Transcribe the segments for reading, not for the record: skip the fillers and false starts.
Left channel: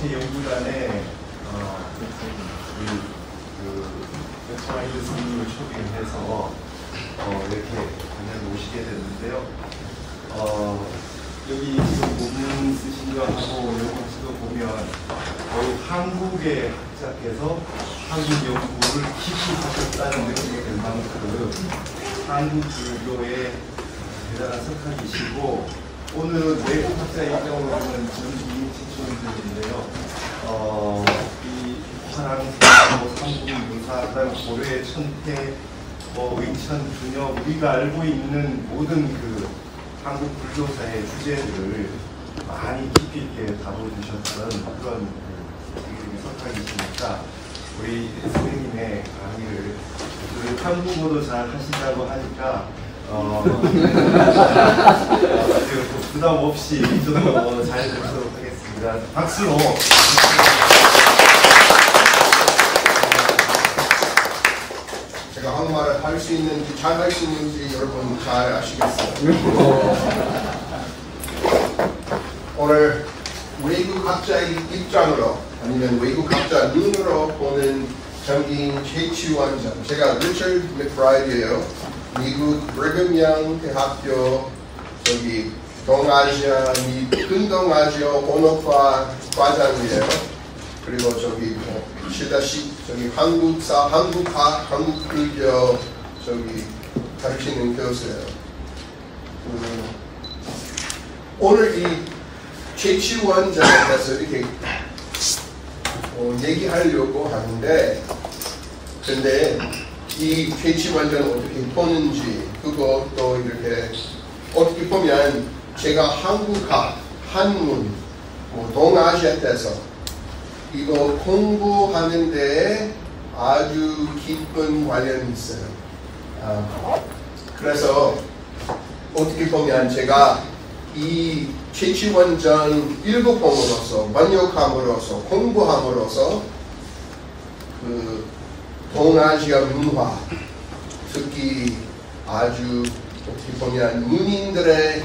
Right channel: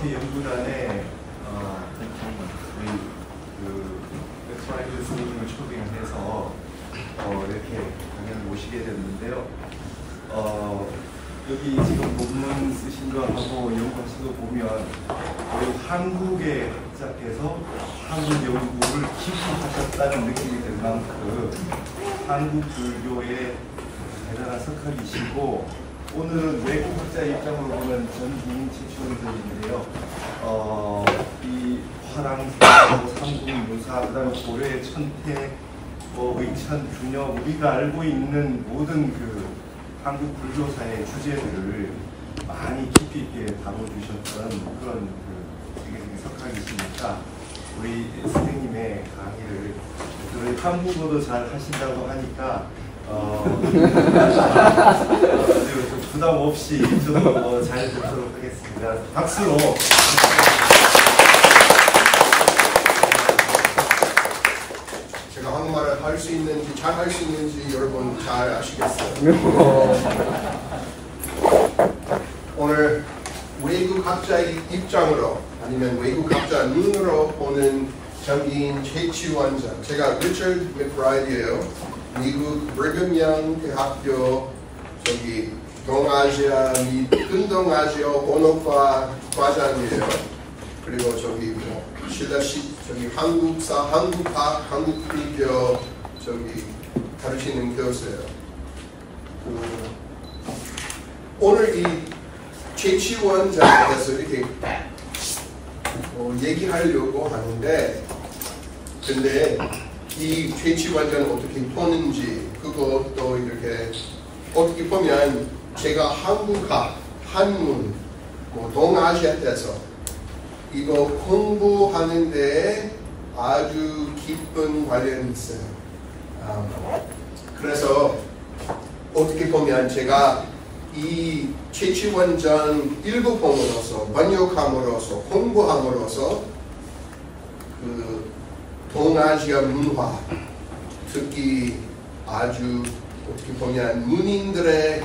국회 연구단에 백파일드 스님을 초빙해서 이렇게 공연 모시게 됐는데요. 여기 지금 본문 쓰신 거 하고 연구하신 거 보면 거의 한국의 학자께서 한국 연구를 깊이 하셨다는 느낌이 들 만큼 한국 불교의 대단한 석학이시고, 오늘은 외국 학자 입장으로 보면 전임 최초인들인데요. 이 화랑사, 삼국문사, 그다음에 고려의 천태, 의천, 중여, 우리가 알고 있는 모든 그 한국 불교사의 주제들을 많이 깊이 있게 다뤄주셨던 그런 되게 석학이시니까 우리 선생님의 강의를 한국어도 잘 하신다고 하니까 부담 없이 좀 잘 듣도록 하겠습니다. 박수로. 제가 한국말을 할 수 있는지 잘 할 수 있는지 여러분 잘 아시겠어요? 오늘 외국 학자의 입장으로 아니면 외국 학자 눈으로 보는 장기인 최치원장, 제가 리처드 맥브라이드예요. 미국 브리검 대학교 동아시아 및 근동아시아 본어과 과장이에요. 그리고 실다시 한국사, 한국학, 한국불교 가르치는 교수예요. 오늘 이 최치원장에 대해서 이렇게 얘기하려고 하는데, 근데 이 최치원장을 어떻게 보는지, 그것도 이렇게 어떻게 보면 제가 한국학, 한문, 동아시아 때서 이거 공부하는데 아주 깊은 관련이 있어요. 그래서 어떻게 보면 제가 이 최치원장 읽어봄으로써, 번역함으로써, 공부함으로써 그 동아시아 문화, 특히 아주 어떻게 보면 문인들의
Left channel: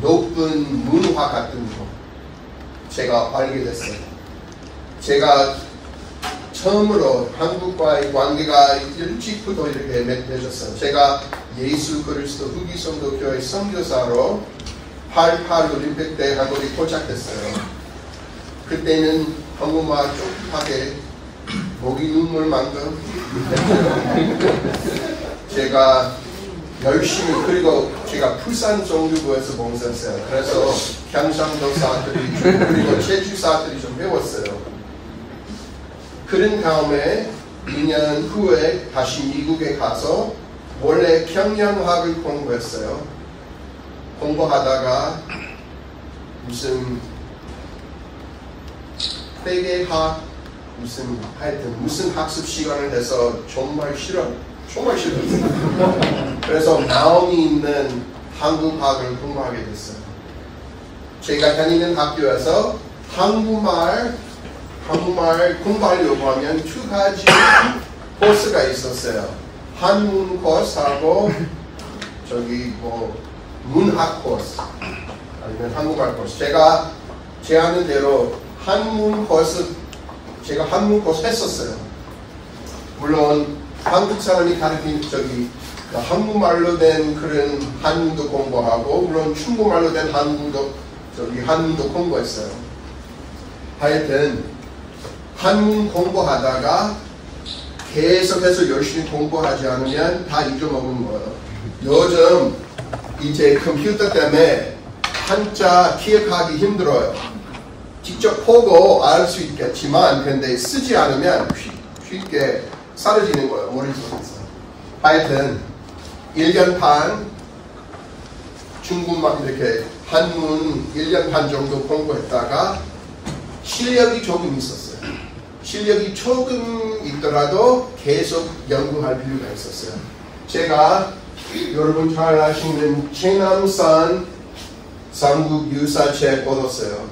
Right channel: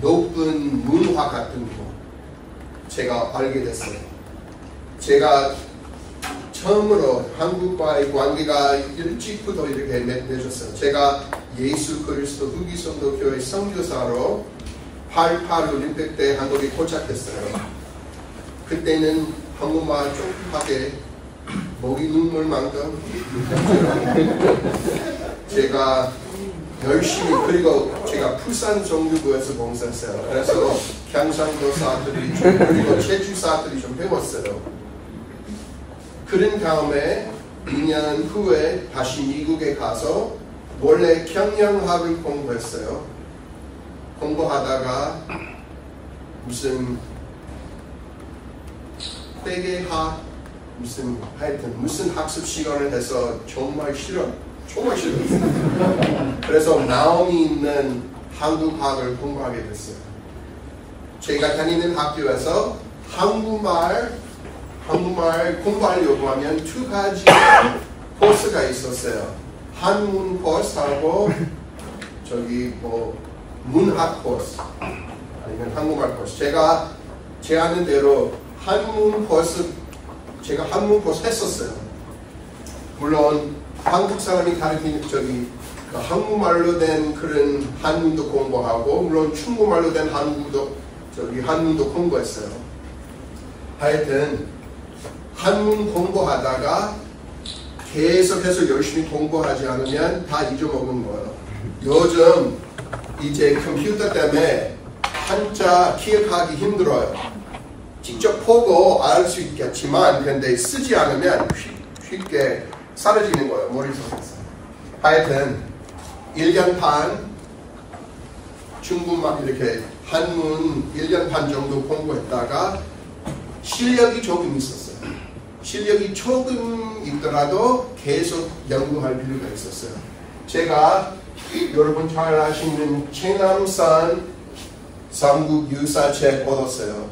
높은 문화 같은 거 제가 알게 됐어요. 제가 처음으로 한국과의 관계가 일찍부터 이렇게 맺어졌어요. 제가 예수 그리스도 후기성도교회 선교사로 88 올림픽 때 한국에 도착했어요. 그때는 한국말 쫄깃하게 목이 눈물만큼 제가 열심히, 그리고 제가 부산 정규부에서 봉사했어요. 그래서 경상도사들이 그리고 제주사들이 좀 배웠어요. 그런 다음에 2년 후에 다시 미국에 가서 원래 경영학을 공부했어요. 공부하다가 무슨 회계학, 무슨 학습 시간을 해서 정말 싫었어요. 그래서 마음이 있는 한국학을 공부하게 됐어요. 제가 다니는 학교에서 한국말 공부하려고 하면 두 가지 코스가 있었어요. 한문 코스하고 문학 코스, 아니면 한국말 코스. 제가 아는 대로 한문 코스 했었어요. 물론 한국 사람이 가르치는 한국말로 된 그런 한문도 공부하고, 물론 중국말로 된 한문도 공부했어요. 하여튼 한문 공부하다가 계속해서 열심히 공부하지 않으면 다 잊어먹은 거예요. 요즘 이제 컴퓨터 때문에 한자 기억하기 힘들어요. 직접 보고 알 수 있겠지만, 근데 쓰지 않으면 쉽게 사라지는 거예요, 머릿속에서. 하여튼 1년 반 중국말 이렇게 한문 1년 반 정도 공부했다가 실력이 조금 있었어요. 실력이 조금 있더라도 계속 연구할 필요가 있었어요. 제가 여러분 잘 아시는 최남산 삼국 유사책 얻었어요.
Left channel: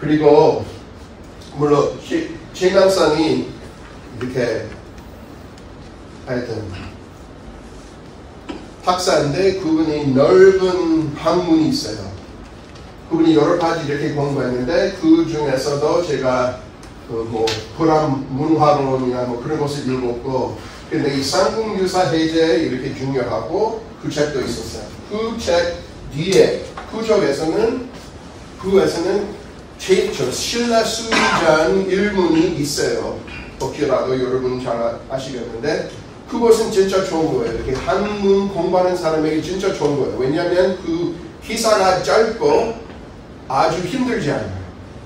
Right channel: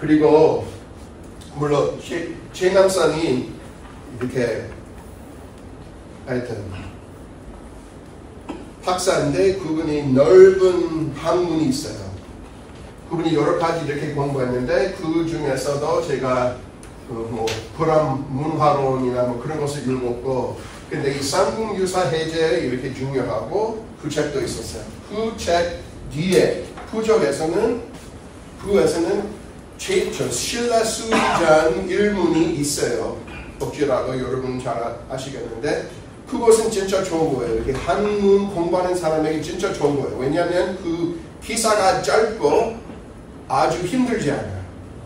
그리고 물론 최남산이 이렇게 하여튼 박사인데 그분이 넓은 학문이 있어요. 그분이 여러 가지 이렇게 공부했는데 그 중에서도 제가 뭐 불암 문화론이나 뭐 그런 것을 읽었고, 근데 이 삼국유사 해제 이렇게 중요하고 그 책도 있었어요. 그 책 뒤에 후적에서는 신라 수의전 일문이 있어요. 혹시라도 여러분 잘 아시겠는데 그것은 진짜 좋은 거예요. 이렇게 한문 공부하는 사람에게 진짜 좋은 거예요. 왜냐하면 그 기사가 짧고 아주 힘들지 않아요.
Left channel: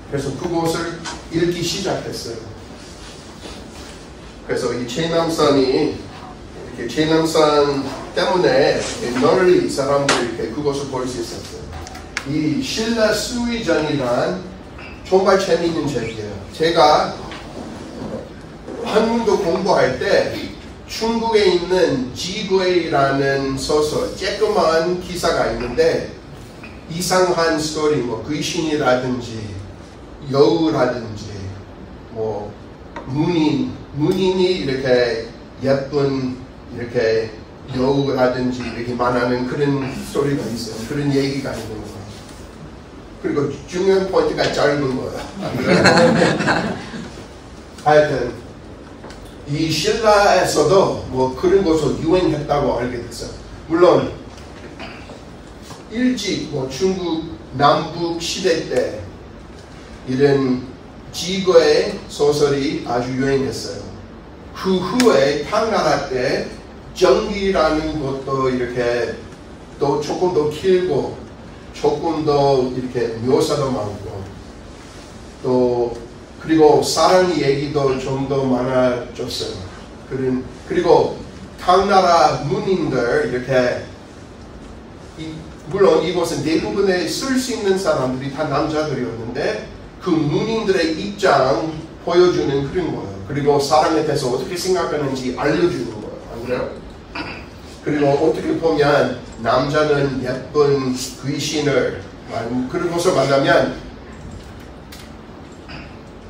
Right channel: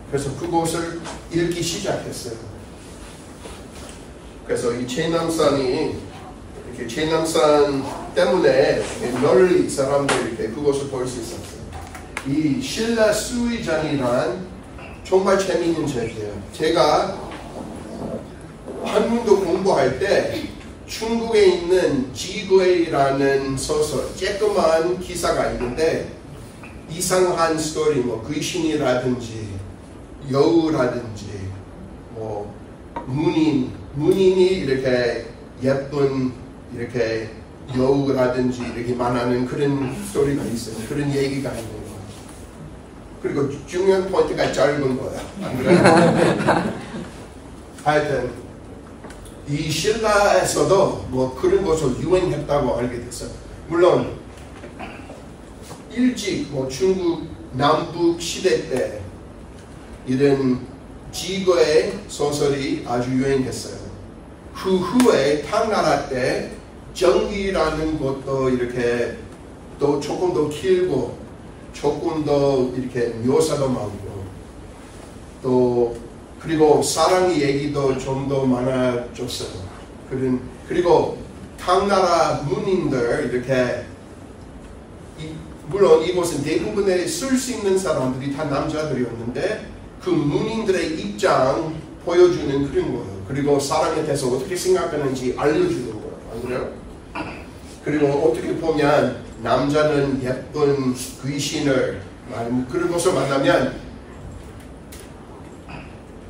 그래서 그것을 읽기 시작했어요. 그래서 이 최남선이 이렇게 최남선 때문에 널리 사람들이 이렇게 그것을 볼 수 있었어요. 이 신라 수의전이란 정말 재미있는 책이에요. 제가 한문도 공부할 때 중국에 있는 지괴라는 소설, 쬐끄만 기사가 있는데 이상한 스토리, 뭐 귀신이라든지 여우라든지 뭐 문인이 이렇게 예쁜 이렇게 여우라든지 이렇게 말하는 그런 스토리가 있어요. 그런 얘기가 있는 거예요. 그리고 중요한 포인트가 짧은 거예요. 안 그래요? 하여튼 이 신라에서도 뭐 그런 것을 유행했다고 알게 됐어요. 물론 일찍 뭐 중국 남북 시대 때 이런 지괴 소설이 아주 유행했어요. 그 후에 당나라 때 정기라는 것도 이렇게 또 조금 더 길고 조금 더 이렇게 묘사도 많고 또 그리고 사랑 얘기도 좀 더 많아졌어요. 그리고 당나라 문인들 이렇게 물론 이곳은 대부분의 쓸 수 있는 사람들이 다 남자들이었는데 그 문인들의 입장 보여주는 그런 거예요. 그리고 사랑에 대해서 어떻게 생각하는지 알려주는 거예요. 안 그래요? 그리고 어떻게 보면 남자는 예쁜 귀신을 그런 것을 만나면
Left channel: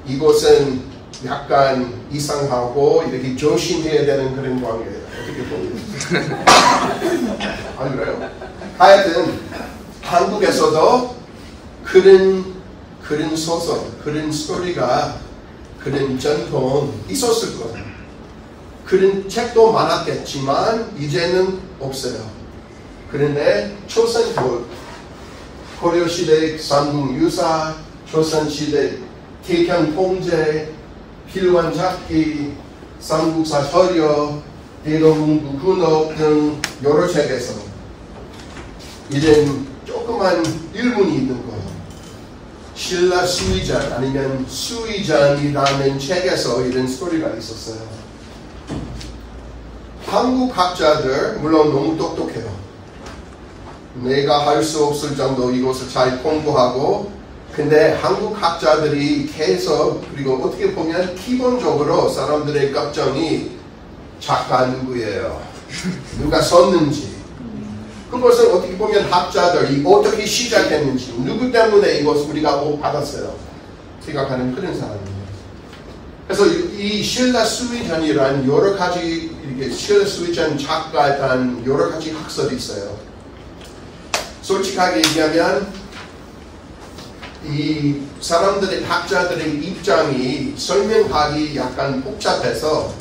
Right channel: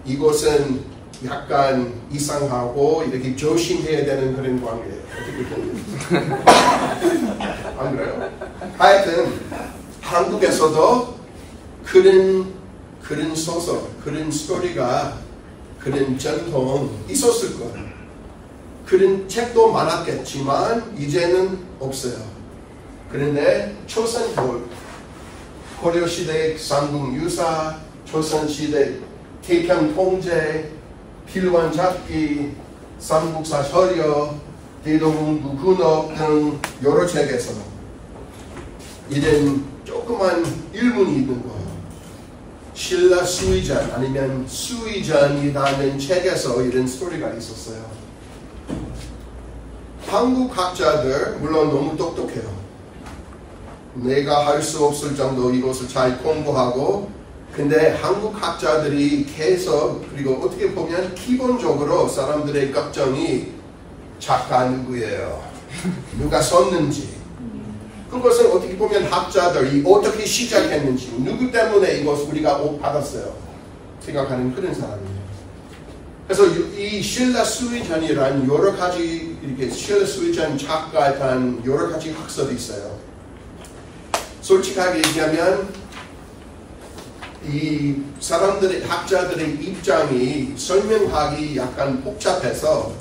이것은 약간 이상하고 이렇게 조심해야 되는 그런 관계예요. 어떻게 보면. 안 그래요? 하여튼 한국에서도 그런 소설, 그런 스토리가 그런 전통 있었을 거예요. 그런 책도 많았겠지만 이제는 없어요. 그런데 조선 고려시대 삼국유사, 조선시대 태평통제, 필환잡기, 삼국사 서려, 대동문구 군업 등 여러 책에서 이런 조그만 일문이 있는 거예요. 신라 수의전 아니면 수의전이라는 책에서 이런 스토리가 있었어요. 한국 학자들 물론 너무 똑똑해요. 내가 할 수 없을 정도 이것을 잘 공부하고 근데 한국 학자들이 계속 그리고 어떻게 보면 기본적으로 사람들의 걱정이 작가 누구예요? 누가 썼는지 그것은 어떻게 보면 학자들이 어떻게 시작했는지 누구 때문에 이것을 우리가 못 받았어요 생각하는 그런 사람이에요. 그래서 이 신라 수의전이란 여러 가지 이렇게 신라 수의전 작가에 대한 여러 가지 학설이 있어요. 솔직하게 얘기하면 이 사람들의 학자들의 입장이 설명하기 약간 복잡해서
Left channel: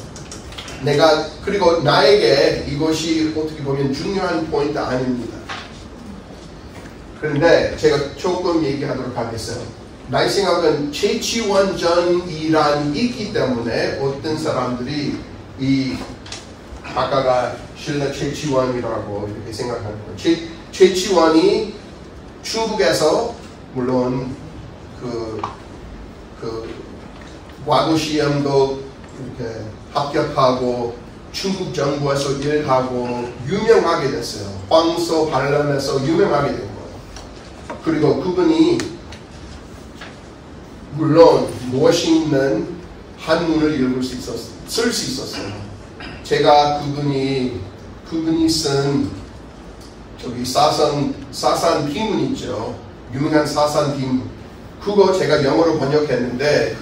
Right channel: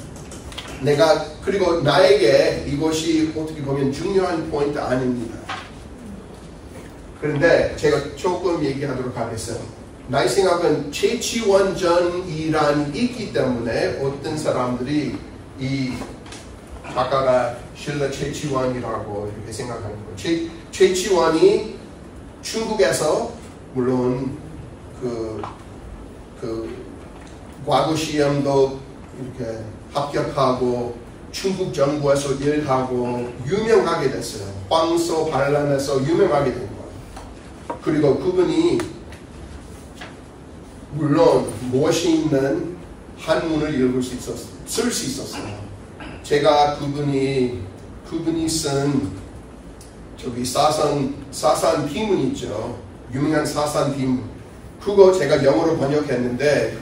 그리고 나에게 이것이 어떻게 보면 중요한 포인트 아닙니다. 그런데 제가 조금 얘기하도록 하겠어요. 나의 생각은 최치원전이란 있기 때문에 어떤 사람들이 이 아까가 신라 최치원이라고 이렇게 생각하는 거예요. 최치원이 중국에서 물론 그 과거 시험도 이렇게 합격하고 중국 정부에서 일하고 유명하게 됐어요. 황소 반란에서 유명하게 된 거예요. 그리고 그분이 물론 멋있는 한문을 쓸 수 있었어요. 제가 그분이 쓴 저기 사산 비문 있죠. 유명한 사산 비문. 그거 제가 영어로 번역했는데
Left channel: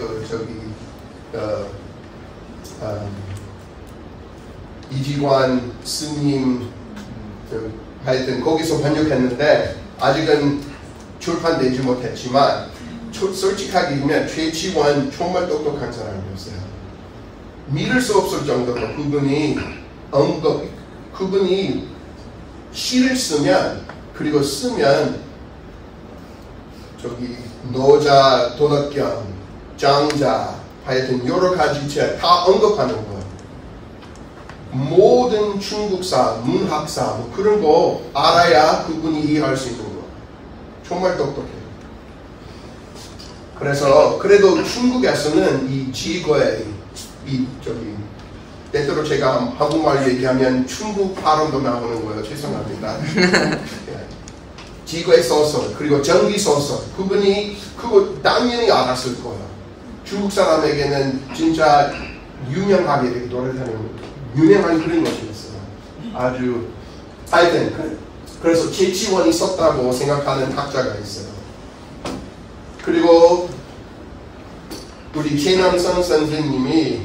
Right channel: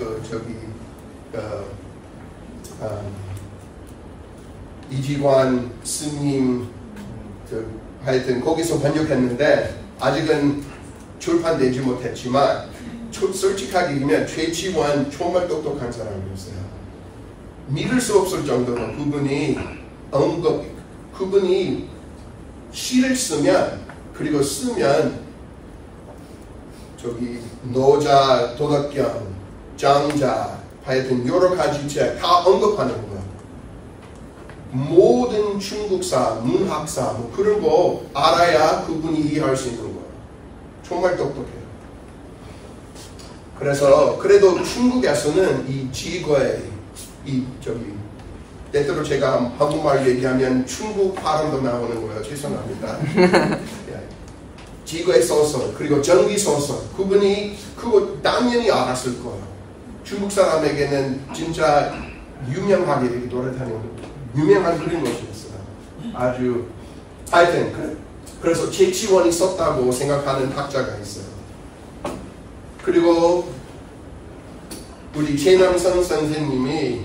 이지관 스님 하여튼 거기서 번역했는데 아직은 출판되지 못했지만 솔직하게 얘기하면 최치원 정말 똑똑한 사람이었어요. 믿을 수 없을 정도로 그분이 시를 쓰면 그리고 쓰면 저기 노자, 도덕경, 장자 하여튼 여러 가지 책 다 언급하는 거예요. 모든 중국사, 문학사 뭐 그런 거 알아야 그분이 이해할 수 있는 거예요. 정말 똑똑해요. 그래서 그래도 중국에서는 이 지거의 때때로 제가 한국말 얘기하면 중국 발음도 나오는 거예요. 죄송합니다. 지거의 소설 그리고 전기 소설 그분이 그거 당연히 알았을 거예요. 중국 사람에게는 진짜 유명하게 이렇게 돌아다니는 유명한 그런 것이었어요. 아주 하여튼 그래서 최치원이 썼다고 생각하는 학자가 있어요. 그리고 우리 최남선 선생님이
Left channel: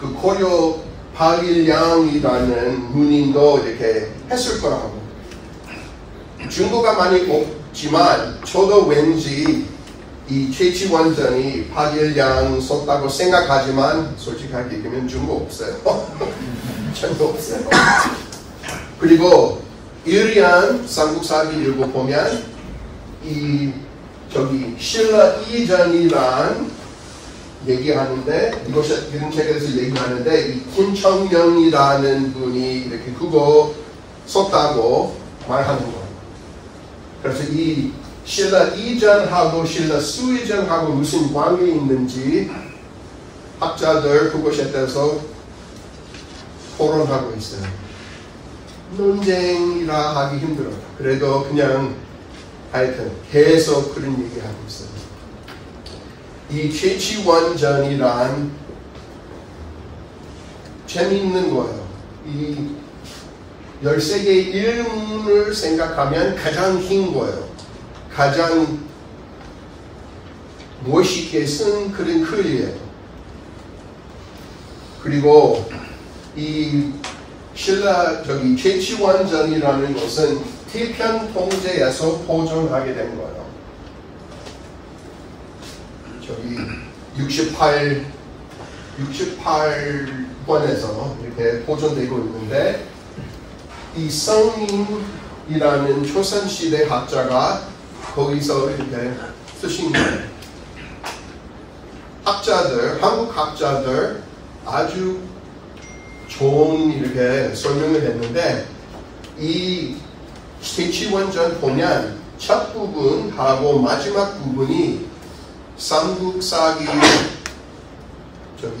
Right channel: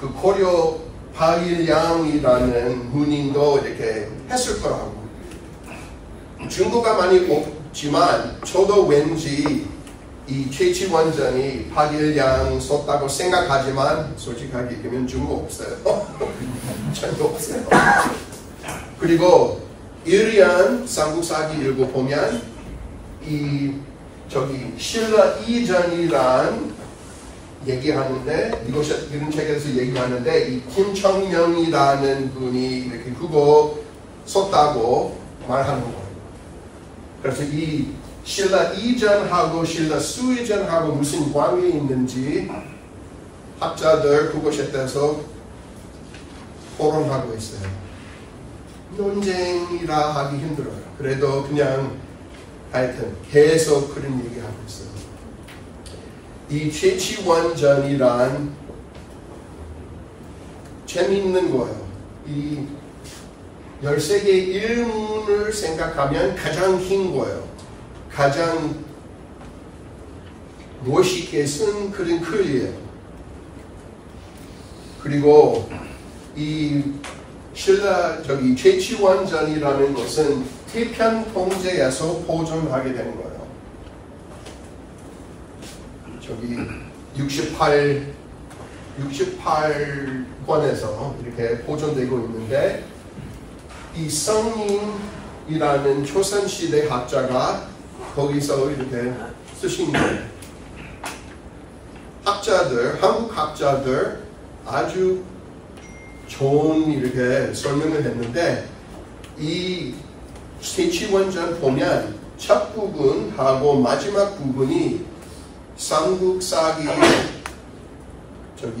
그 고려 박일량이라는 문인도 이렇게 했을 거라고. 증거가 많이 없지만 저도 왠지 이 최치원전이 박일량 썼다고 생각하지만 솔직하게 얘기하면 증거 없어요. 전혀 없어요. 그리고 이리안 삼국사기 읽어보면 이 저기 신라 이전이란 얘기하는데 이런 책에서 얘기하는데 이 김청명이라는 분이 이렇게 그거 썼다고 말하는 거예요. 그래서 이 신라 이전하고 신라 수이전하고 무슨 관계 있는지 학자들 그것에 대해서 토론하고 있어요. 논쟁이라 하기 힘들어요. 그래도 그냥 하여튼 계속 그런 얘기하고 있어요. 이 최치원전이란 재미있는 거예요. 이 13개의 일문을 생각하면 가장 긴 거예요. 가장 멋있게 쓴 그런 글이에요. 그리고 이 신라 최치원전이라는 것은 태편 통제에서 보존하게 된 거예요. 저기 68권에서 이렇게 보존되고 있는데 이 성인이라는 조선시대 학자가 거기서 이렇게 쓰신 거예요. 한국 학자들 아주 좋은 이렇게 설명을 했는데 이 최치원전 보면 첫 부분하고 마지막 부분이 삼국사기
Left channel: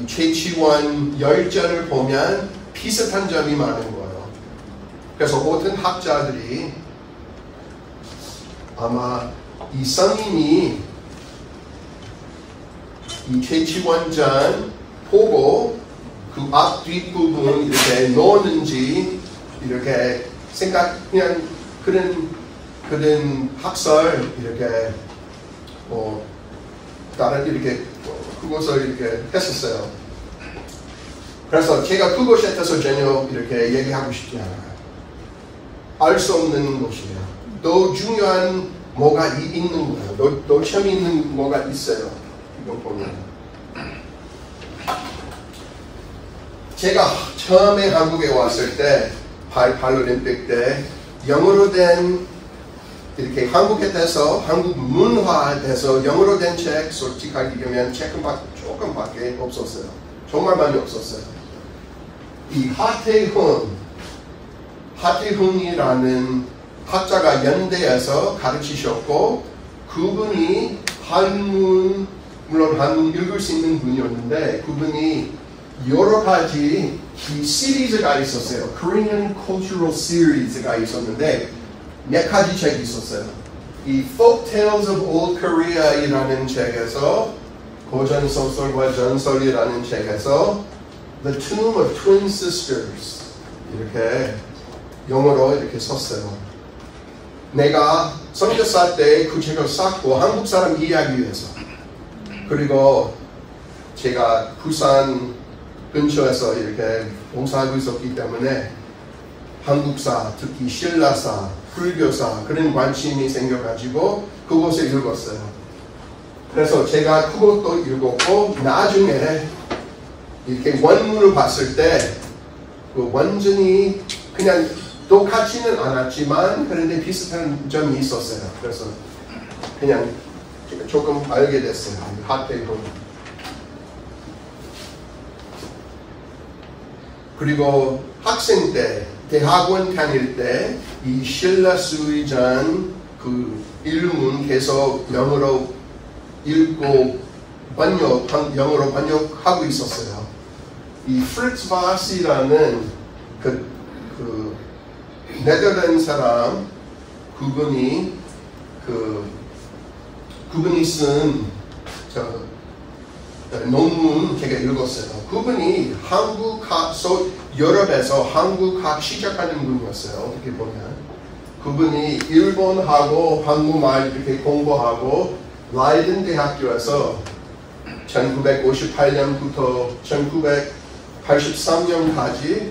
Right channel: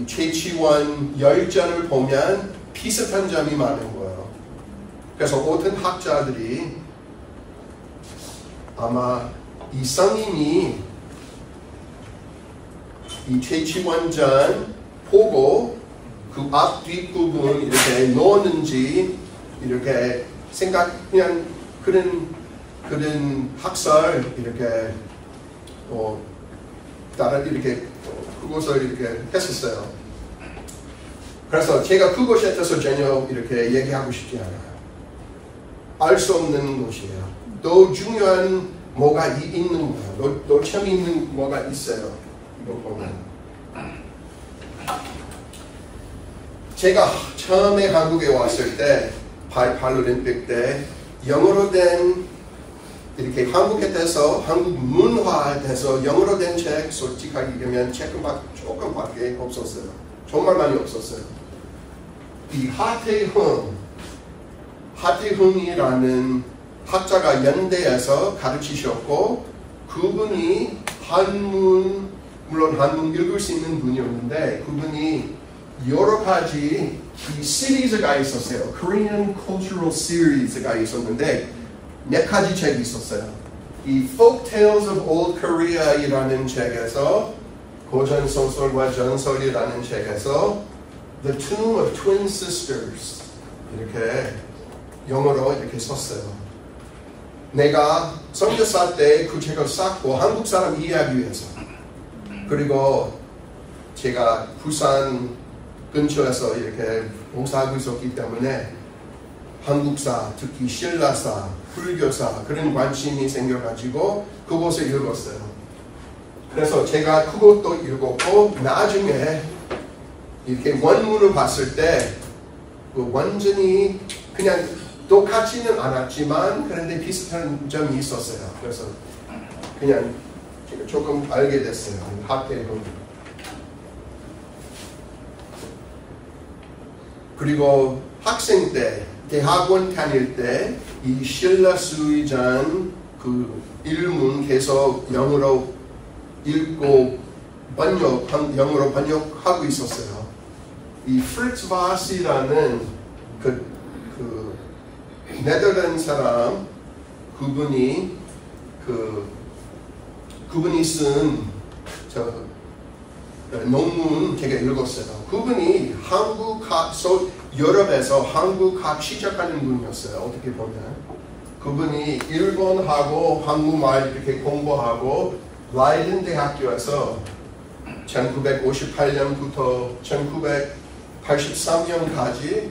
최치원 열전을 보면 비슷한 점이 많은 거예요. 그래서 어떤 학자들이 아마 이 성인이 이 최치원전 보고 그 앞 뒷부분 이렇게 넣었는지 이렇게 그냥 그런 학설 이렇게 다른 이렇게 그것을 이렇게 했었어요. 그래서 제가 그것에 대해서 전혀 이렇게 얘기하고 싶지 않아요. 알 수 없는 것이에요. 더 중요한 뭐가 있는 거예요. 더 재미있는 뭐가 있어요. 이거 보면. 제가 처음에 한국에 왔을 때 파리올림픽 때 영어로 된 이렇게 한국에 대해서 한국 문화에 대해서 영어로 된 책 솔직하게 얘기하면 책은 조금밖에 없었어요. 정말 많이 없었어요. 이 하태훈이라는 학자가 연대에서 가르치셨고 그분이 물론 한문 읽을 수 있는 분이었는데 그분이 여러 가지 이 시리즈가 있었어요. Korean Cultural Series가 있었는데 4가지 책이 있었어요. 이 Folk Tales of Old Korea이라는 책에서 고전 소설과 전설이라는 책에서 The Tomb of Twin Sisters 이렇게 영어로 이렇게 썼어요. 내가 선교사 때 그 책을 샀고 한국 사람 이해하기 위해서 그리고 제가 부산 근처에서 이렇게 봉사하고 있었기 때문에 한국사, 특히 신라사, 불교사 그런 관심이 생겨가지고 그것을 읽었어요. 그래서 제가 그것도 읽었고 나중에 이렇게 원문을 봤을 때 그 완전히 그냥 똑같지는 않았지만 그런데 비슷한 점이 있었어요. 그래서 그냥 조금 알게 됐어요. 학대론. 그리고 학생 때 대학원 다닐 때 이 신라 수의전 그 일문 계속 영어로 읽고 영어로 번역하고 있었어요. 이 프리츠 바스라는 그 네덜란드 사람 그분이 쓴 논문 제가 읽었어요. 그분이 유럽에서 한국학 시작하는 분이었어요. 어떻게 보면 그분이 일본하고 한국말 이렇게 공부하고 라이든 대학교에서 1958년부터 1983년까지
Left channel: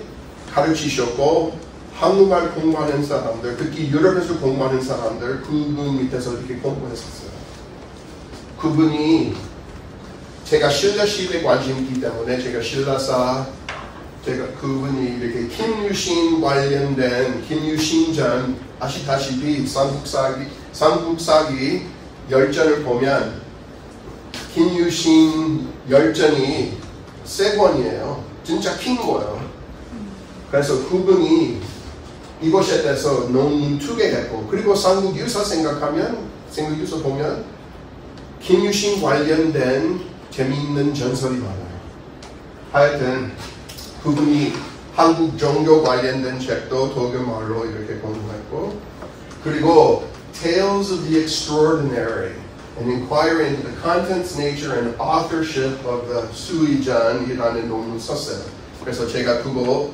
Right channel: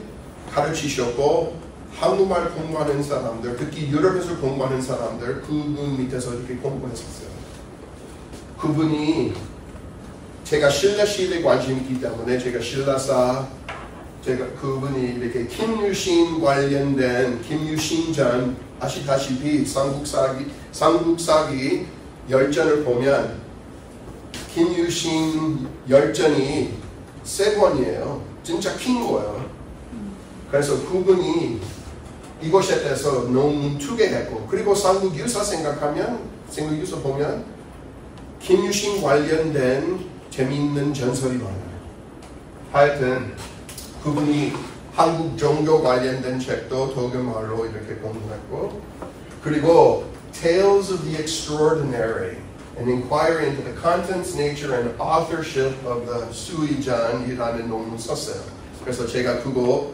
가르치셨고 한국말 공부하는 사람들, 특히 유럽에서 공부하는 사람들 그분 밑에서 이렇게 공부했었어요. 그분이 제가 신라시에 관심이 있기 때문에 제가 신라사 그분이 이렇게 김유신 관련된 김유신전 아시다시피 삼국사기 열전을 보면 김유신 열전이 세 권이에요. 진짜 긴 거예요. 그래서 그분이 이것에 대해서 논문 2개 했고 그리고 삼국유사 삼국유사 보면 김유신 관련된 재미있는 전설이 많아요. 하여튼 그분이 한국 종교 관련된 책도 독일말로 이렇게 공부했고 그리고 Tales of the Extraordinary An Inquiry into the Contents, Nature and Authorship of the 수의전이라는 논문 썼어요. 그래서 제가 그거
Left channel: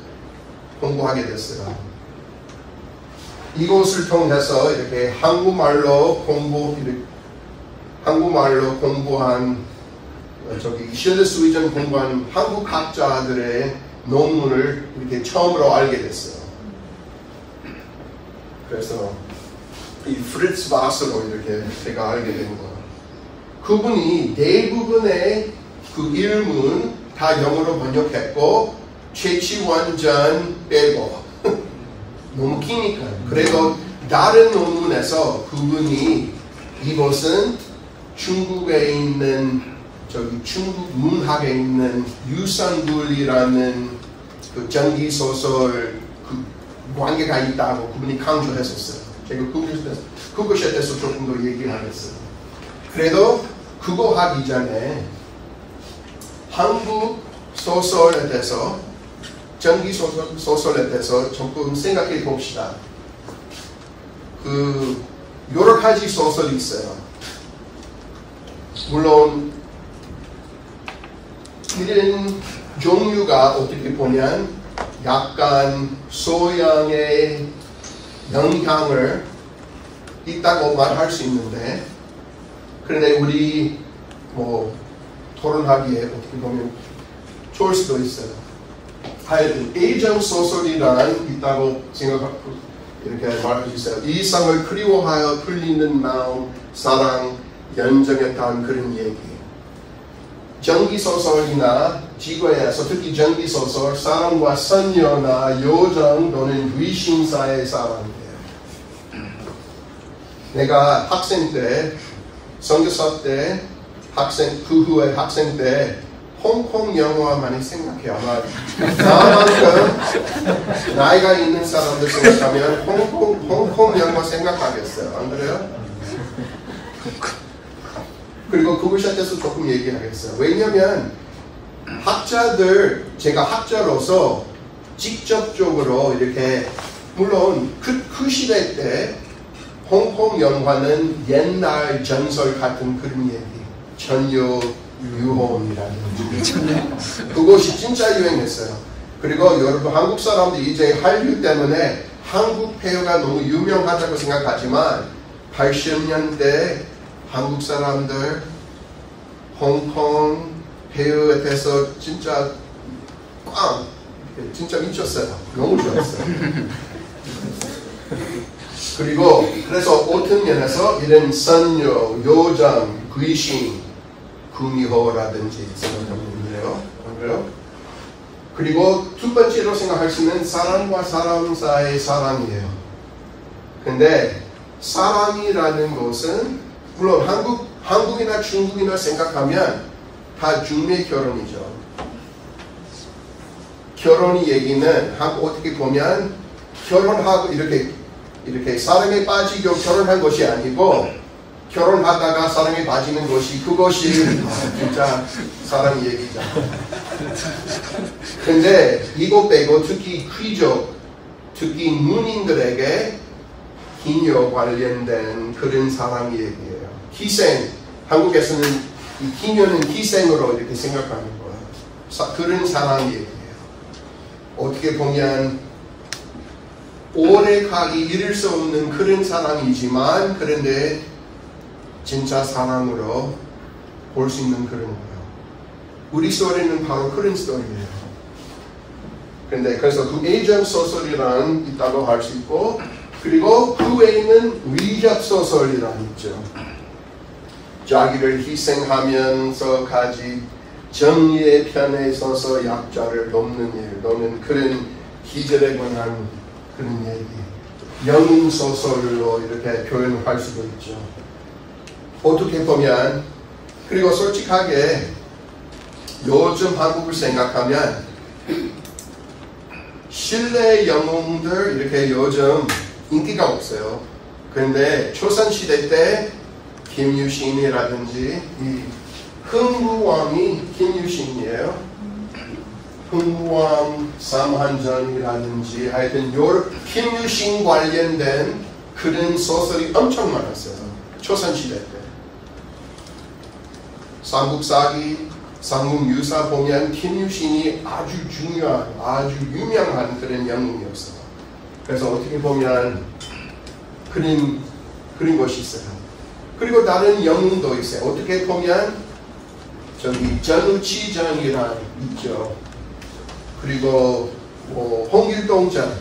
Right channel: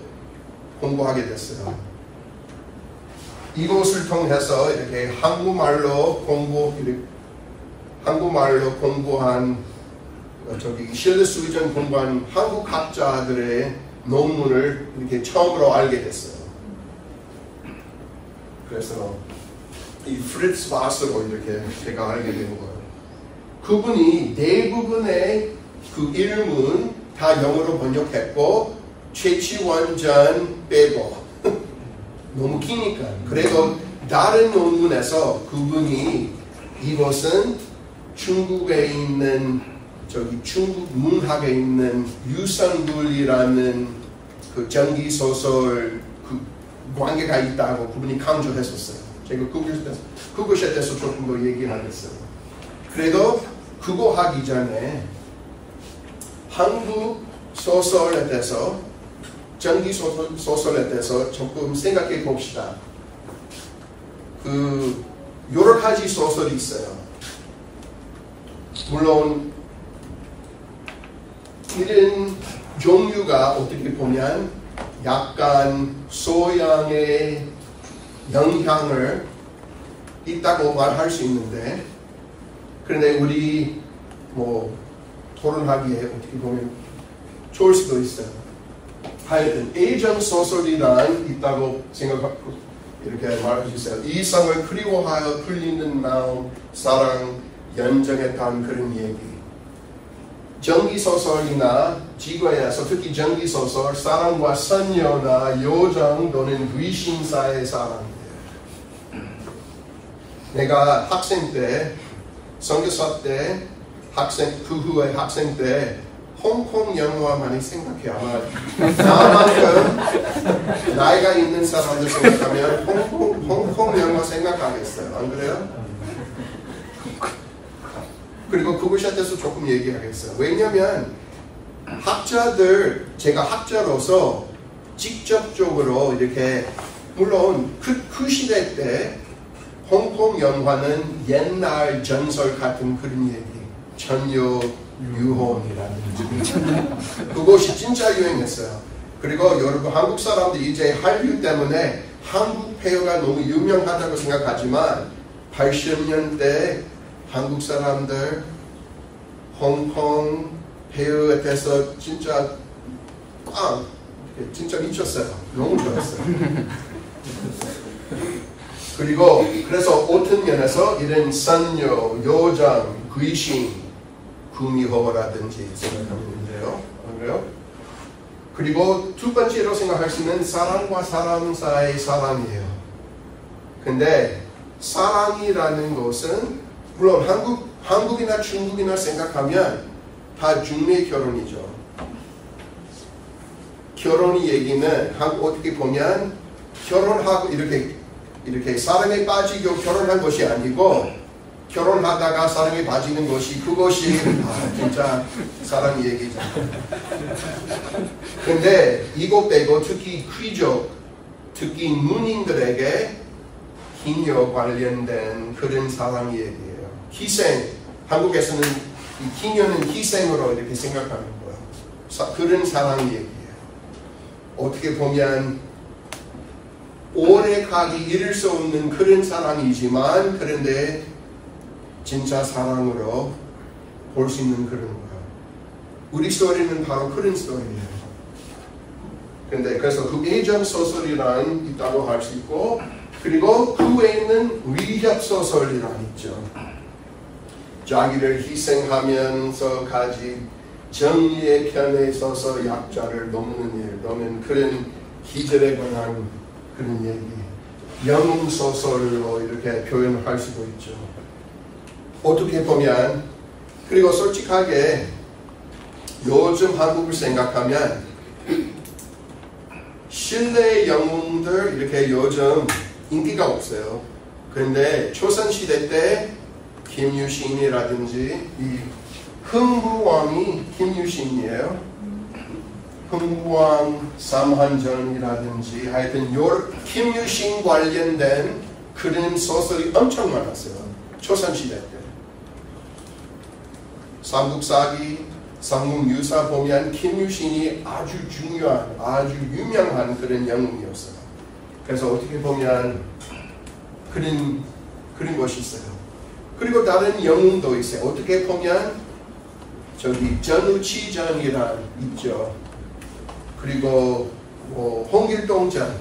공부하게 됐어요. 이것을 통해서 이렇게 한국말로 공부한 신라 수의전 공부한 한국 학자들의 논문을 이렇게 처음으로 알게 됐어요. 그래서 이 프리츠 바스로 이렇게 제가 알게 된 거예요. 그분이 대부분의 그 일문 다 영어로 번역했고 최치원전 빼고 너무 기니까 그래도 다른 논문에서 그분이 이것은 중국에 있는 중국 문학에 있는 유산굴이라는 그 전기소설 그 관계가 있다고 그분이 강조했었어요. 제가 그것에 대해서 조금 더 얘기하겠어요. 그래도 그거 하기 전에 한국 소설에 대해서 전기소설에 대해서 조금 생각해 봅시다. 그 여러 가지 소설이 있어요. 물론 이런 종류가 어떻게 보면 약간 소양의 영향을 있다고 말할 수 있는데 그런데 우리 토론하기에 어떻게 보면 좋을 수도 있어요. 하여튼 애정 소설이란 있다고 생각하고 이렇게 말해주세요. 이성을 그리워하여 풀리는 마음, 사랑, 연정했다는 그런 얘기. 전기소설이나 지구에서 특히 전기소설 사랑과 선녀나 요정 또는 위신사의 사랑이에요. 내가 학생 때 선교사 때 그 후에 학생 때 홍콩 영화 많이 생각해. 아마 나만큼 나이가 있는 사람들 생각하면 홍콩 영화 생각하겠어요. 안 그래요? 그리고 그것에 대해서 조금 얘기하겠어요. 왜냐하면 제가 학자로서 직접적으로 이렇게 물론 그 시대 때 홍콩 영화는 옛날 전설 같은 그런 얘기 천녀 유혼이라는 그것이 진짜 유행했어요. 그리고 여러분 한국 사람들이 이제 한류 때문에 한국 배우가 너무 유명하다고 생각하지만 80년대 한국 사람들 홍콩 배우에 대해서 진짜 진짜 미쳤어요. 너무 좋아했어요. 그리고 그래서 어떤 면에서 이런 선녀, 요정, 귀신, 구미호라든지 생각하면 돼요. 그래요? 그리고 두 번째로 생각할 수 있는 사람과 사람 사이의 사랑이에요. 근데 사랑이라는 것은 물론 한국이나 중국이나 생각하면 다 중매 결혼이죠. 결혼이 얘기는 어떻게 보면 결혼하고 이렇게 사랑에 빠지고 결혼한 것이 아니고 결혼하다가 사랑에 빠지는 것이 그것이 진짜 사랑 얘기잖아. 근데 이거 빼고 특히 귀족, 특히 누님들에게 기녀 관련된 그런 사랑 얘기예요. 희생, 한국에서는 이 기녀는 희생으로 이렇게 생각하는 거예요. 그런 사랑 얘기예요. 어떻게 보면 오래 가기 이룰 수 없는 그런 사랑이지만 그런데 진짜 사랑으로 볼 수 있는 그런 거예요. 우리 스토리는 바로 그런 스토리예요. 근데 그래서 그 애정 소설이란 있다고 할 수 있고 그리고 그 외에는 위협 소설이란 있죠. 자기를 희생하면서까지 정의의 편에 서서 약자를 돕는 일, 또는 그런 기절에 관한 그런 얘기, 영웅 소설로 이렇게 표현할 수도 있죠. 어떻게 보면 그리고 솔직하게 요즘 한국을 생각하면 신뢰 영웅들 이렇게 요즘 인기가 없어요. 그런데 조선시대 때 김유신이라든지 이 흥부왕이 김유신이에요. 흥부왕 삼한전이라든지 하여튼 김유신 관련된 그런 소설이 엄청 많았어요. 조선시대 때. 삼국사기, 삼국유사 보면 김유신이 아주 중요한, 아주 유명한 그런 영웅이었어요. 그래서 어떻게 보면 그런 것이 있어요. 그리고 다른 영웅도 있어요. 어떻게 보면 저기 전우치전이란 있죠. 그리고 홍길동전,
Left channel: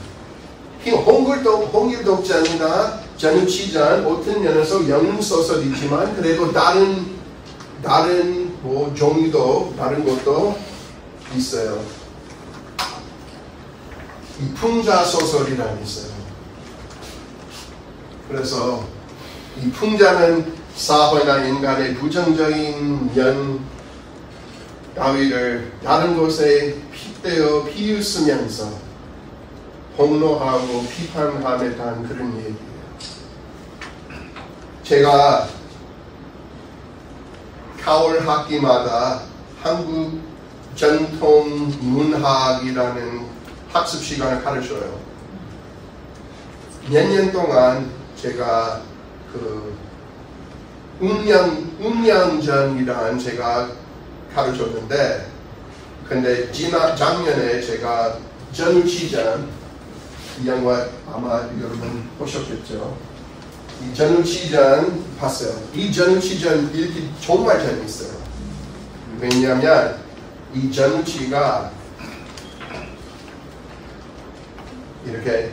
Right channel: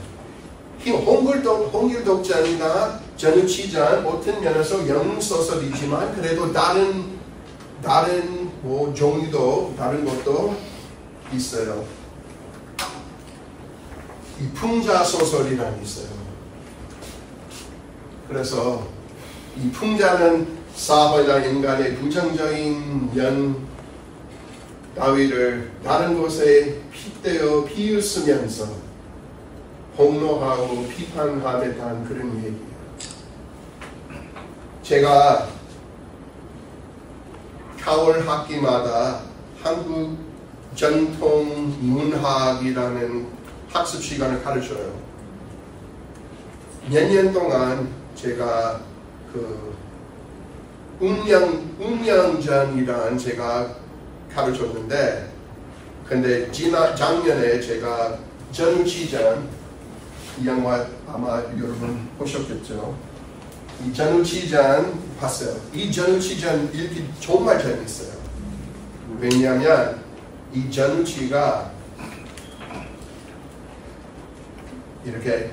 홍길동전이나 전우치전 어떤 면에서 영웅 소설이지만 그래도 다른 종류도 다른 것도 있어요. 이 풍자 소설이란 있어요. 그래서 이 풍자는 사회나 인간의 부정적인 면 따위를 다른 곳에 핏대어 비웃으면서 폭로하고 비판함에 대한 그런 얘기예요. 제가 4월 학기마다 한국 전통 문학이라는 학습 시간을 가르쳐요. 몇 년 동안 제가 그 운명전이란 제가 가르쳤는데, 근데 작년에 제가 전우치전, 이 영화 아마 여러분 보셨겠죠? 이 전우치전 봤어요. 이 전우치전 읽기 정말 재밌어요. 왜냐하면 이 전우치가 이렇게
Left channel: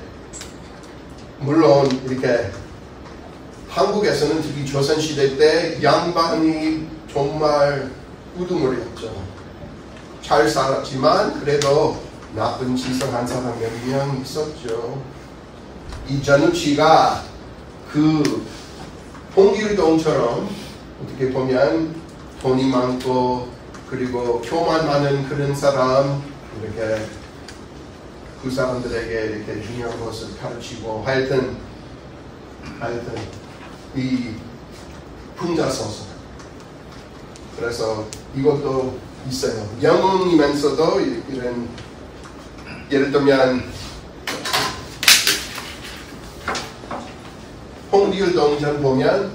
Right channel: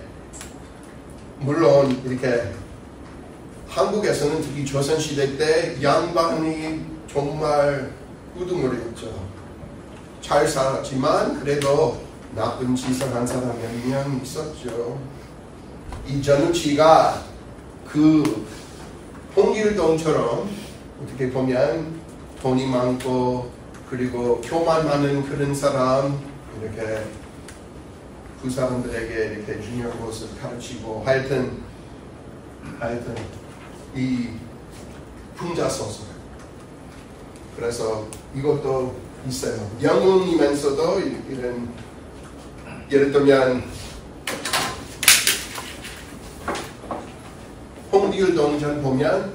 물론 이렇게 한국에서는 특히 조선시대 때 양반이 정말 우두머리였죠. 잘 살았지만 그래도 나쁜 짓을 한 사람 몇 명 있었죠. 이 전우치가 그 홍길동처럼 어떻게 보면 돈이 많고 그리고 교만 많은 그런 사람, 이렇게 그 사람들에게 이렇게 중요한 것을 가르치고 하여튼 이 풍자 소설. 그래서 이것도 있어요. 영웅이면서도 이런, 예를 들면 홍길동전 보면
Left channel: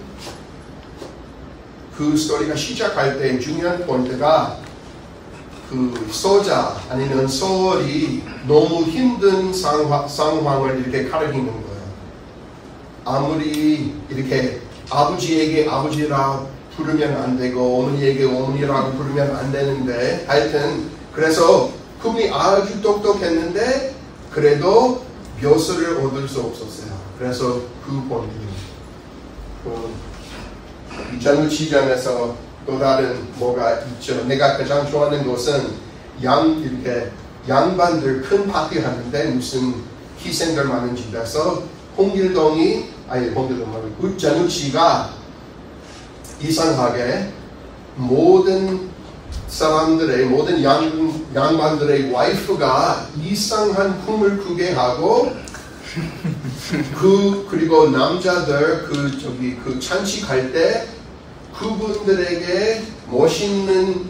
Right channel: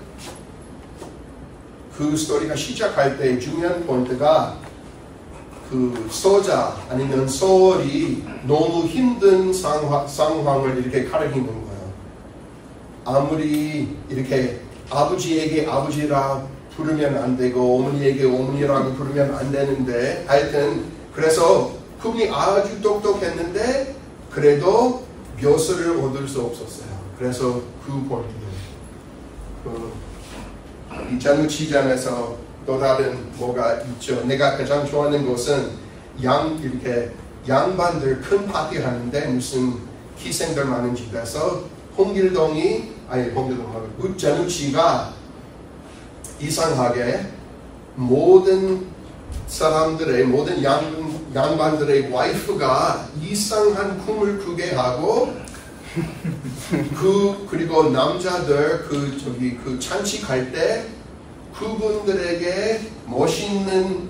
그 스토리가 시작할 때 중요한 포인트가 그 소자 아니면 소월이 너무 힘든 상황을 이렇게 가리키는 거예요. 아무리 이렇게 아버지에게 아버지라 부르면 안 되고 어머니에게 어머니라고 부르면 안 되는데, 하여튼 그래서 그분이 아주 똑똑했는데 그래도 묘수를 얻을 수 없었어요. 그래서 그 본문 이 전우치전에서 또 다른 뭐가 있죠. 내가 가장 좋아하는 것은 이렇게 양반들 큰 파티 하는데 무슨 희생들 많은 집에서 전우치가 이상하게 모든 사람들의 모든 양반들의 와이프가 이상한 꿈을 꾸게 하고 그리고 남자들 그 찬식할 때 그분들에게 멋있는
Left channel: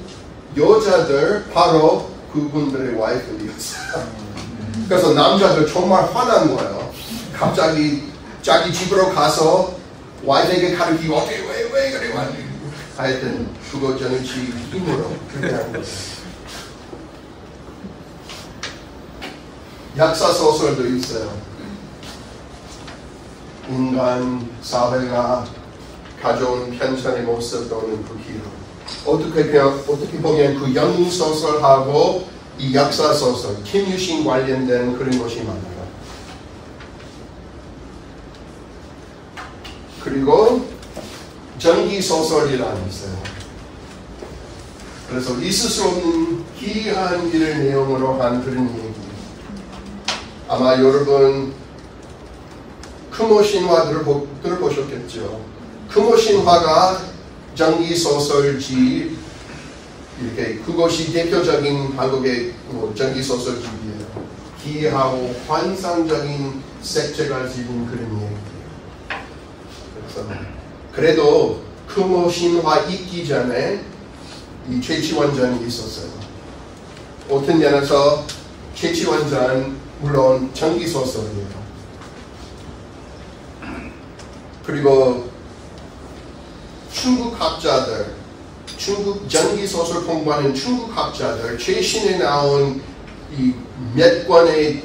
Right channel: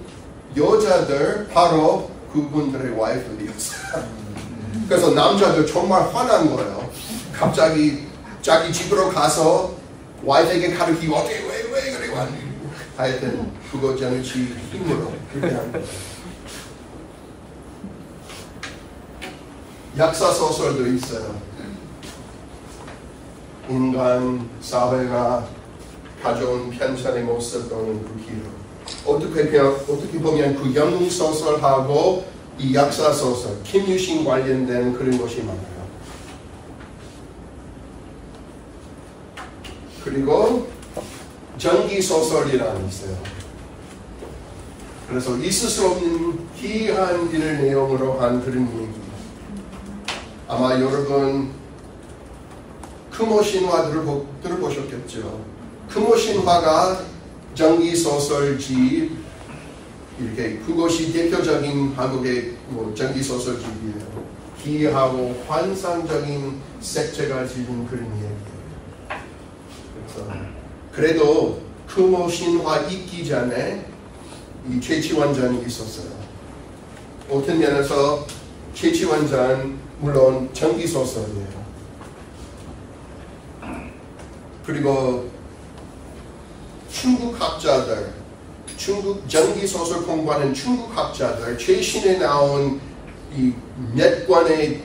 여자들 바로 그분들의 와이프였어요. 그래서 남자들 정말 화난 거예요. 갑자기 자기 집으로 가서 와이프에게 가르치고 왜 그래 하여튼 그거 전우치 힘으로 그렇게 한 거예요. 약사 소설도 있어요. 인간 사회가 가져온 편찬의 모습 또는 그 기록. 어떻게 보면 그 영웅 소설하고 이 약사 소설, 김유신 관련된 그런 것이 많아요. 그리고 전기 소설이라는 게 있어요. 그래서 있을 수 없는 희한 일을 내용으로 한 그런 얘기. 아마 여러분 크모 신화 들어보셨겠죠. 크모 신화가 전기 소설집 이렇게 그것이 대표적인 한국의 전기 소설집이에요. 희하고 환상적인 색채가 지닌 그런 얘기. 그래도 크모 신화 있기 전에 이 최치원전이 있었어요. 어떤 면에서 최치원전은 물론 전기 소설이에요. 그리고 중국 학자들, 중국 전기 소설 공부하는 중국 학자들 최신에 나온 이 몇 권의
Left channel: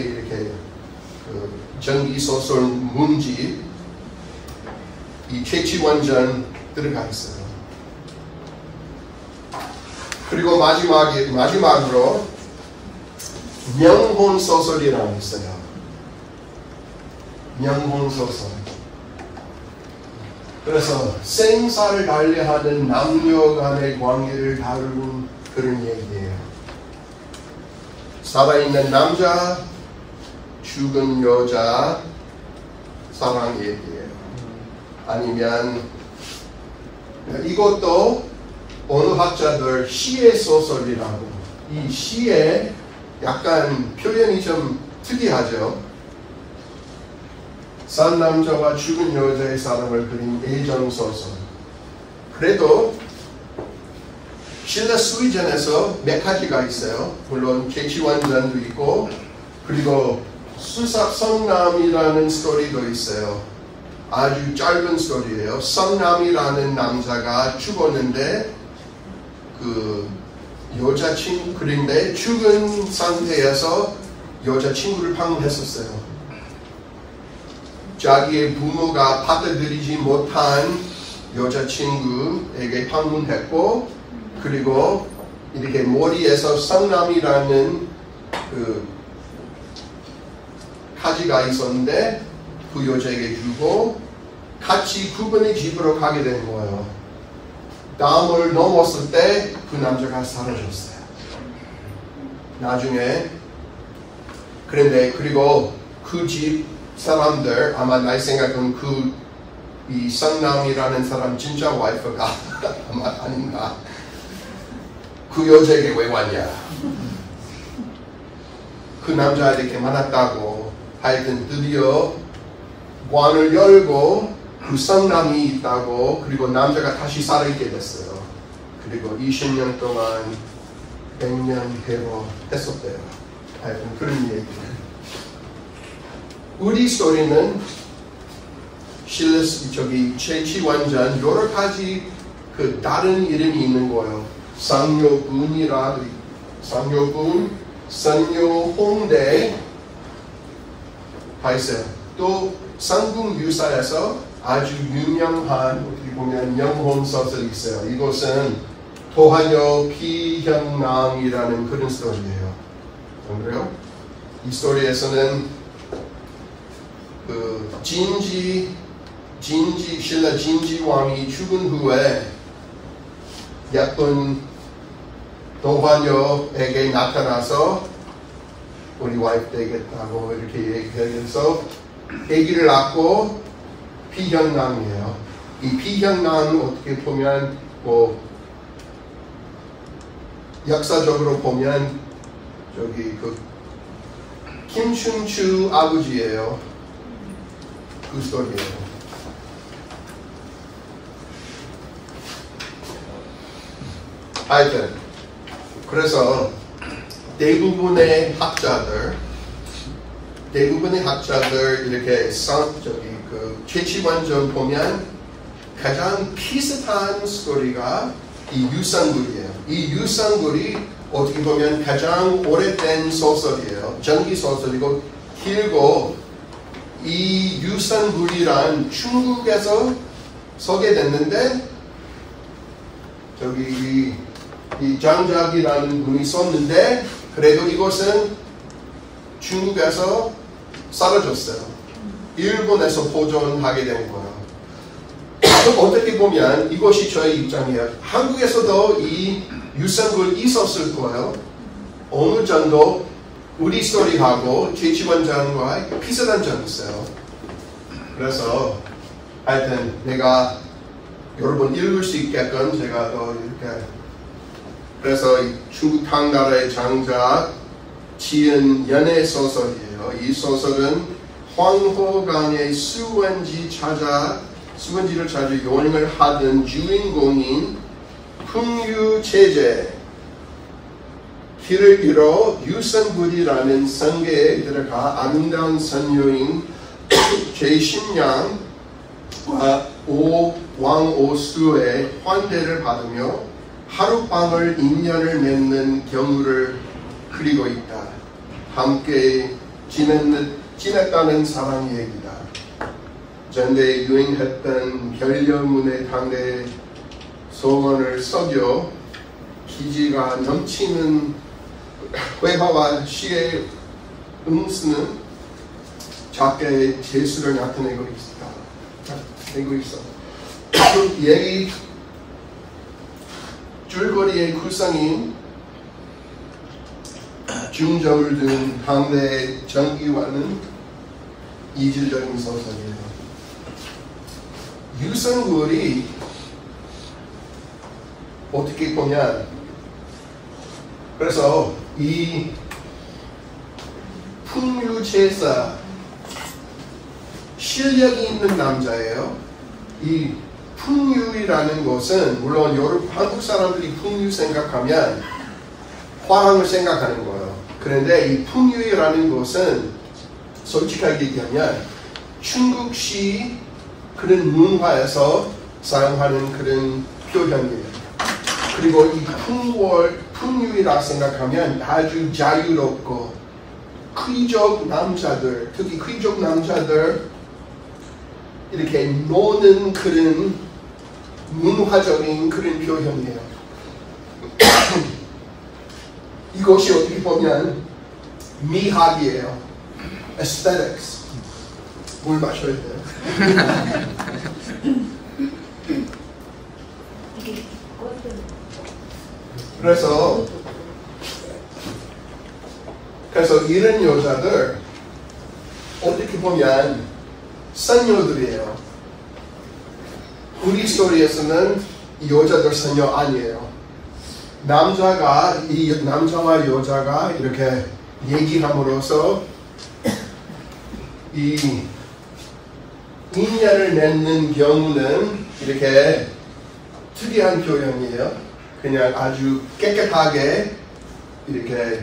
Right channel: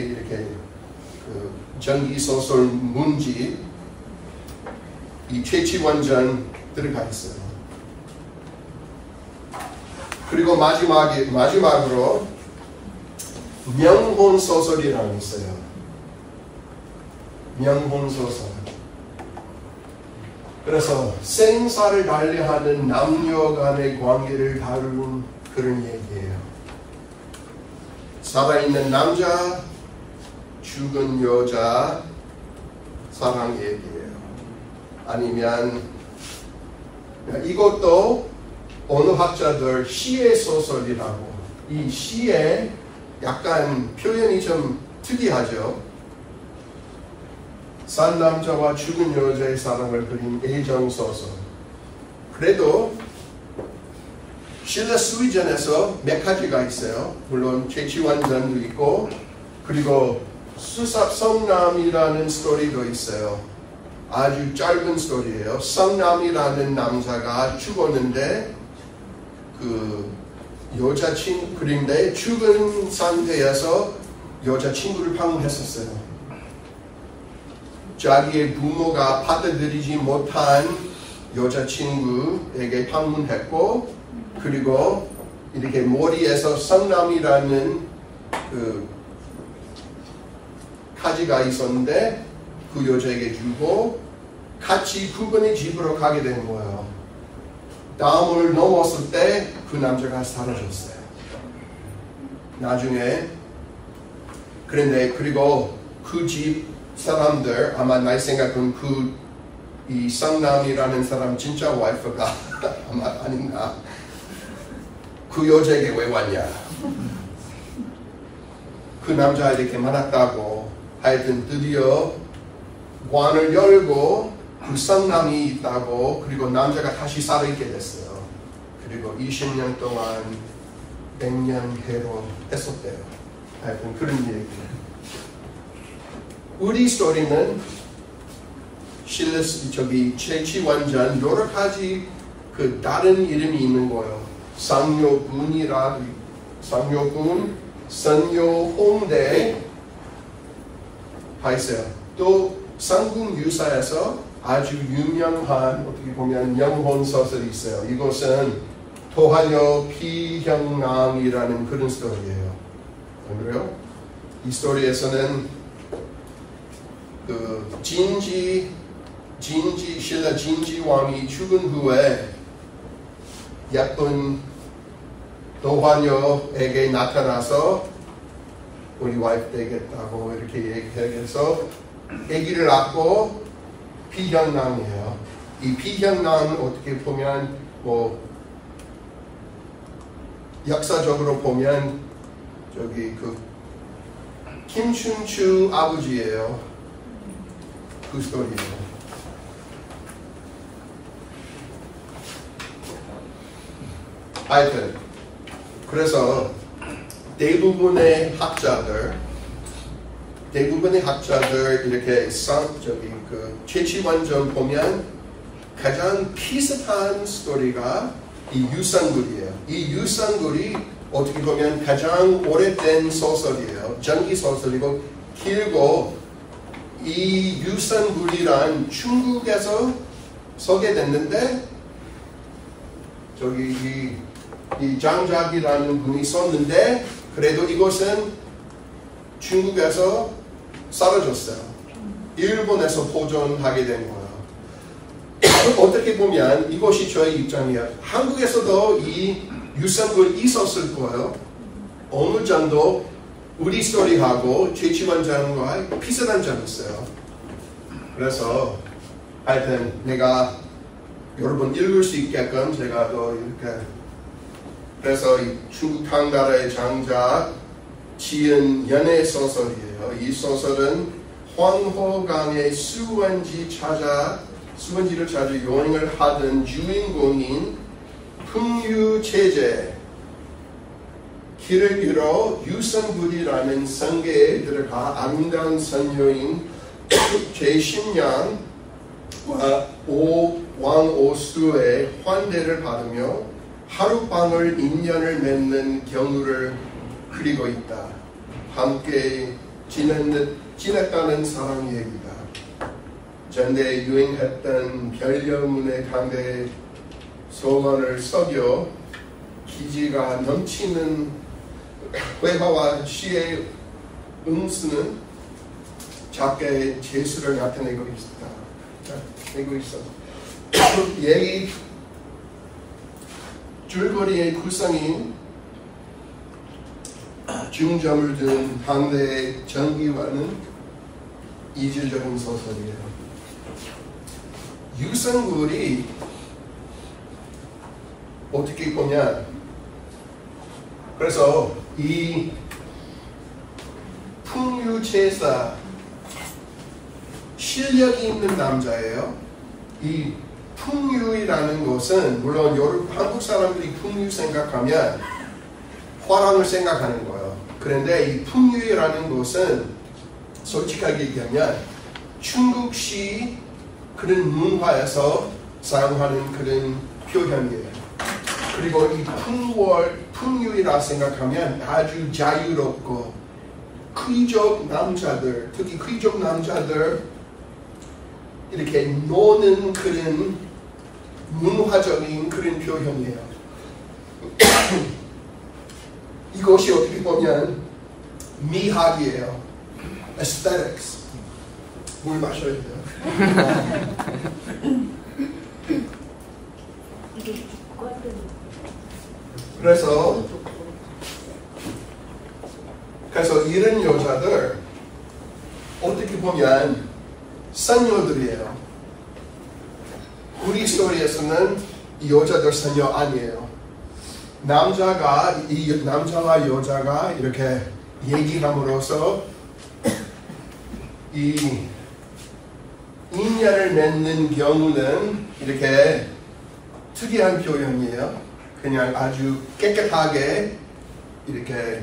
이렇게 그 전기 소설 문집 이 최치원전 들어가 있어요. 그리고 마지막으로 명혼 소설이라는 게 있어요. 명혼 소설. 그래서 생사를 달리하는 남녀 간의 관계를 다루는 그런 얘기예요. 살아있는 남자, 죽은 여자 사랑 얘기예요. 아니면 이것도 어느 학자들 시의 소설이라고. 이 시에 약간 표현이 좀 특이하죠. 산 남자와 죽은 여자의 사랑을 그린 애정 소설. 그래도 실내 수위전에서 몇 가지가 있어요. 물론 최치원전도 있고 그리고 수삽성남이라는 스토리도 있어요. 아주 짧은 스토리예요. 성남이라는 남자가 죽었는데 그 여자친구 그런데 죽은 상태에서 여자친구를 방문했었어요. 자기의 부모가 받아들이지 못한 여자친구에게 방문했고 그리고 이렇게 머리에서 성남이라는 그 가지가 있었는데 그 여자에게 주고 같이 그분의 집으로 가게 된 거예요. 담을 넘었을 때 그 남자가 사라졌어요. 나중에 그런데 그리고 그 집 사람들 아마 날 생각은 이 성남이라는 사람 진짜 와이프가 아마 아닌가. 그 여자에게 왜 왔냐. 그 남자 이렇게 만났다고 하여튼 드디어 관을 열고 그 성남이 있다고 그리고 남자가 다시 살아있게 됐어요. 그리고 20년 동안 100년 해로 했었대요. 하여튼 그런 얘기. 우리 스토리는 최치원전 여러 가지 그 다른 이름이 있는 거예요. 상료군이라도 상료군, 선료홍대 가 있어요. 또 삼국유사에서 아주 유명한 어떻게 보면 명혼 소설이 있어요. 이것은 도하녀 피현남이라는 그런 스토리예요. 안 그래요? 이 스토리에서는 그 신라 진지 왕이 죽은 후에 예쁜 노화녀에게 나타나서 우리 와이프 되겠다고 이렇게 얘기해서 아기를 낳고 피현랑이에요. 이 피현랑은 어떻게 보면 뭐 역사적으로 보면 저기 그 김춘추 아버지예요. 그 스토리예요. 하여튼 그래서 대부분의 학자들 이렇게 저기 그 최치원전 보면 가장 비슷한 스토리가 이 유산굴이에요. 이 유산굴이 어떻게 보면 가장 오래된 소설이에요. 전기 소설이고 길고 이 유산굴이란 중국에서 소개됐는데 저기 이 장작이라는 분이 썼는데 그래도 이것은 중국에서 사라졌어요. 일본에서 보존하게 된 거예요. 어떻게 보면 이것이 저의 입장이에요. 한국에서도 이 유산굴 있었을 거예요. 어느 정도 우리 스토리하고 최치원장과 비슷한 점이 있어요. 그래서 하여튼 내가 여러분 읽을 수 있게끔 제가 또 이렇게 그래서 이 중국 당나라의 장자 지은 연애 소설이에요. 이 소설은 황호강의 수원지를 찾아 여행을 하던 주인공인 풍유체제 길을 잃어 유산굴이라는 성계에 들어가 아름다운 선녀인 제신양과 왕오수의 환대를 받으며 하룻밤을 인연을 맺는 경우를 그리고 있다. 함께 지냈다는 사랑 얘기다. 전대 유행했던 별려문의 당대 소원을 속여 기지가 넘치는 회화와 시의 음수는 작게 재수를 나타내고 있어. 얘기 줄거리의 구성인 중점을 둔 당대의 전기와는 이질적인 소설이에요. 유산굴이 어떻게 보면 그래서 이 풍유제사 실력이 있는 남자예요. 이 풍유이라는 것은 물론 한국 사람들이 풍유 생각하면 화랑을 생각하는 거예요. 그런데 이 풍유이라는 것은 솔직하게 얘기하면 중국식 그런 문화에서 사용하는 그런 표현이에요. 그리고 이 풍유이라 생각하면 아주 자유롭고 귀족 남자들, 특히 귀족 남자들 이렇게 노는 그런 문화적인 그런 표현이에요. 이것이 어떻게 보면 미학이에요. aesthetics. 물 마셔야 돼요. 그래서 이런 여자들 어떻게 보면 선녀들이에요. 우리 스토리에서는 이 여자들 선녀 아니에요. 이 남자와 여자가 이렇게 얘기함으로써 이 인연을 맺는 경우는 이렇게 특이한 표현이에요. 그냥 아주 깨끗하게 이렇게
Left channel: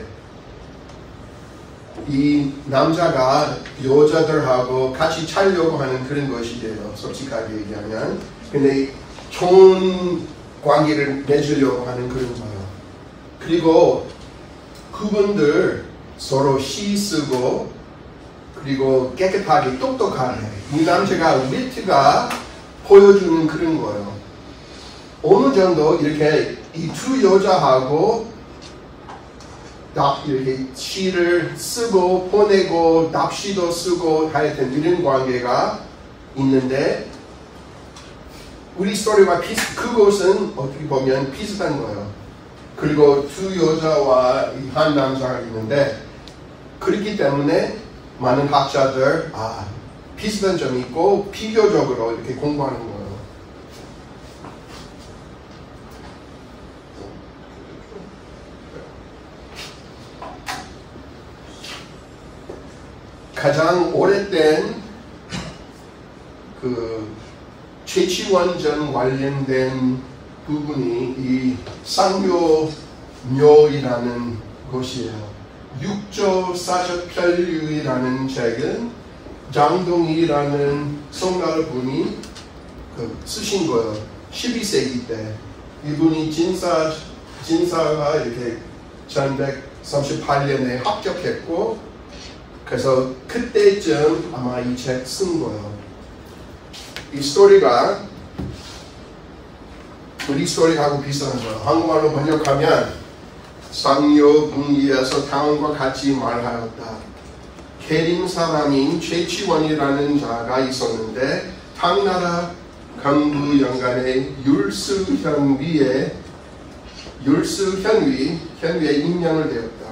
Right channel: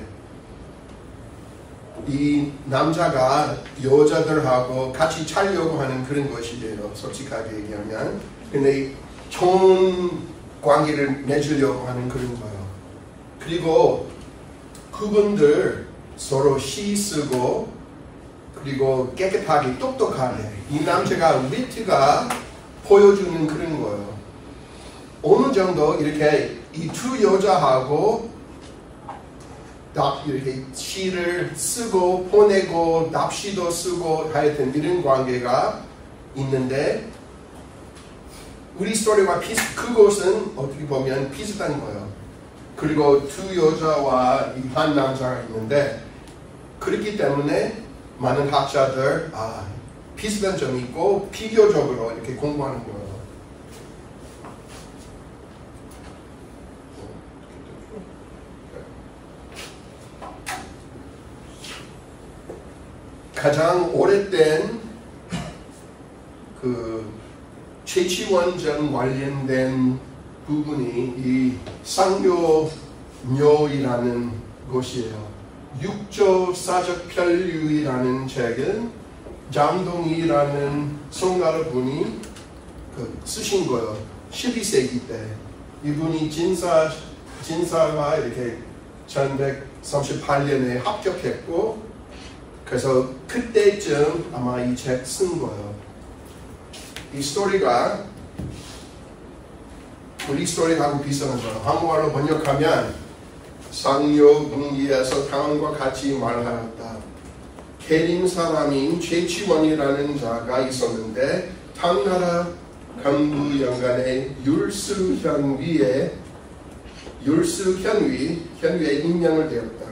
이 남자가 여자들하고 같이 살려고 하는 그런 것이에요. 솔직하게 얘기하면. 근데 좋은 관계를 맺으려고 하는 그런 거예요. 그리고 그분들 서로 시 쓰고 그리고 깨끗하게 똑똑하게 이 남자가 위트가 보여주는 그런 거예요. 어느 정도 이렇게 이 두 여자하고 이렇게 시를 쓰고 보내고 납시도 쓰고 하여튼 이런 관계가 있는데 우리 스토리와 그곳은 어떻게 보면 비슷한 거예요. 그리고 두 여자와 한 남자가 있는데 그렇기 때문에 많은 학자들 비슷한 점이 있고 비교적으로 이렇게 공부하는 거예요. 가장 오래된 그 최치원전 관련된 부분이 이 상묘묘이라는 곳이에요. 육조사적편류이라는 책은 장동이라는 송나라 분이 쓰신 거예요. 12세기 때 이분이 진사가 이렇게 1138년에 합격했고 그래서 그때쯤 아마 이 책 쓴 거예요. 이 스토리가 우리 스토리하고 비슷한 거예요. 한국말로 번역하면 상묘궁리에서 당과 같이 말하였다. 계림 사람인 최치원이라는 자가 있었는데 당나라 강부 연간에 율수현위에 임명을 되었다.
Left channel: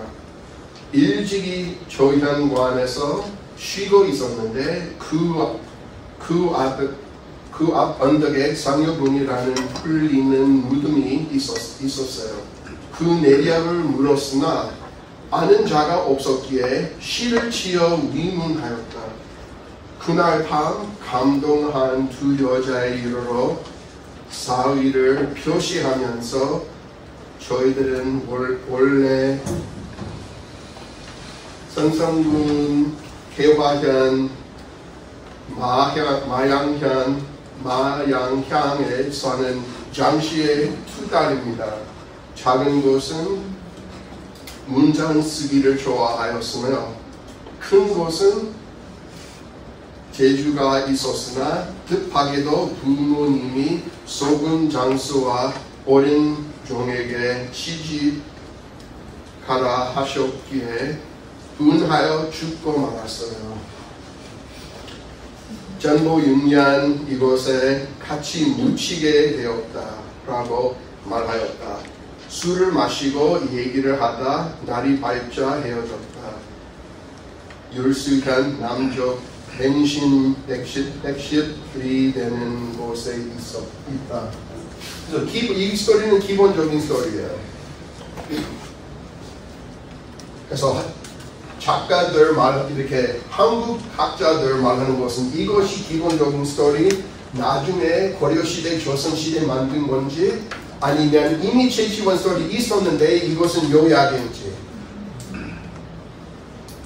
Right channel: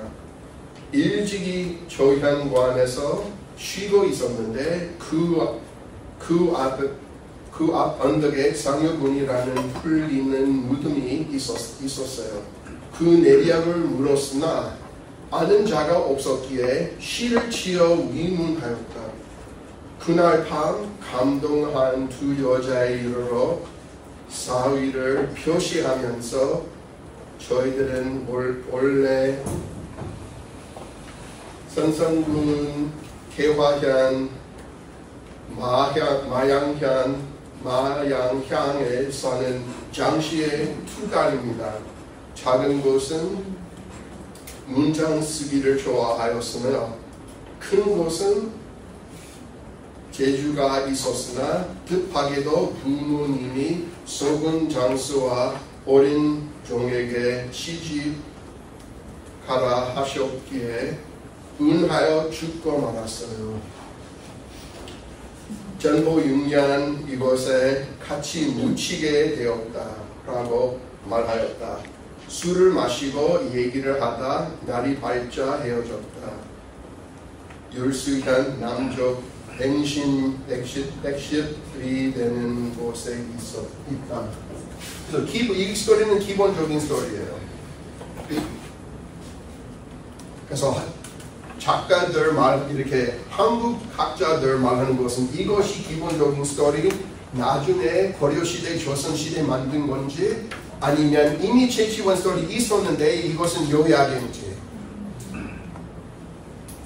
일찍이 조현관에서 쉬고 있었는데 그 앞 언덕에 상여군이라는 풀리는 무덤이 있었어요. 그 내력을 물었으나 아는 자가 없었기에 시를 지어 위문하였다. 그날 밤 감동한 두 여자의 이르러 사위를 표시하면서 저희들은 원래 선성군, 개화현, 마양향에 사는 장씨의 두 딸입니다. 작은 곳은 문장 쓰기를 좋아하였으며 큰 곳은 재주가 있었으나 뜻하게도 부모님이 소군 장수와 어린 종에게 시집가라 하셨기에 운하여 죽고 말았어요. 전부 6년 이곳에 같이 묻히게 되었다라고 말하였다. 술을 마시고 얘기를 하다 날이 밝자 헤어졌다. 율수현 남쪽 백십이 되는 곳에 있다. 그래서 이 스토리는 기본적인 스토리예요. 그래서 작가들 이렇게 한국 학자들 말하는 것은 이것이 기본적인 스토리, 나중에 고려시대, 조선시대 만든 건지 아니면 이미 최치원 스토리 있었는데 이것은 요약인지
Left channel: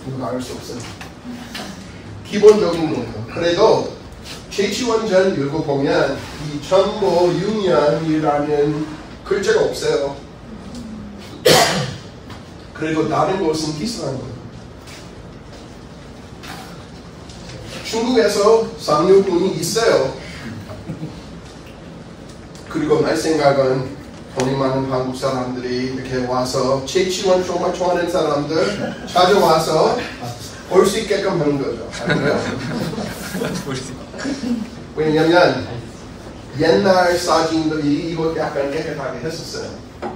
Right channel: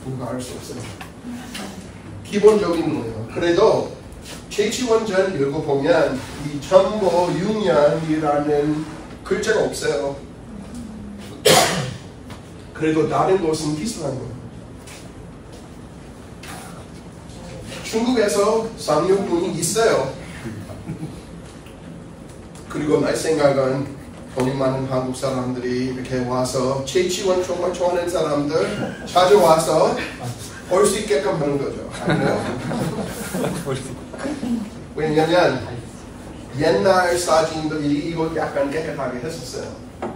누가 알 수 없어요. 기본적인 거예요. 그래도 최치원전 읽어보면 이 전모 6년이라는 글자가 없어요. 그래도 다른 곳은 비슷한 거예요. 중국에서 상류군이 있어요. 그리고 내 생각은 돈이 많은 한국 사람들이 이렇게 와서 최치원 정말 좋아하는 사람들 찾아와서 볼 수 있게끔 하는 거죠. 아니에요? 왜냐면 옛날 사진들이 이거 약간 깨끗하게 했었어요.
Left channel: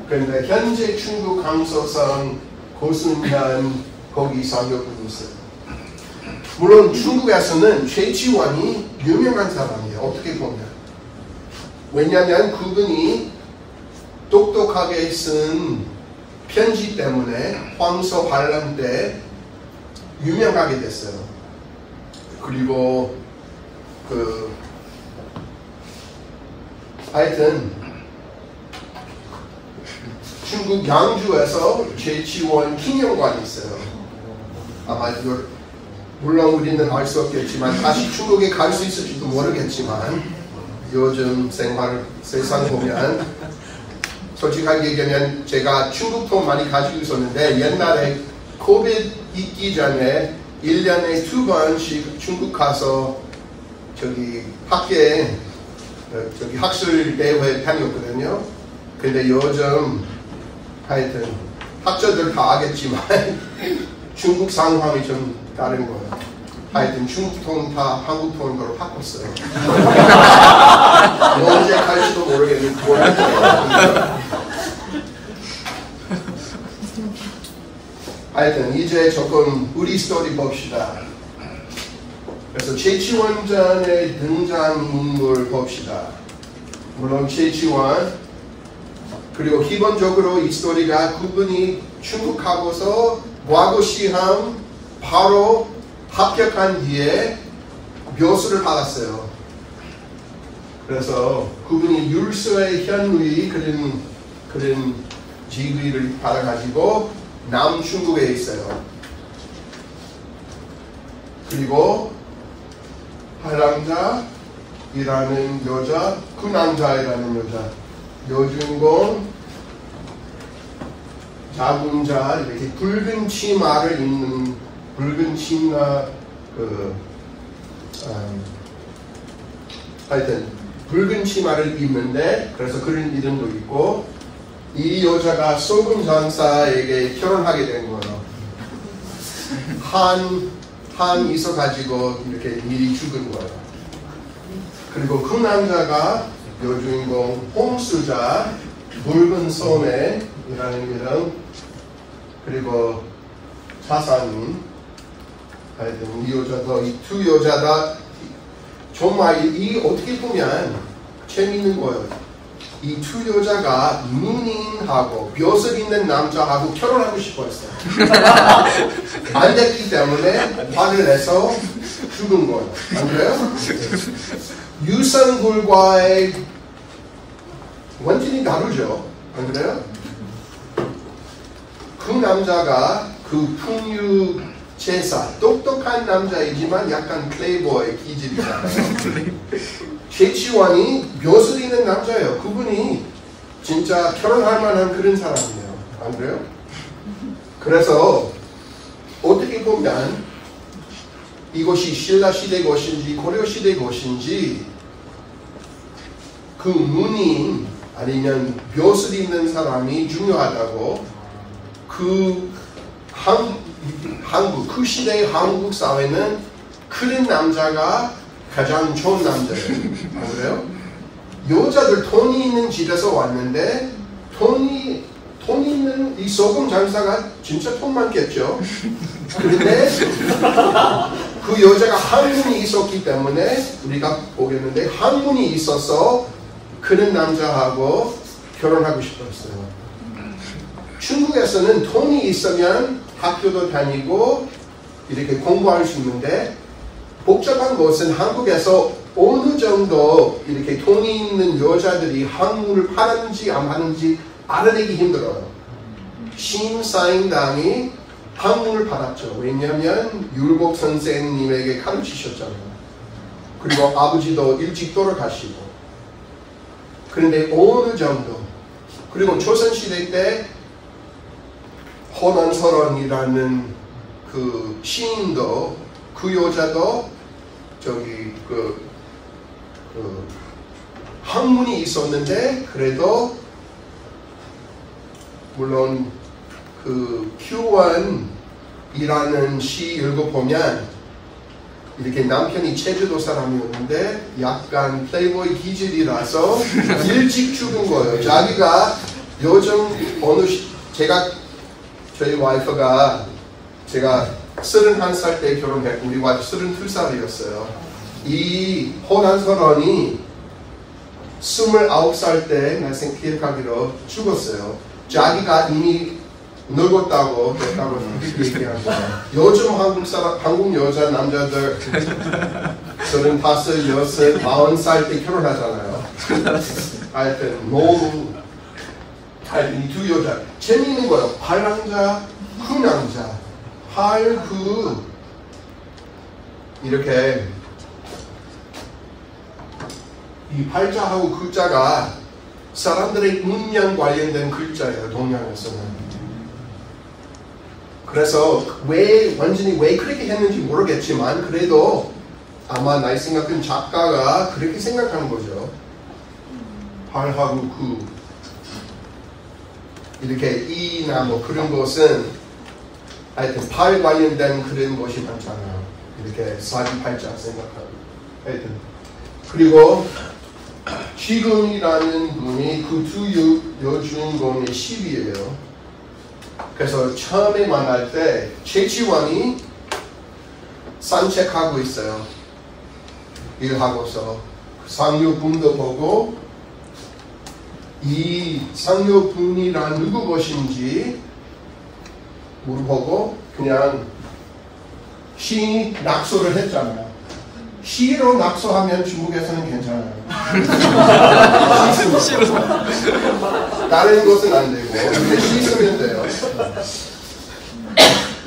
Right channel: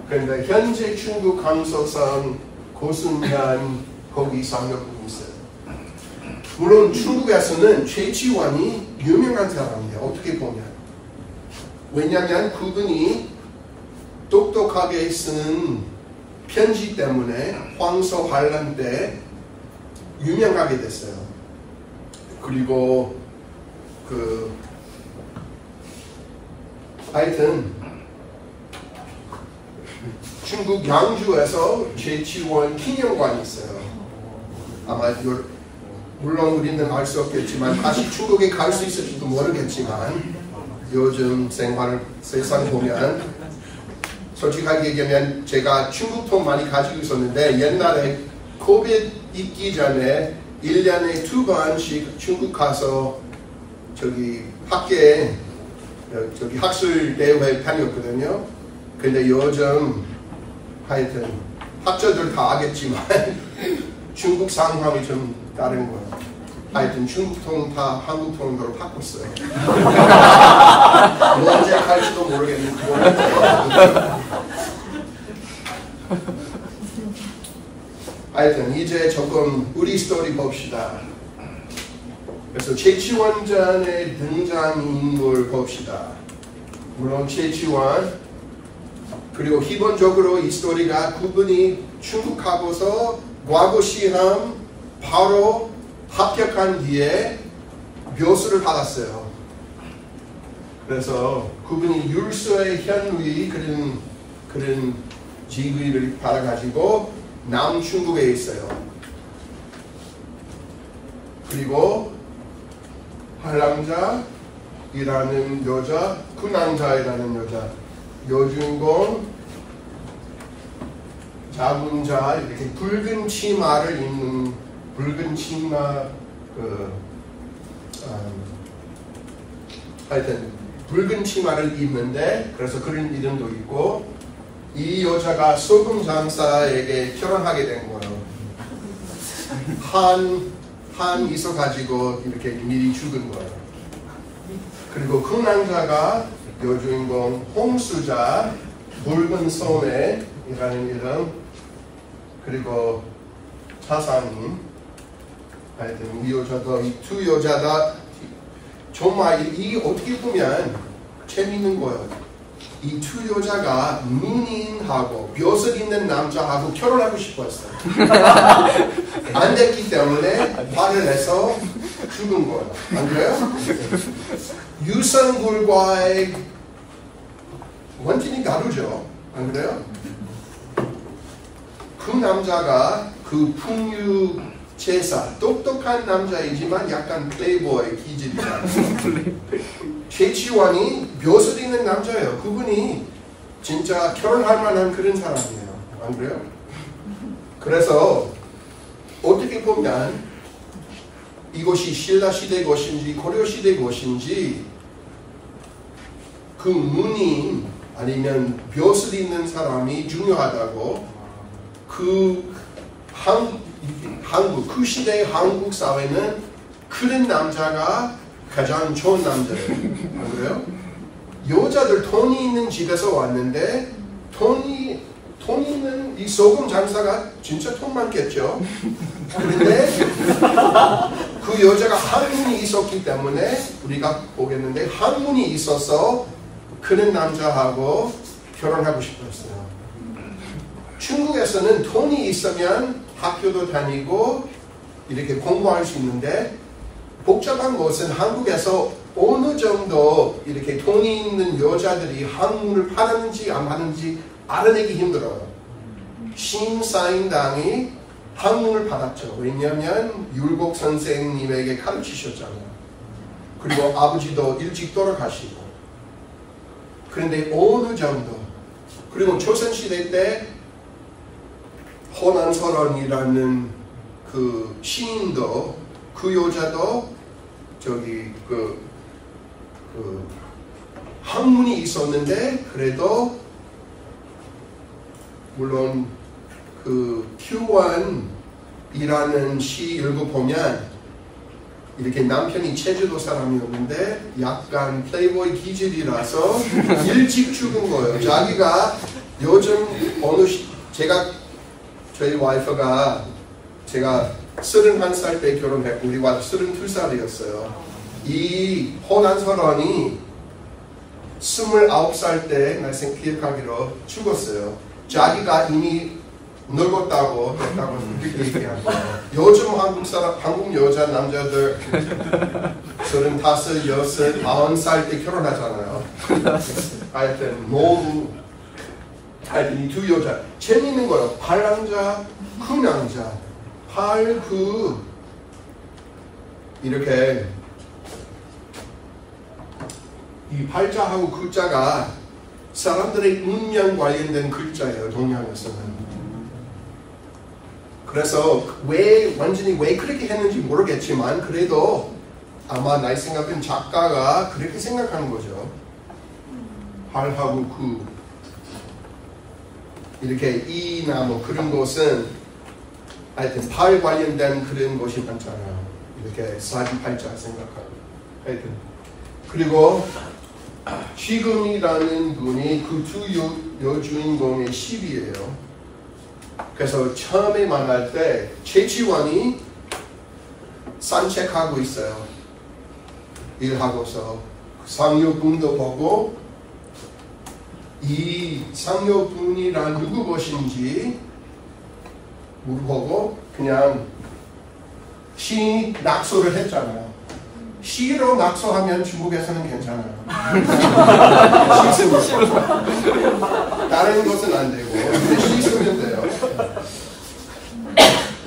그런데 현재 중국 강서성 고순현 거기 상류군이 있어요. 물론 중국에서는 최치원이 유명한 사람이에요. 어떻게 보면. 왜냐하면 그분이 똑똑하게 쓴 편지 때문에 황소 반란 때 유명하게 됐어요. 그리고 하여튼 중국 양주에서 최치원 기념관이 있어요. 아마 물론 우리는 알 수 없겠지만 다시 중국에 갈 수 있을지도 모르겠지만 요즘 세상 보면 솔직하게 얘기하면 제가 중국통 많이 가지고 있었는데 옛날에 코비드 있기 전에 1년에 2번씩 중국 가서 저기 학교에 저기 학술 대회 다녔거든요. 근데 요즘 하여튼 학자들 다 알겠지만 중국 상황이 좀 다른 거예요. 하여튼 중국 통 다 한국 통으로 바꿨어요. 언제 갈지도 모르겠는데. 하여튼 이제 조금 우리 스토리 봅시다. 그래서 최치원전의 등장인물 봅시다. 물론 최치원 그리고 기본적으로 이 스토리가 그분이 중국 가고서 과거 시험 바로 합격한 뒤에 묘수를 받았어요. 그래서 그분이 율서의 현의 그런 지위를 받아가지고 남중국에 있어요. 그리고 한랑자이라는 여자, 군왕자이라는 여자, 여주인공, 자군자 이렇게 붉은 치마를 입는 붉은 치마 하여튼 붉은 치마를 입는데 그래서 그런 이름도 있고 이 여자가 소금 장사에게 결혼하게 된 거예요. 한 있어가지고 이렇게 미리 죽은 거예요. 그리고 그 남자가 여주인공 홍수자 붉은 소매이라는 이름 그리고 자산님 하여튼 이 여자도 이 두 여자다 정말 이 어떻게 보면 재밌는 거예요. 이 두 여자가 문인하고 벼슬 있는 남자하고 결혼하고 싶었어요. 안 됐기 때문에 화를 내서 죽은 거예요. 안 그래요? 유산굴과의 완전히 다르죠. 안 그래요? 그 남자가 그 풍류 제사 똑똑한 남자이지만 약간 플레이보이 기질이잖아요. 최치원이 벼슬 있는 남자예요. 그분이 진짜 결혼할 만한 그런 사람이에요. 안 그래요? 그래서 어떻게 보면 이것이 신라 시대 것인지 고려 시대 것인지 그 문인 아니면 벼슬 있는 사람이 중요하다고 그 한국 그 시대의 한국 사회는 그런 남자가 가장 좋은 남자예요. 안 그래요? 여자들 돈이 있는 집에서 왔는데 돈이 있는 이 소금 장사가 진짜 돈 많겠죠. 그런데 그 여자가 한문이 있었기 때문에 우리가 보겠는데 한문이 있어서 그런 남자하고 결혼하고 싶었어요. 중국에서는 돈이 있으면 학교도 다니고 이렇게 공부할 수 있는데 복잡한 것은 한국에서 어느 정도 이렇게 돈이 있는 여자들이 한문을 파는지 안 파는지 알아내기 힘들어요. 신사임당이 한문을 받았죠. 왜냐하면 율곡 선생님에게 가르치셨잖아요. 그리고 아버지도 일찍 돌아가시고. 그런데 어느 정도 그리고 조선시대 때 허난설원이라는 그 시인도 그 여자도 저기 학문이 있었는데 그래도 물론 그 규원이라는 시 읽어보면 이렇게 남편이 제주도 사람이었는데 약간 플레이보이 기질이라서 일찍 죽은 거예요. 자기가 요즘 저희 와이프가 제가 31살 때 결혼했고 우리 와이프 32살이었어요. 이 호난설원이 29살 때 날생 기억하기로 죽었어요. 자기가 이미 늙었다고 그랬다고 그렇게 얘기한 거예요. 요즘 한국 여자 남자들 35, 6, 40살 때 결혼하잖아요. 하여튼 너무 하여튼 이 두 여자 재밌는 거예요. 팔랑자, 군왕자, 이렇게 이 팔자하고 글자가 사람들의 운명 관련된 글자예요. 동양에서는. 그래서 완전히 왜 그렇게 했는지 모르겠지만 그래도 아마 내 생각은 작가가 그렇게 생각하는 거죠. 팔하고 이렇게 이나 뭐 그런 것은 하여튼 팔 관련된 그런 것이 많잖아요. 이렇게 사주팔자 생각하고 하여튼 그리고 지금이라는 분이 그 두 여주인공의 10이에요. 그래서 처음에 만날 때 최치원이 산책하고 있어요. 일하고서 상여분도 보고 이 상여분이란 누구 것인지 물어보고 그냥 시 낙서를 했잖아요. 시로 낙서하면 중국에서는 괜찮아요. 시 쓰면 다른 것은 안 되고 근데 시 쓰면 돼요.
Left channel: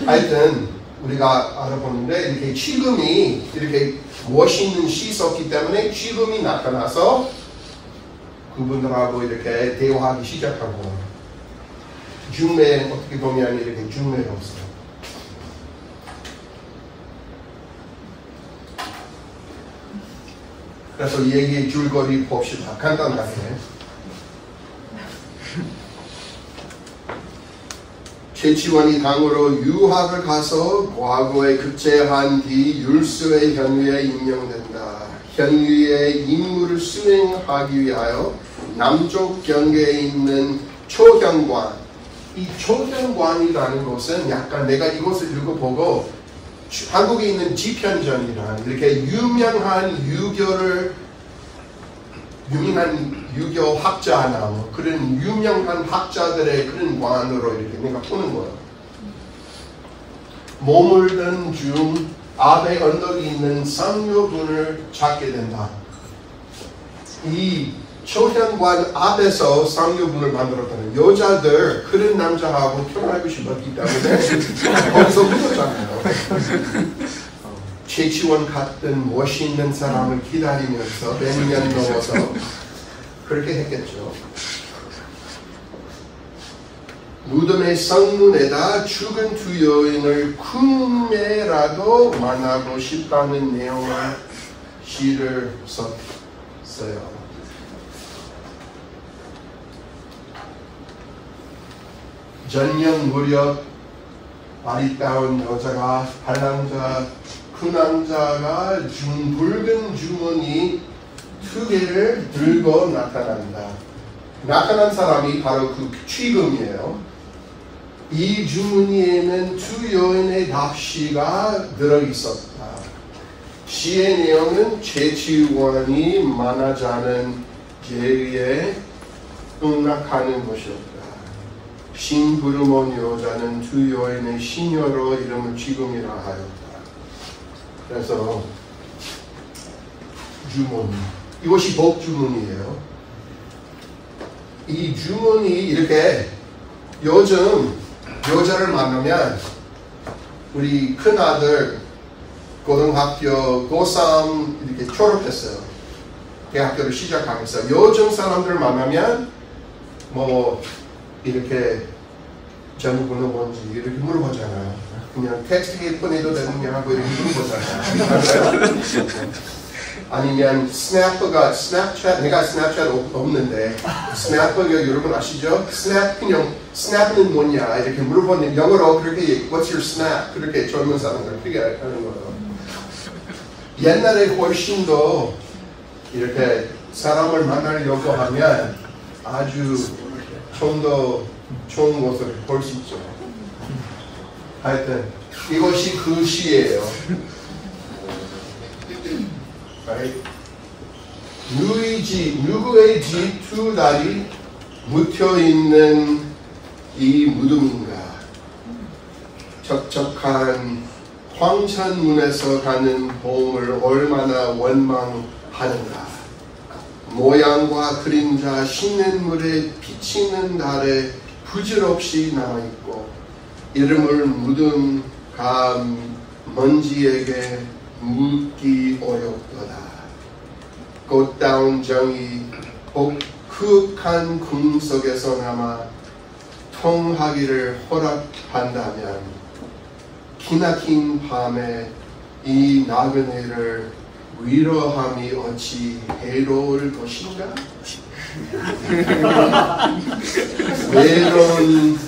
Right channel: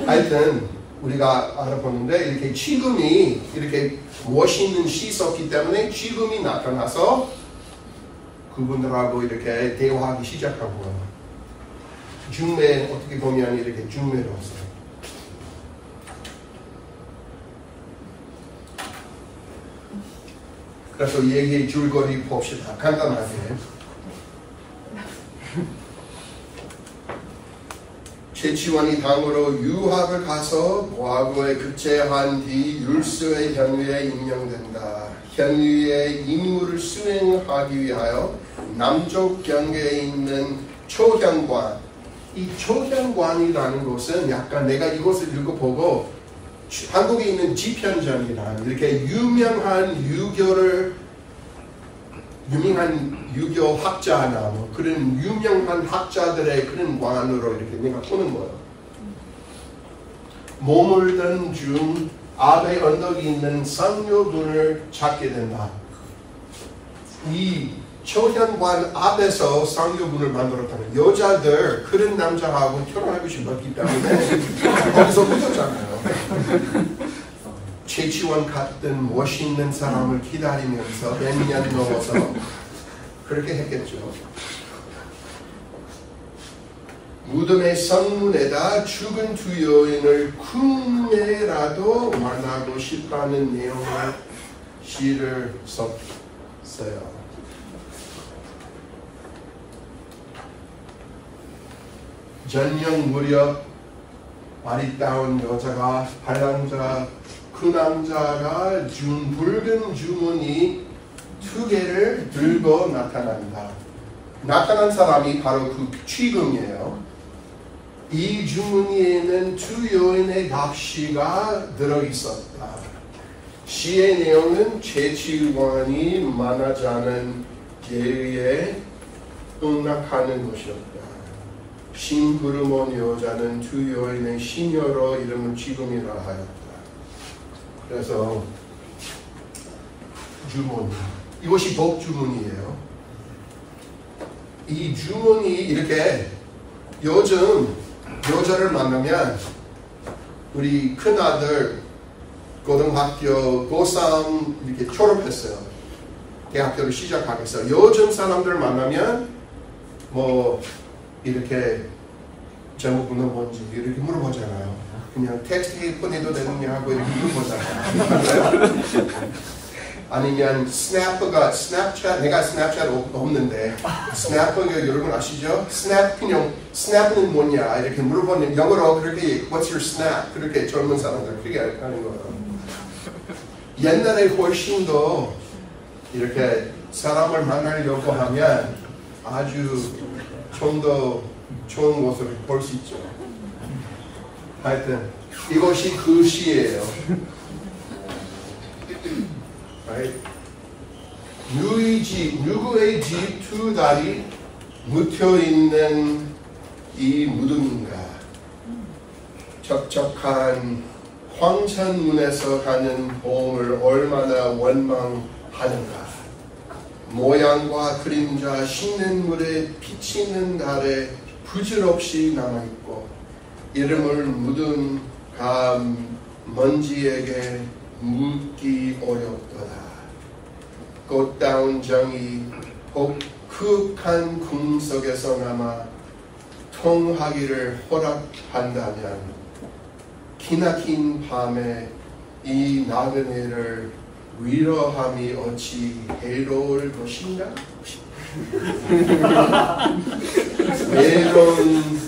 하여튼 우리가 알아보는데 이렇게 지금이 이렇게 멋있는 시 썼기 때문에 지금이 나타나서 그분들하고 이렇게 대화하기 시작하고 중매 어떻게 보면 이렇게 중매가 없어요. 그래서 얘기의 줄거리 봅시다. 간단하게. 최치원이 당으로 유학을 가서 과거에 급제한 뒤 율수의 현위에 임명된다. 현위의 임무를 수행하기 위하여 남쪽 경계에 있는 초현관. 이 초현관이라는 것은 약간 내가 이것을 읽어보고 한국에 있는 지편전이란 이렇게 유명한 유교 학자나 뭐 그런 유명한 학자들의 그런 관으로 이렇게 내가 보는 거예요. 머물던 중 앞에 언덕이 있는 상여분을 찾게 된다. 이 초현관 앞에서 상여분을 만들었다는 여자들 그런 남자하고 결혼하고 싶었기 때문에 거기서 묻었잖아요. 최치원 같은 멋있는 사람을 기다리면서 몇 년 넘어서 그렇게 했겠죠. 무덤의 성문에다 죽은 두 여인을 꿈에라도 만나고 싶다는 내용의 시를 썼어요. 전녁 무렵 아리따운 여자가 반남자 그 남자가 준 붉은 주머니 2개를 들고 나타난다. 나타난 사람이 바로 그 취금이에요. 이 주머니에는 두 여인의 납시가 들어있었다. 시의 내용은 최치원이 만나자는 계획에 응낙하는 것이었다. 신부름온 여자는 두 여인의 시녀로 이름을 지금이라 하였다. 그래서 주머니, 이것이 복주머니예요. 이 주머니 이렇게 요즘 여자를 만나면 우리 큰아들 고등학교 고3 이렇게 졸업했어요. 대학교를 시작하겠어요. 요즘 사람들 만나면 뭐 이렇게 제목은 뭔지 이렇게 물어보잖아요. 그냥 텍스트 보내도 되느냐고 이렇게 물어보잖아요. 아니면 스냅챗, 내가 스냅챗 없는데 스냅가 여러분 아시죠? 스냅은 뭐냐 이렇게 물어보면 영어로 그렇게 What's your snap? 그렇게 젊은 사람들 그렇게 하는 거예요. 옛날에 훨씬 더 이렇게 사람을 만나려고 하면 아주 좀 더 좋은 모습을 볼 수 있죠. 하여튼 이것이 그 시예요. Right? 누구의 집 2달이 묻혀있는 이 무덤인가? 적적한 황천문에서 가는 봄을 얼마나 원망하는가? 모양과 그림자 시냇물에 비치는 달에 부질없이 남아있고 이름을 묻은 먼지에게 묻기 어렵도다. 꽃다운 정이 혹흑한 궁 속에서 남아 통하기를 허락한다면 기나긴 밤에 이 나그네를 위로함이 어찌 해로울 것인가? 메론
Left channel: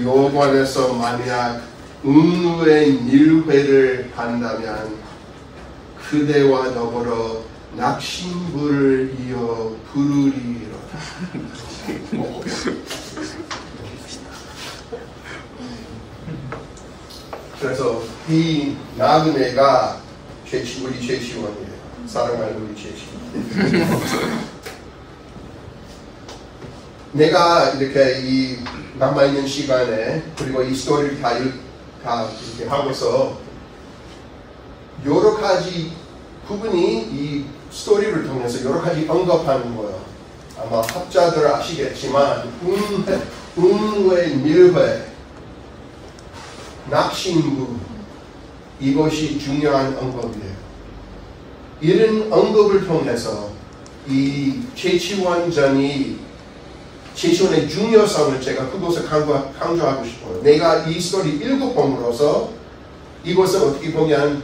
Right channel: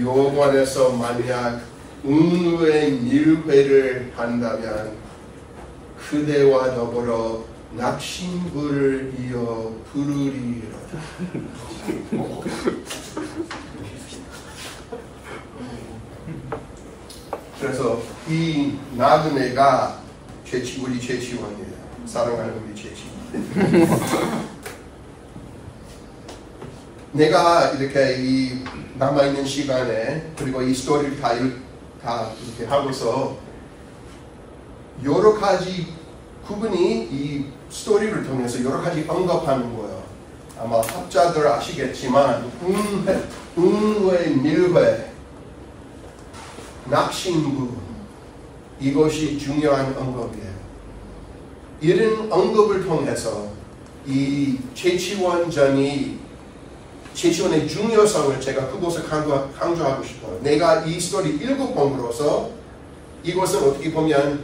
요관에서 만약 은우의 밀회를 한다면 그대와 더불어 낙심불을 이어 부르리로다. 그래서 이 나그네가 우리 최치원이에요. 사랑하는 우리 최치원. 내가 이렇게 이 남아있는 시간에 그리고 이 스토리를 다 이렇게 하면서 여러 가지 부분이 이 스토리를 통해서 여러 가지 언급하는 거예요. 아마 학자들 아시겠지만 운회, 밀회, 낙심부 이것이 중요한 언급이에요. 이런 언급을 통해서 이 최치원전이 최치원의 중요성을 제가 그것을 강조하고 싶어요. 내가 이 스토리 읽어봄으로써 이것은 어떻게 보면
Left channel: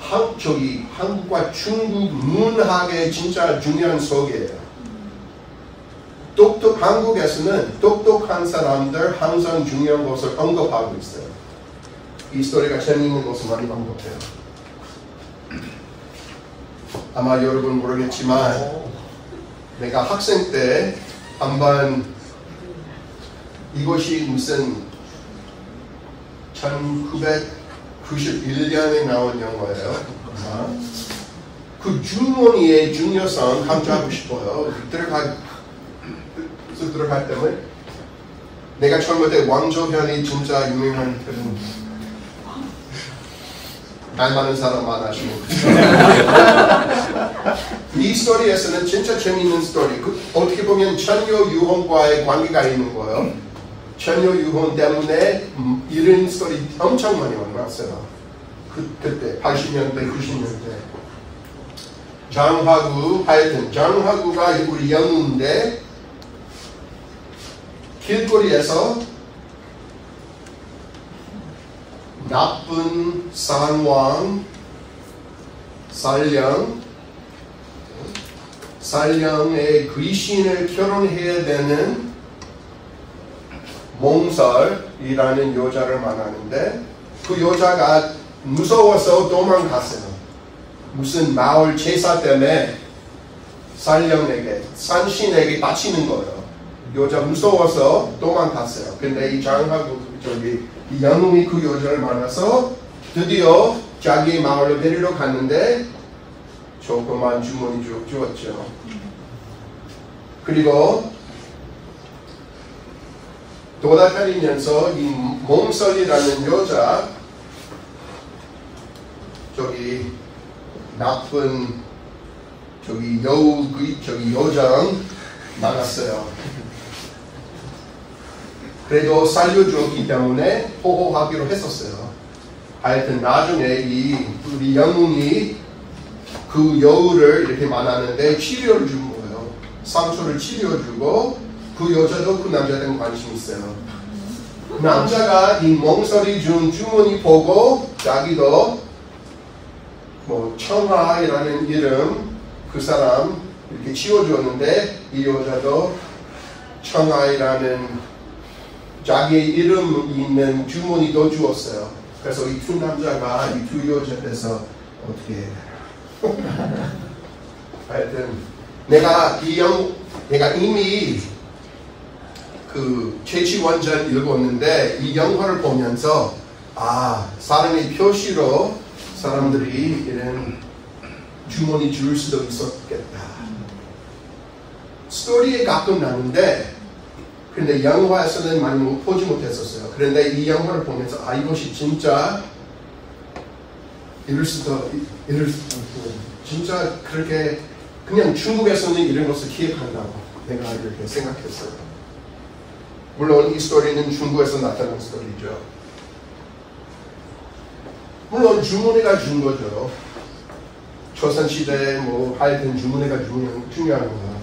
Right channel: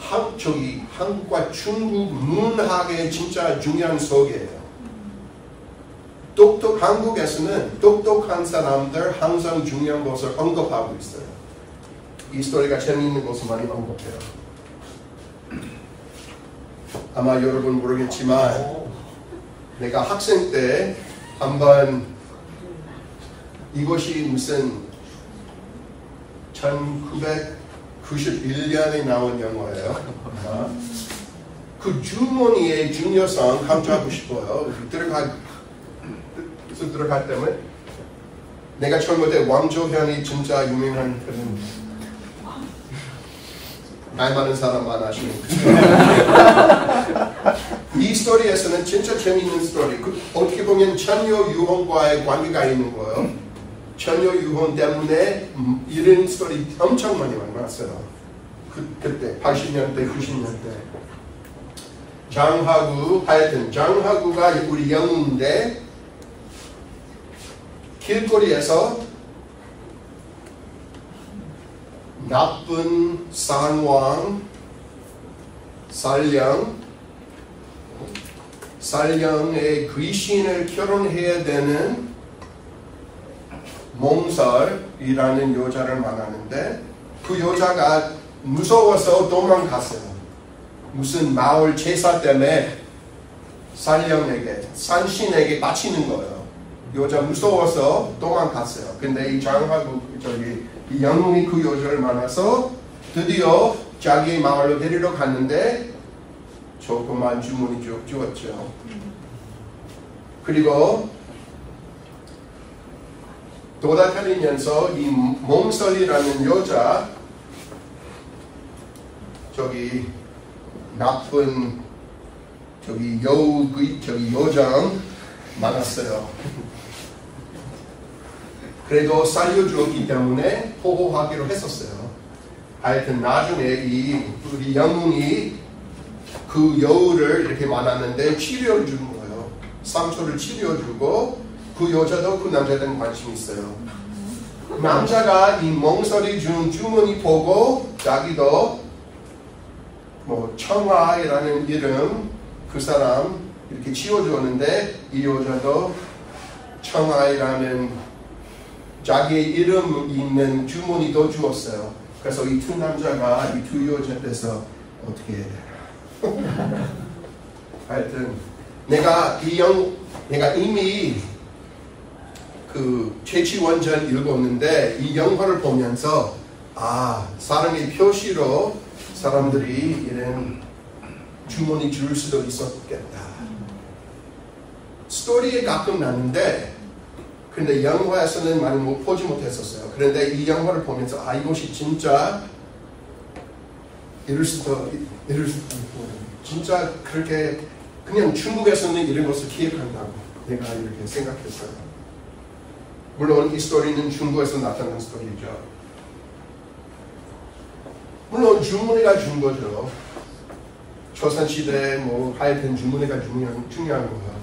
한국과 중국 문학의 진짜 중요한 속이에요. 한국에서는 똑똑한 사람들 항상 중요한 것을 언급하고 있어요. 이 스토리가 재미있는 것을 많이 언급해요. 아마 여러분 모르겠지만 내가 학생 때 한번 이것이 무슨 1991년에 나온 영화예요. 그 주머니의 중요성 강조하고 싶어요. 들어갈 때는 내가 젊을 때 왕조현이 진짜 유명한 그런 말 많은 사람만 아시는 이 스토리에서는 진짜 재미있는 스토리. 어떻게 보면 천녀유혼과의 관계가 있는 거예요. 천녀유혼 때문에 이런 스토리 엄청 많이 만났어요. 그때 80년대, 90년대. 장화구가 우리 영웅인데 길거리에서 나쁜 상왕, 살령의 귀신을 결혼해야 되는 몽설이라는 여자를 만나는데 그 여자가 무서워서 도망갔어요. 무슨 마을 제사 때문에 산신에게 바치는 거예요. 여자 무서워서 도망갔어요. 근데 이 이 영웅이 그 여자를 만나서 드디어 자기의 마을로 데리러 갔는데 조그만 주머니 주었죠. 그리고 돌아다니면서 이 몽설이라는 여자 나쁜 여장 만났어요. 그래도 살려주었기 때문에 호호하기로 했었어요. 하여튼 나중에 우리 영웅이 그 여우를 이렇게 만났는데 치료를 준 거예요. 상처를 치료해주고 그 여자도 그 남자한테 관심 있어요. 남자가 이 몽설이 준 주머니 보고 자기도 청아이라는 이름 그 사람 이렇게 지어줬는데 이 여자도 청아이라는 자기의 이름 있는 주머니도 주었어요. 그래서 이 두 남자가 이 두 여자에서 어떻게 해야 되나. 하여튼 내가 이미 그 최치원전 읽었는데 이 영화를 보면서 사람의 표시로 사람들이 이런 주머니 줄 수도 있었겠다. 스토리에 가끔 나는데 근데 영화에서는 많이 보지 못했었어요. 그런데 이 영화를 보면서 이것이 진짜 이럴 수도 진짜 그렇게 그냥 중국에서는 이런 것을 기획한다고 내가 이렇게 생각했어요. 물론 이 스토리는 중국에서 나타난 스토리죠. 물론 주문회가 준 거죠. 조선시대에 하여튼 주문회가 중요한 거예요.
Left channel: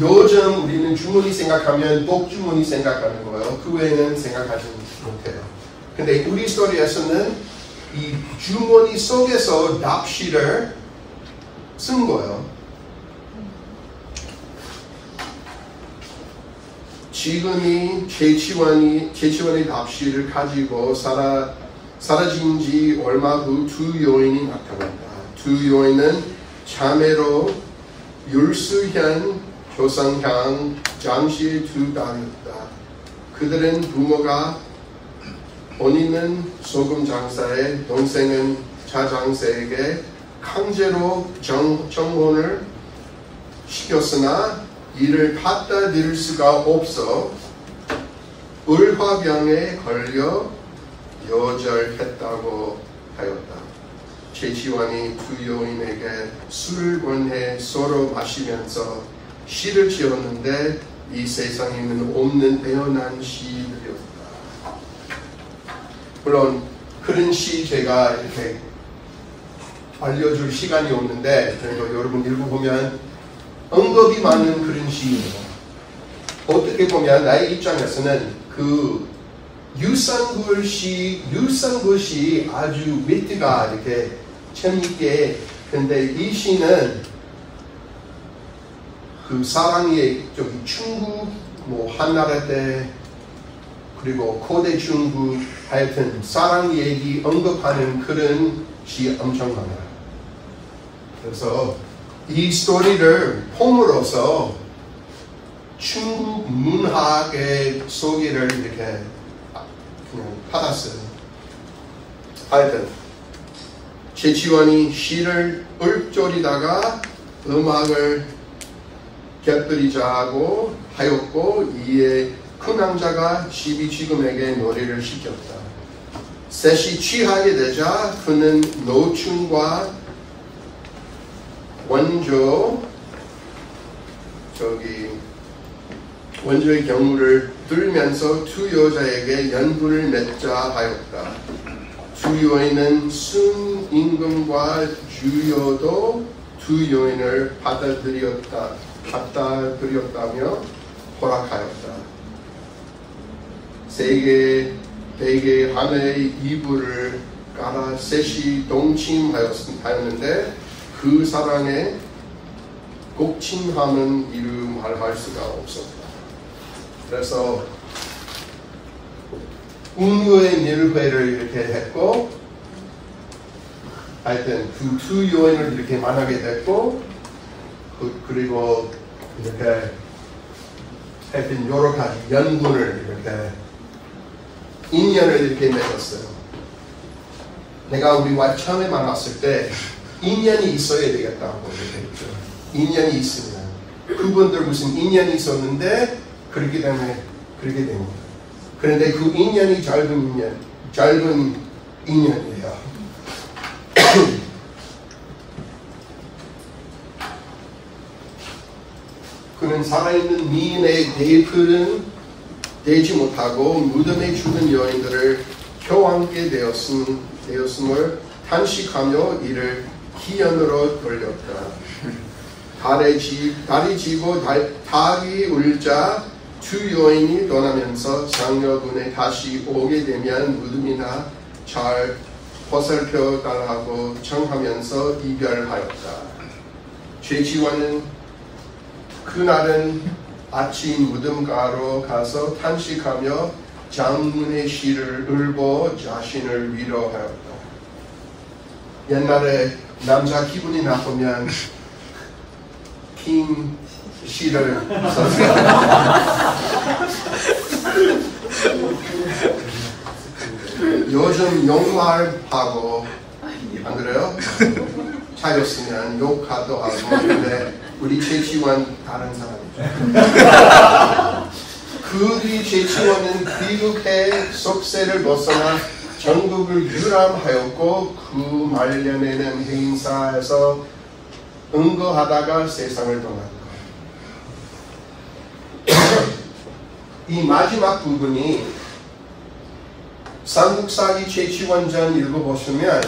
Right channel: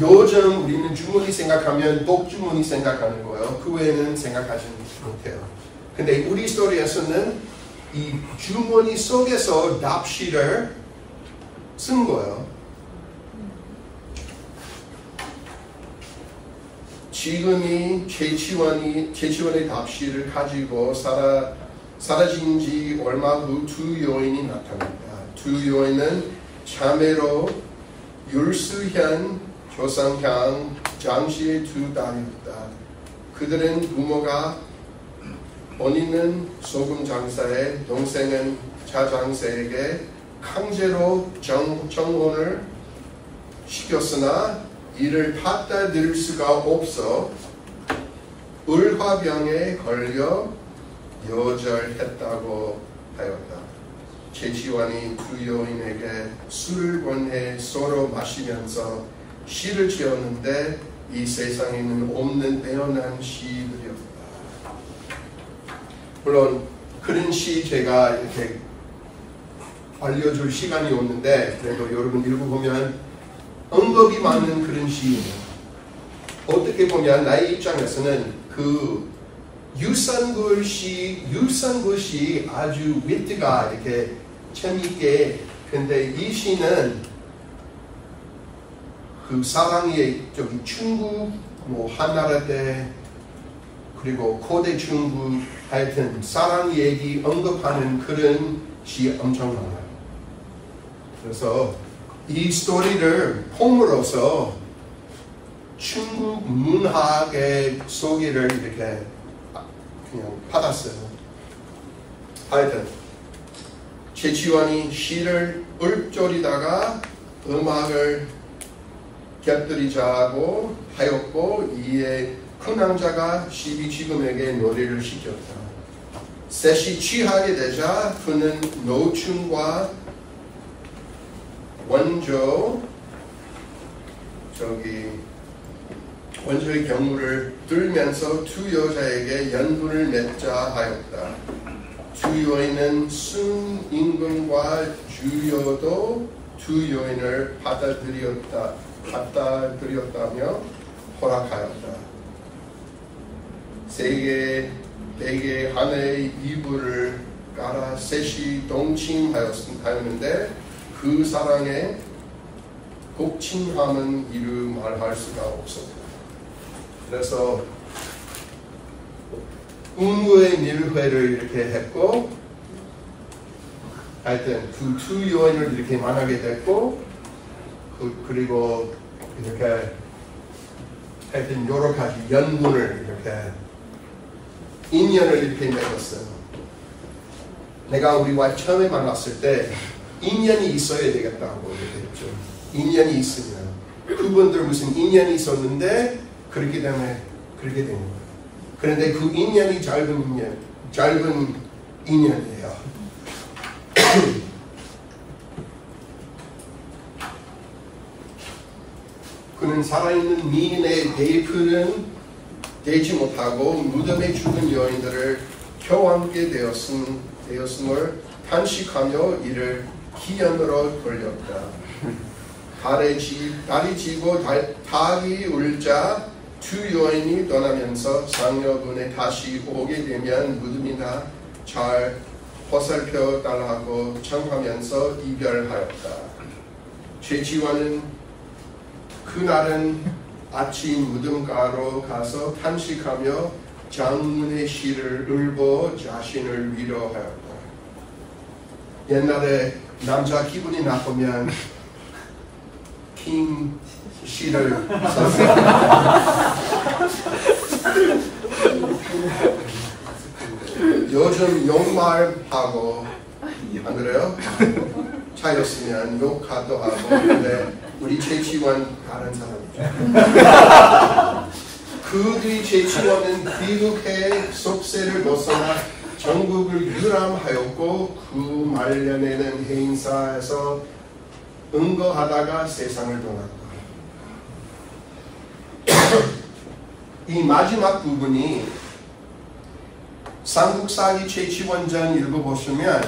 요즘 우리는 주머니 생각하면 복주머니 생각하는 거예요. 그 외에는 생각하지 못해요. 근데 우리 스토리에서는 이 주머니 속에서 납시를 쓴 거예요. 지금이 최치원의 답시를 가지고 사라진 지 얼마 후 두 여인이 나타난다. 두 여인은 자매로 율수현, 조상향, 장씨의 두 딸이었다. 그들은 부모가 본인은 소금 장사에 동생은 자장사에게 강제로 정혼을 시켰으나 이를 받아들일 수가 없어 을화병에 걸려 요절했다고 하였다. 최치원이 두 여인에게 술을 권해 서로 마시면서 시를 지었는데 이 세상에는 없는 빼어난 시들이었다. 물론 그런 시 제가 이렇게 알려줄 시간이 없는데 그래도 여러분 읽어보면 언급이 많은 그런 시예요. 어떻게 보면 나의 입장에서는 그 유산구 시 아주 위트가 이렇게 재미있게, 근데 이 시는 그 사랑의 저기 중국 뭐 한나라 때 그리고 고대 중국 하여튼 사랑 얘기 언급하는 그런 시 엄청 많아요. 그래서 이 스토리를 폼으로서 중국 문학의 소개를 이렇게 그냥 받았어요. 하여튼 최치원이 시를 읊조리다가 음악을 곁들이자고 하였고 이에 큰 왕자가 시비지금에게 노래를 시켰다. 셋이 취하게 되자 그는 노충과 원조의 경우를 들면서 두 여자에게 연분을 맺자 하였다. 두 여인은 순임금과 주여도 두 여인을 받아들였다며 허락하였다. 베개 하나의 이불을 깔아 셋이 동침하였는데 그 사랑의 곡침함은 이루 말할 수가 없었다. 그래서 운후의 밀회를 이렇게 했고 하여튼 그 두 여인을 이렇게 만나게 됐고 그리고 이렇게 하여튼 여러 가지 연분을 이렇게 인연을 이렇게 맺었어요. 내가 우리 와이프 처음에 만났을 때 인연이 있어야 되겠다고 이렇게 했죠. 인연이 있으면 그분들 무슨 인연이 있었는데 그렇기 때문에 그렇게 된 거예요. 그런데 그 인연이 짧은 인연이에요. 그는 살아있는 미인의 대풀은 되지 못하고 무덤에 죽은 여인들을 켜안게 되었음을 탄식하며 이를 희연으로 돌렸다. 달이 지고 닭이 울자 두 여인이 떠나면서 장려군에 다시 오게 되면 무덤이나 잘 보살펴 달라고 청하면서 이별하였다. 최치원은 그날은 아침 무덤가로 가서 탄식하며 장문의 시를 읽고 자신을 위로하였다. 옛날에 남자 기분이 나쁘면 킹 시를 썼어요. 요즘 욕말하고 안 그래요? 차였으면 욕하도 하고. 근데 우리 최치원 다른 사람이죠. 그 뒤 최치원은 귀국해 속세를 벗어나 전국을 유람하였고 그 말년에는 행사에서 응거하다가 세상을 떠났다. 이 마지막 부분이 삼국사기 최치원전 읽어보시면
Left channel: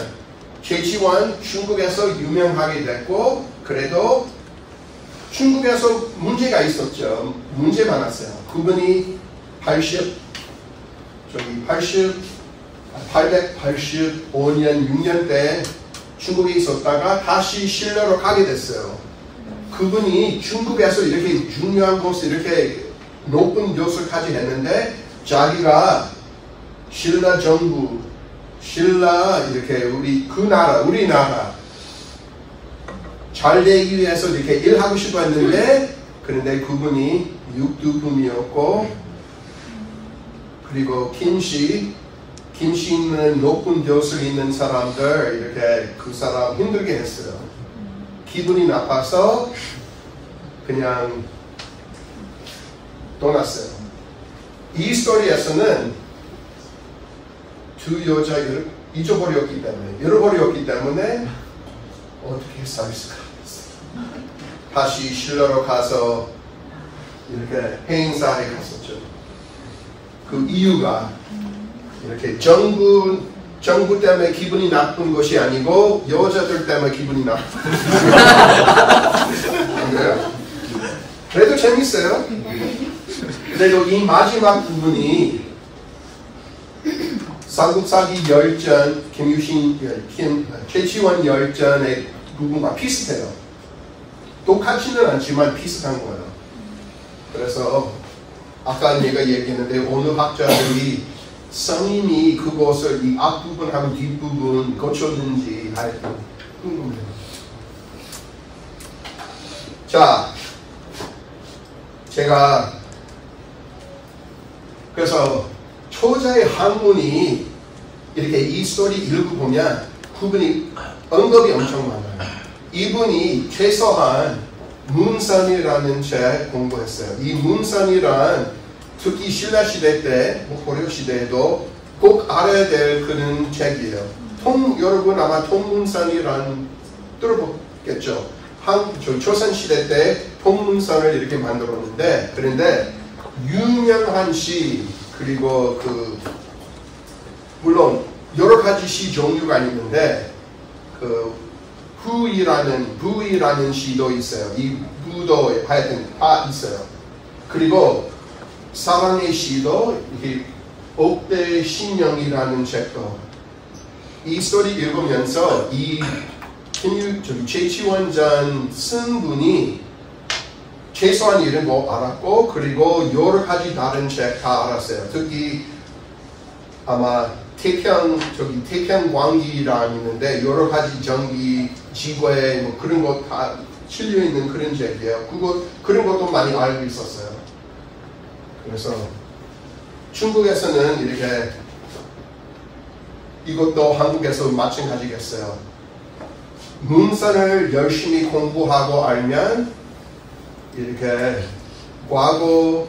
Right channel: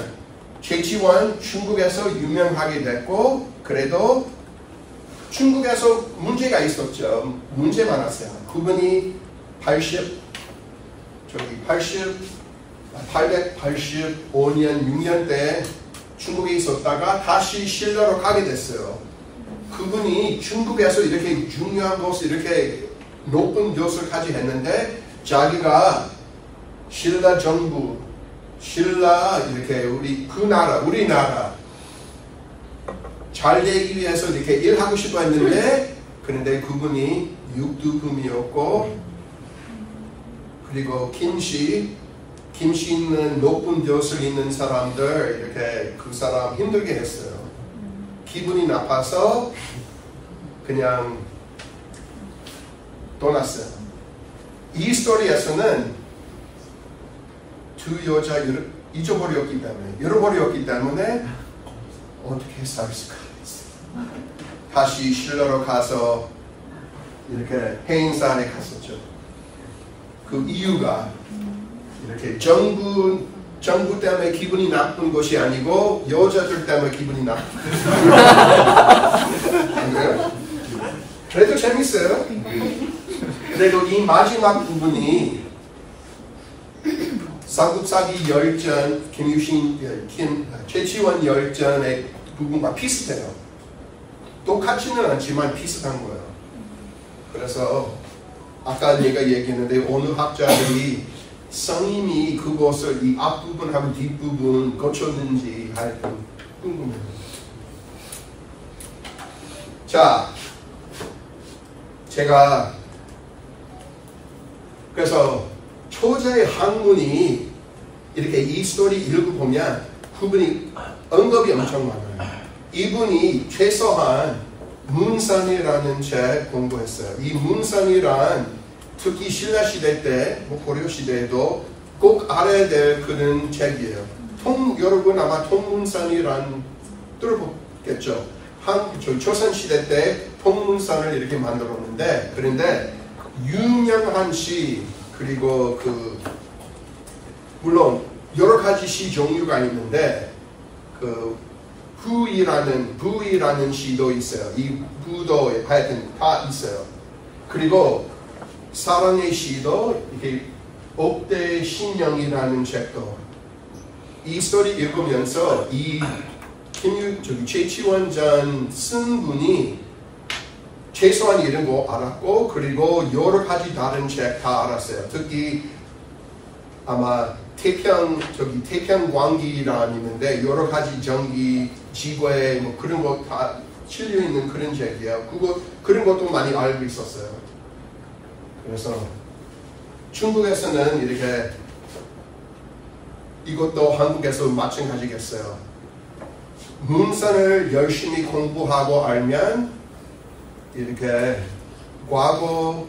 최치원 중국에서 유명하게 됐고 그래도 중국에서 문제가 있었죠. 문제 많았어요. 그분이 885년 6년 때 중국에 있었다가 다시 신라로 가게 됐어요. 그분이 중국에서 이렇게 중요한 곳을 이렇게 높은 교수까지 했는데 자기가 신라 정부, 신라 이렇게 우리나라 잘 되기 위해서 이렇게 일하고 싶어 했는데 그런데 그분이 육두금이었고 그리고 김씨 있는 높은 교수 있는 사람들 이렇게 그 사람 힘들게 했어요. 기분이 나빠서 그냥 떠났어요. 이 스토리에서는 두 여자 잃어버렸기 때문에 어떻게 살수가 있어요. 다시 신라로 가서 이렇게 행사에 갔었죠. 그 이유가 이렇게 정부 때문에 기분이 나쁜 것이 아니고 여자들 때문에 기분이 나쁜 안 그래요? 그래도 재밌어요. 그리고 이 마지막 부분이 삼국사기 열전 최치원 열전의 부분과 비슷해요. 똑같지는 않지만 비슷한 거예요. 그래서 아까 내가 얘기했는데 어느 학자들이 성인이 그것을 이 앞부분하고 뒷부분 고쳤는지 하여튼 궁금해요. 자, 제가 그래서 초자의 학문이 이렇게 이 스토리 읽어보면 그분이 언급이 엄청 많아요. 이분이 최소한 문선이라는 책 공부했어요. 이 문선이란 특히 신라 시대 때, 고려 시대에도 꼭 알아야 될 그런 책이에요. 여러분 아마 통문선이란 들어보겠죠. 조선 시대 때 통문선을 이렇게 만들었는데, 그런데 유명한 시 그리고 물론 여러 가지 시 종류가 있는데 부이라는 시도 있어요. 이 부도 하여튼 다 있어요. 그리고 사랑의 시도 이렇게 옥대 신령이라는 책도 이 스토리 읽으면서 최치원전 쓴 분이 최소한 이름 알았고 그리고 여러 가지 다른 책 다 알았어요. 특히 아마 태평광기라는 있는데 여러 가지 전기, 지구에 그런 것 다 실려 있는 그런 책이에요. 그런 것도 많이 알고 있었어요. 그래서 중국에서는 이렇게 이것도 한국에서 마찬가지겠어요. 문선을 열심히 공부하고 알면 이렇게 과거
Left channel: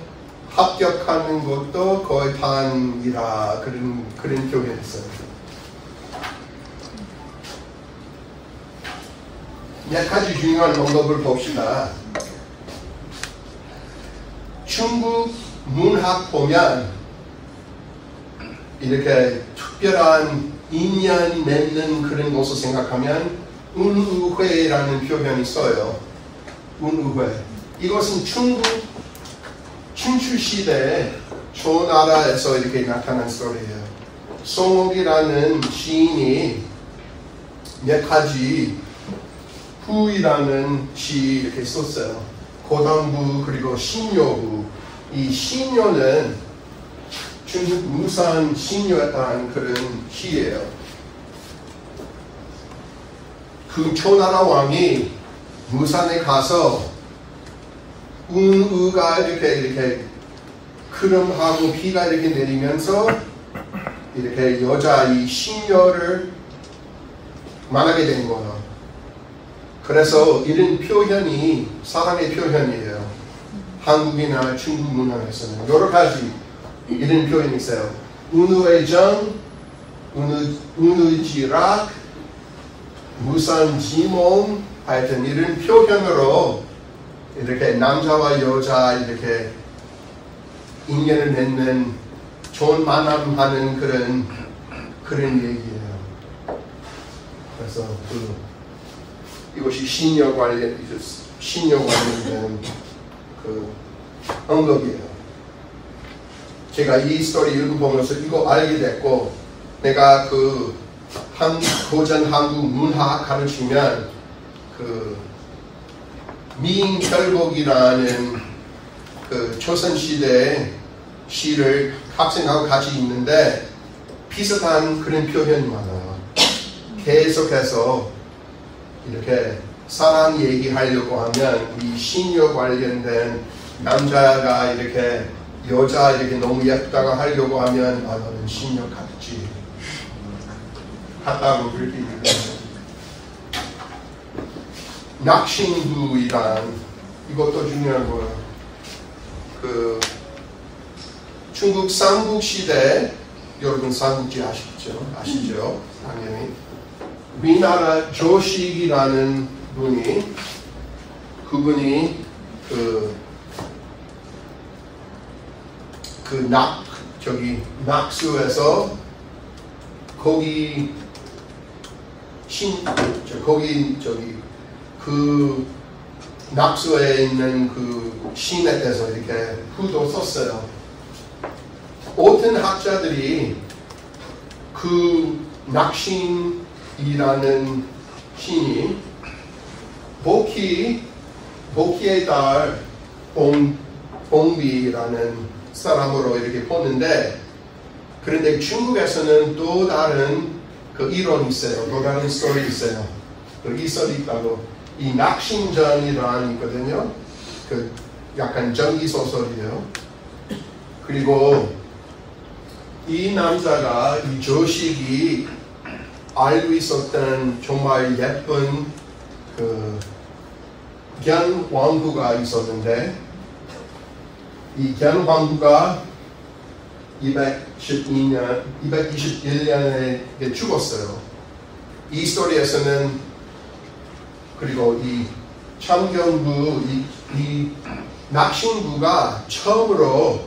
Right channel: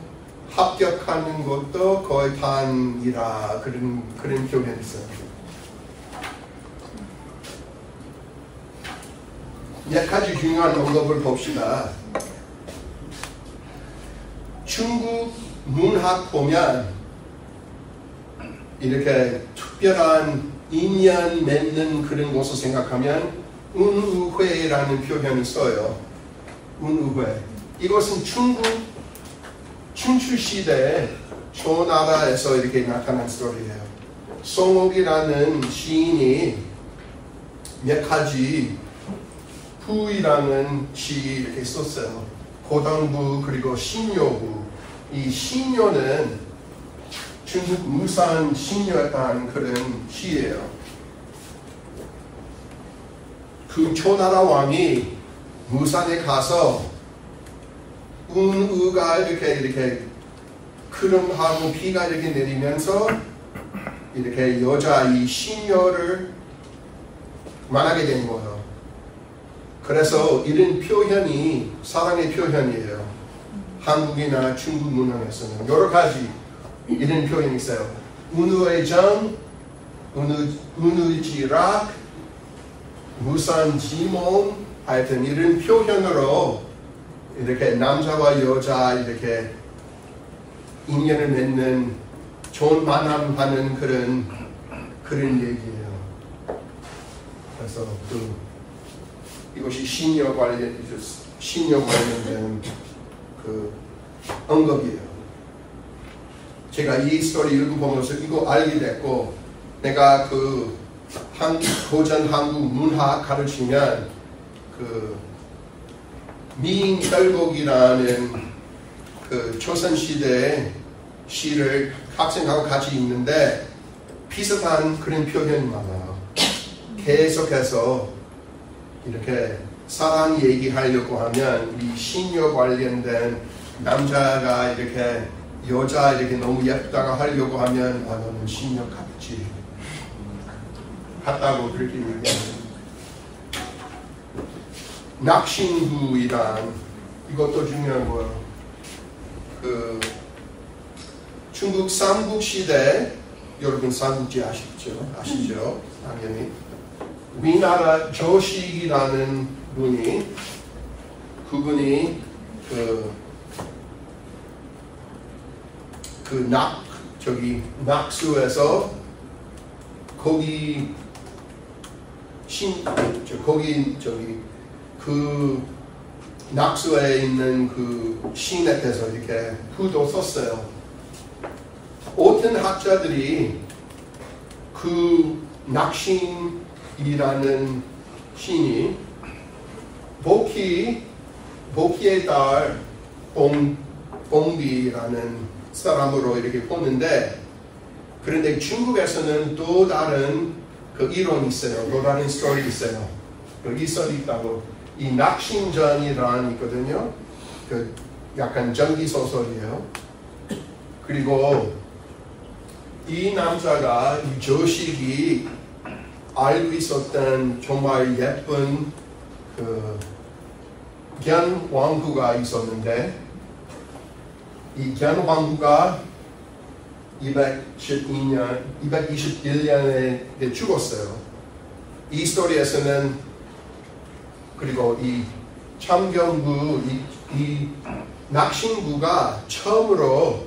합격하는 것도 거의 단이라 그런 표현이 있어요. 몇 가지 중요한 언급을 봅시다. 중국 문학 보면 이렇게 특별한 인연 맺는 그런 것을 생각하면 운우회라는 표현이 써요. 운우회. 이것은 중국 춘추시대 초나라에서 이렇게 나타난 스토리예요. 송옥이라는 시인이 몇 가지 후이라는 시 이렇게 썼어요. 고당부 그리고 신묘부. 이 신묘는 중국 무산 신묘였다는 그런 시예요. 그 초나라 왕이 무산에 가서 운우가 이렇게 크름하고 비가 이렇게 내리면서 이렇게 여자 이 신녀를 만나게 된 거예요. 그래서 이런 표현이 사랑의 표현이에요. 한국이나 중국 문화에서는 여러 가지 이런 표현이 있어요. 운우의 정, 운우지락, 무산지몸 하여튼 이런 표현으로 이렇게 남자와 여자 이렇게 인연을 맺는 좋은 만남하는 그런 얘기예요. 그래서 이것이 신녀 관련된 언급이에요. 제가 이 스토리 읽어보면서 이거 알게 됐고, 내가 고전 한국 문학 가르치면 미인결곡이라는 그 조선시대 시를 학생하고 같이 읽는데 비슷한 그런 표현이 많아요. 계속해서 이렇게 사랑 얘기하려고 하면 이 신녀 관련된 남자가 이렇게 여자 이렇게 너무 예쁘다고 하려고 하면 너는 신녀 같지 같다고 그렇게 얘기해요. 낙신구이란 이것도 중요한 거예요. 그 중국 삼국시대 여러분 삼국지 아시죠? 당연히 위나라 조식이라는 분이 그분이 낙수에서 그 낙수에 있는 그 신에 대해서 이렇게 후도 썼어요. 어떤 학자들이 그 낙신이라는 신이 복희의 딸 봉비라는 사람으로 이렇게 보는데, 그런데 중국에서는 또 다른 그 이론이 있어요. 또 다른 스토리 있어요. 그 이설이 있다고. 이 낙신전이라는 있거든요. 그 약간 전기 소설이에요. 그리고 이 남자가 이 조식이 알고 있었던 정말 예쁜 그 견왕후가 있었는데, 이 견왕후가 221년에 죽었어요. 이 스토리에서는 그리고 이 청경부 이 낙신부가 처음으로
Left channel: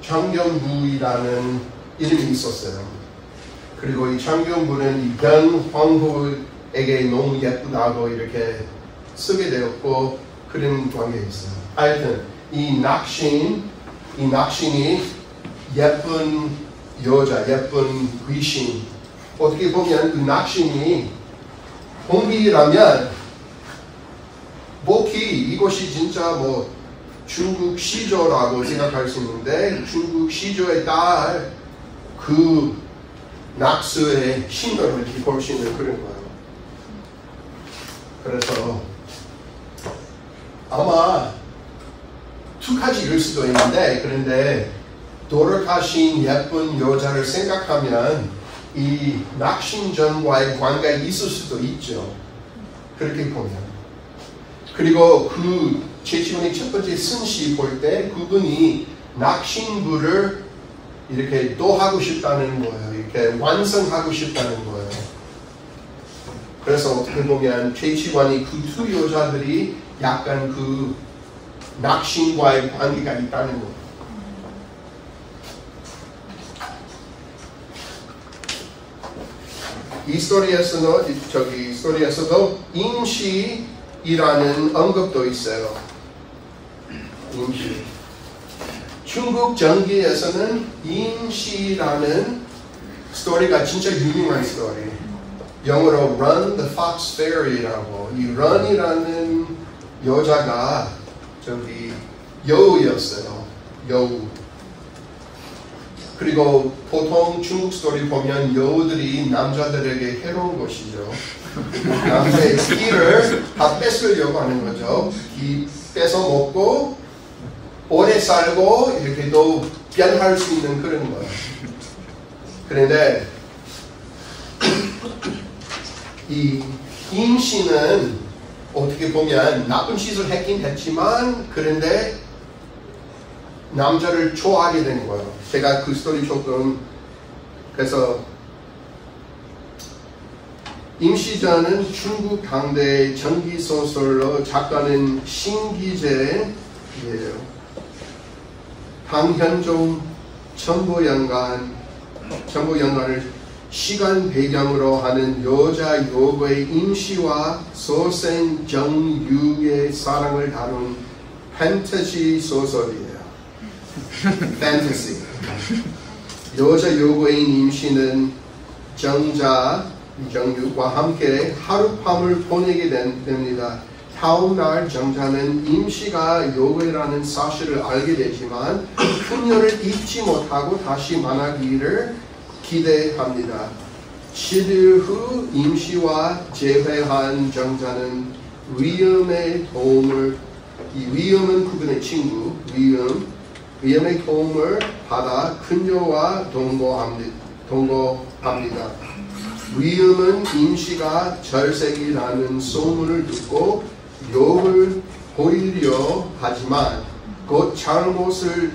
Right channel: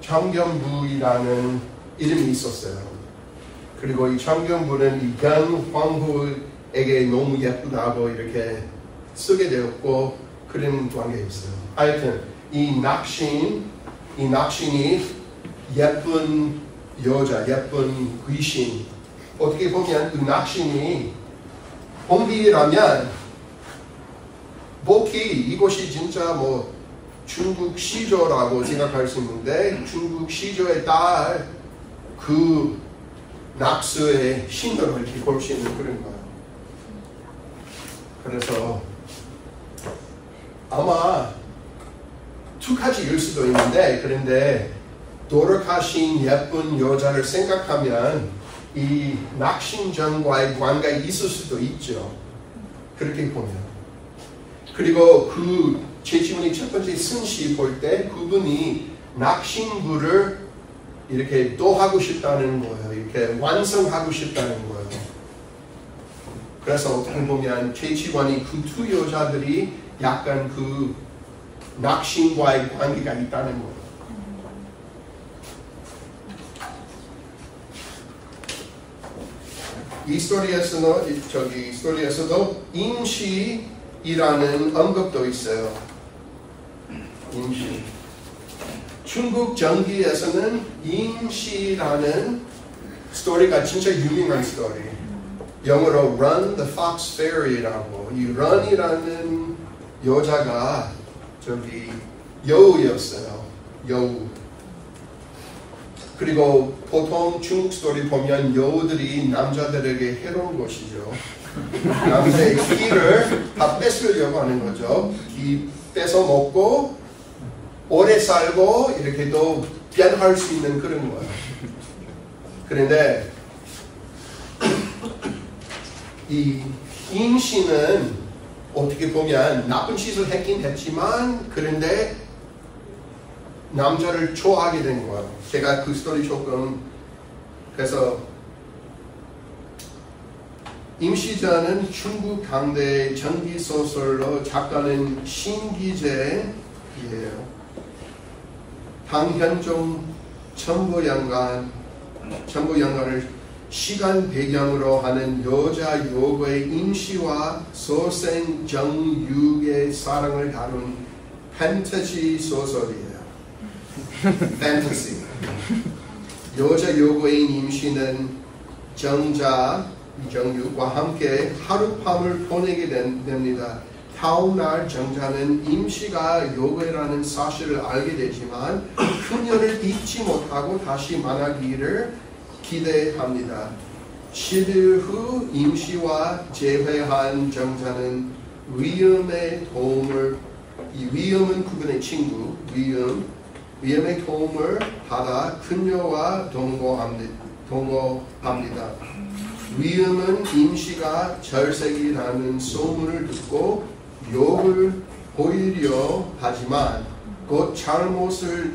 청경부이라는 이름이 있었어요. 그리고 이 청경부는 이 견왕후에게 너무 예쁘다고 이렇게 쓰게 되었고 그런 관계에 있어요. 하여튼 이 낙신이 예쁜 여자, 예쁜 귀신. 어떻게 보면 그 낙신이 홍비라면 복희 이것이 진짜 뭐 중국 시조라고 생각할 수 있는데, 중국 시조의 딸 그 낙수의 신도를 이렇게 볼 수 있는 그런 거예요. 그래서 아마 두 가지일 수도 있는데, 그런데 돌아가신 예쁜 여자를 생각하면 이 낙신전과의 관계가 있을 수도 있죠. 그렇게 보면. 그리고 그 제7원의 첫 번째 승시 볼 때 그분이 낙신부를 이렇게 또 하고 싶다는 거예요. 이렇게 완성하고 싶다는 거예요. 그래서 어떻게 보면 제7원이 그 두 여자들이 약간 그 낙신과의 관계가 있다는 거예요. 이 스토리에서도 임시이라는 언급도 있어요. 임시. 중국 전기에서는 임시라는 스토리가 진짜 유명한 스토리. 영어로 Run the Fox Fairy라고. 이 Run이라는 여자가 여우였어요. 여우. 그리고 보통 중국 스토리 보면 여우들이 남자들에게 해로운 것이죠. 남자의 끼를 다 뺏으려고 하는 거죠. 이 뺏어 먹고 오래 살고 이렇게 또 변할 수 있는 그런 거예요. 그런데 이 임신은 어떻게 보면 나쁜 짓을 했긴 했지만, 그런데 남자를 좋아하게 되는 거예요. 제가 그 스토리 조금, 그래서 임시전은 중국 당대의 전기소설로 작가는 신기재예요. 당현종 첨보연간을 시간 배경으로 하는 여자 여고의 임시와 소생 정육의 사랑을 다룬 판타지 소설이에요. 판타지. 여자 여고인 임시는 정자 정육과 함께 하룻밤을 보내게 됩니다. 다음날 정자는 임시가 요괴라는 사실을 알게 되지만 그녀를 잊지 못하고 다시 만나기를 기대합니다. 10일 후 임시와 재회한 정자는 위엄의 도움을, 이 위엄은 그분의 친구, 위엄의 도움을 받아 그녀와 동거합니다. 위엄은 임시가 절색이라는 소문을 듣고 욕을 보이려 하지만 곧 잘못을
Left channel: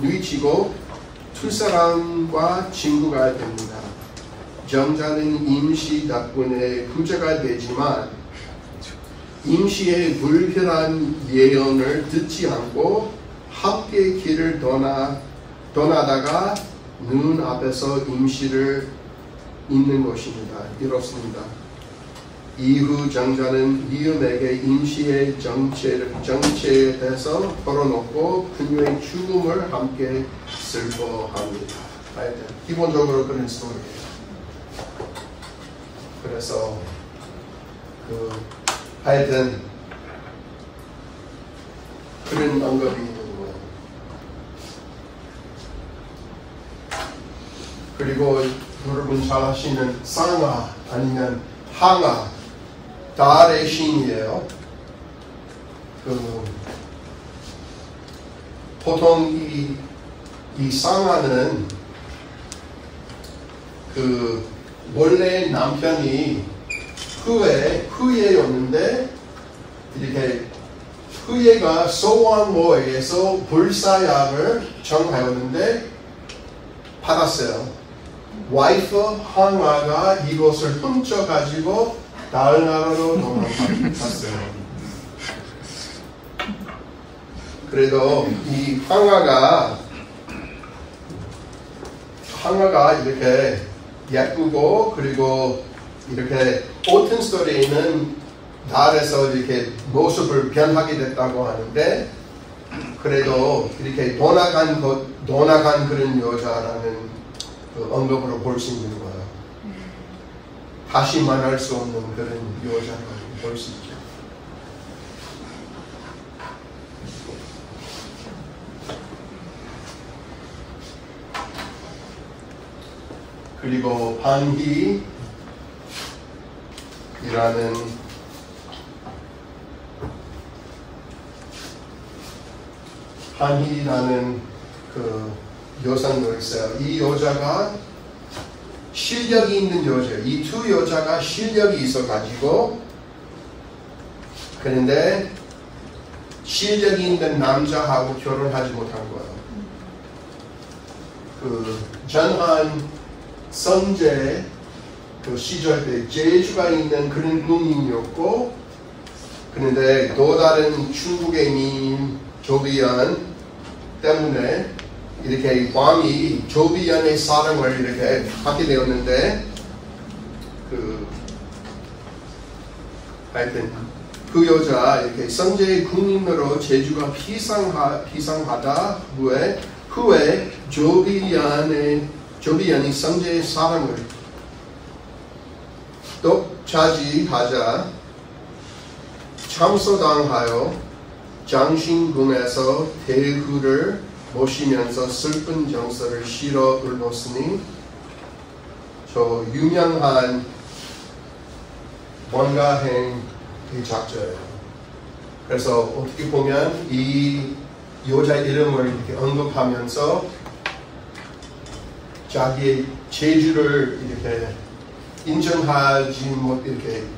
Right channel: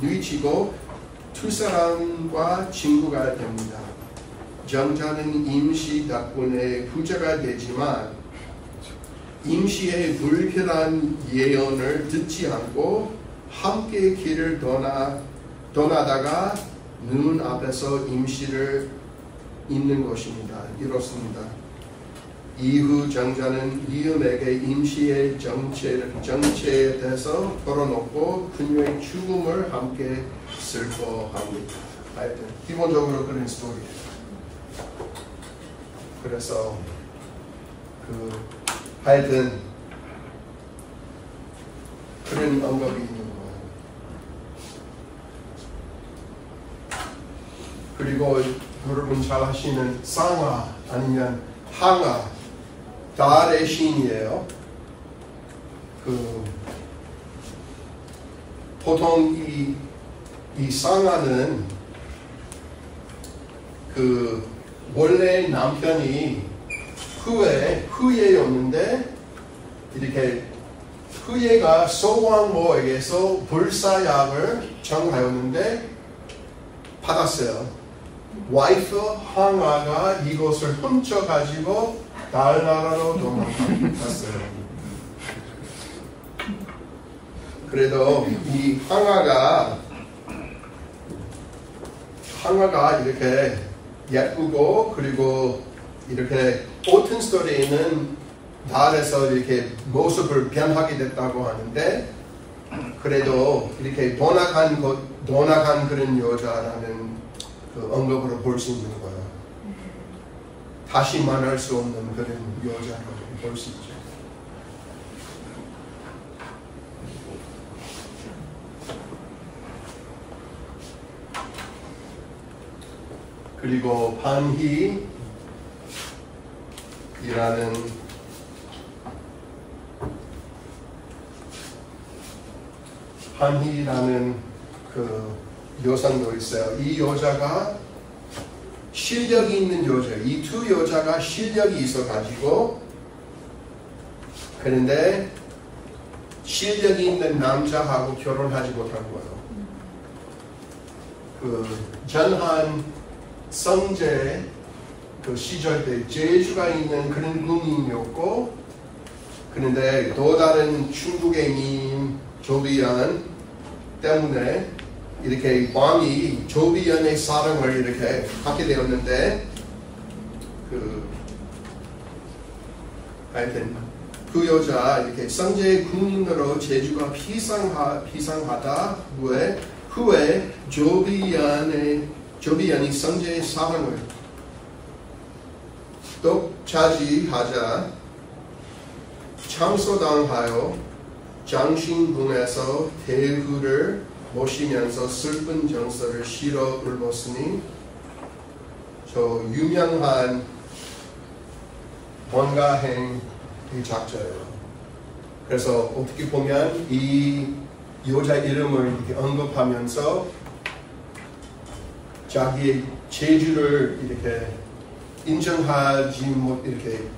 뉘우치고 두 사람과 친구가 됩니다. 정자는 임시 덕분에 부자가 되지만 임시의 불길한 예언을 듣지 않고 함께 길을 떠나다가 눈앞에서 임시를 잊는 것입니다. 이렇습니다. 이후 정자는 위엄에게 임시의 정체에 대해서 털어놓고 그녀의 죽음을 함께 슬퍼합니다. 하여튼 기본적으로 그런 스토리예요. 그래서 하여튼 그런 언급이 있는 거예요. 그리고 여러분 잘 아시는 상하 아니면 항하 달의 신이에요. 보통 이 상하는 원래 남편이 후예였는데 이렇게 후예가 소왕모에게서 불사약을 정하였는데 받았어요. 와이프 항아가 이것을 훔쳐가지고 다른 나라로 도망갔어요. 그래도 이 항아가 이렇게 예쁘고 그리고 이렇게 오튼 스토리에는 달에서 이렇게 모습을 변하게 됐다고 하는데 그래도 이렇게 도나간 그런 여자라는 언급으로 볼 수 있는 거예요. 다시 만날 수 없는 그런 여자로 볼 수 있죠. 그리고 한희라는 그 여성도 있어요. 이 여자가 실력이 있는 여자예요. 이 두 여자가 실력이 있어가지고 그런데 실력이 있는 남자하고 결혼하지 못한 거예요. 전한 성제 시절 때 제주가 있는 그런 군인이었고 그런데 또 다른 중국의 민 조비안 때문에 이렇게 왕이 조비안의 사랑을 이렇게 받게 되었는데 하여튼 그 여자 이렇게 성제의 군인으로 제주가 피상하다 후에 조비안이 성제의 사랑을 독차지하자 참소당하여 장신궁에서 대후를 모시면서 슬픈 정서를 실어 올렸으니 저 유명한 원가행의 작자예요. 그래서 어떻게 보면 이 여자 이름을 이렇게 언급하면서 자기의 재주를 이렇게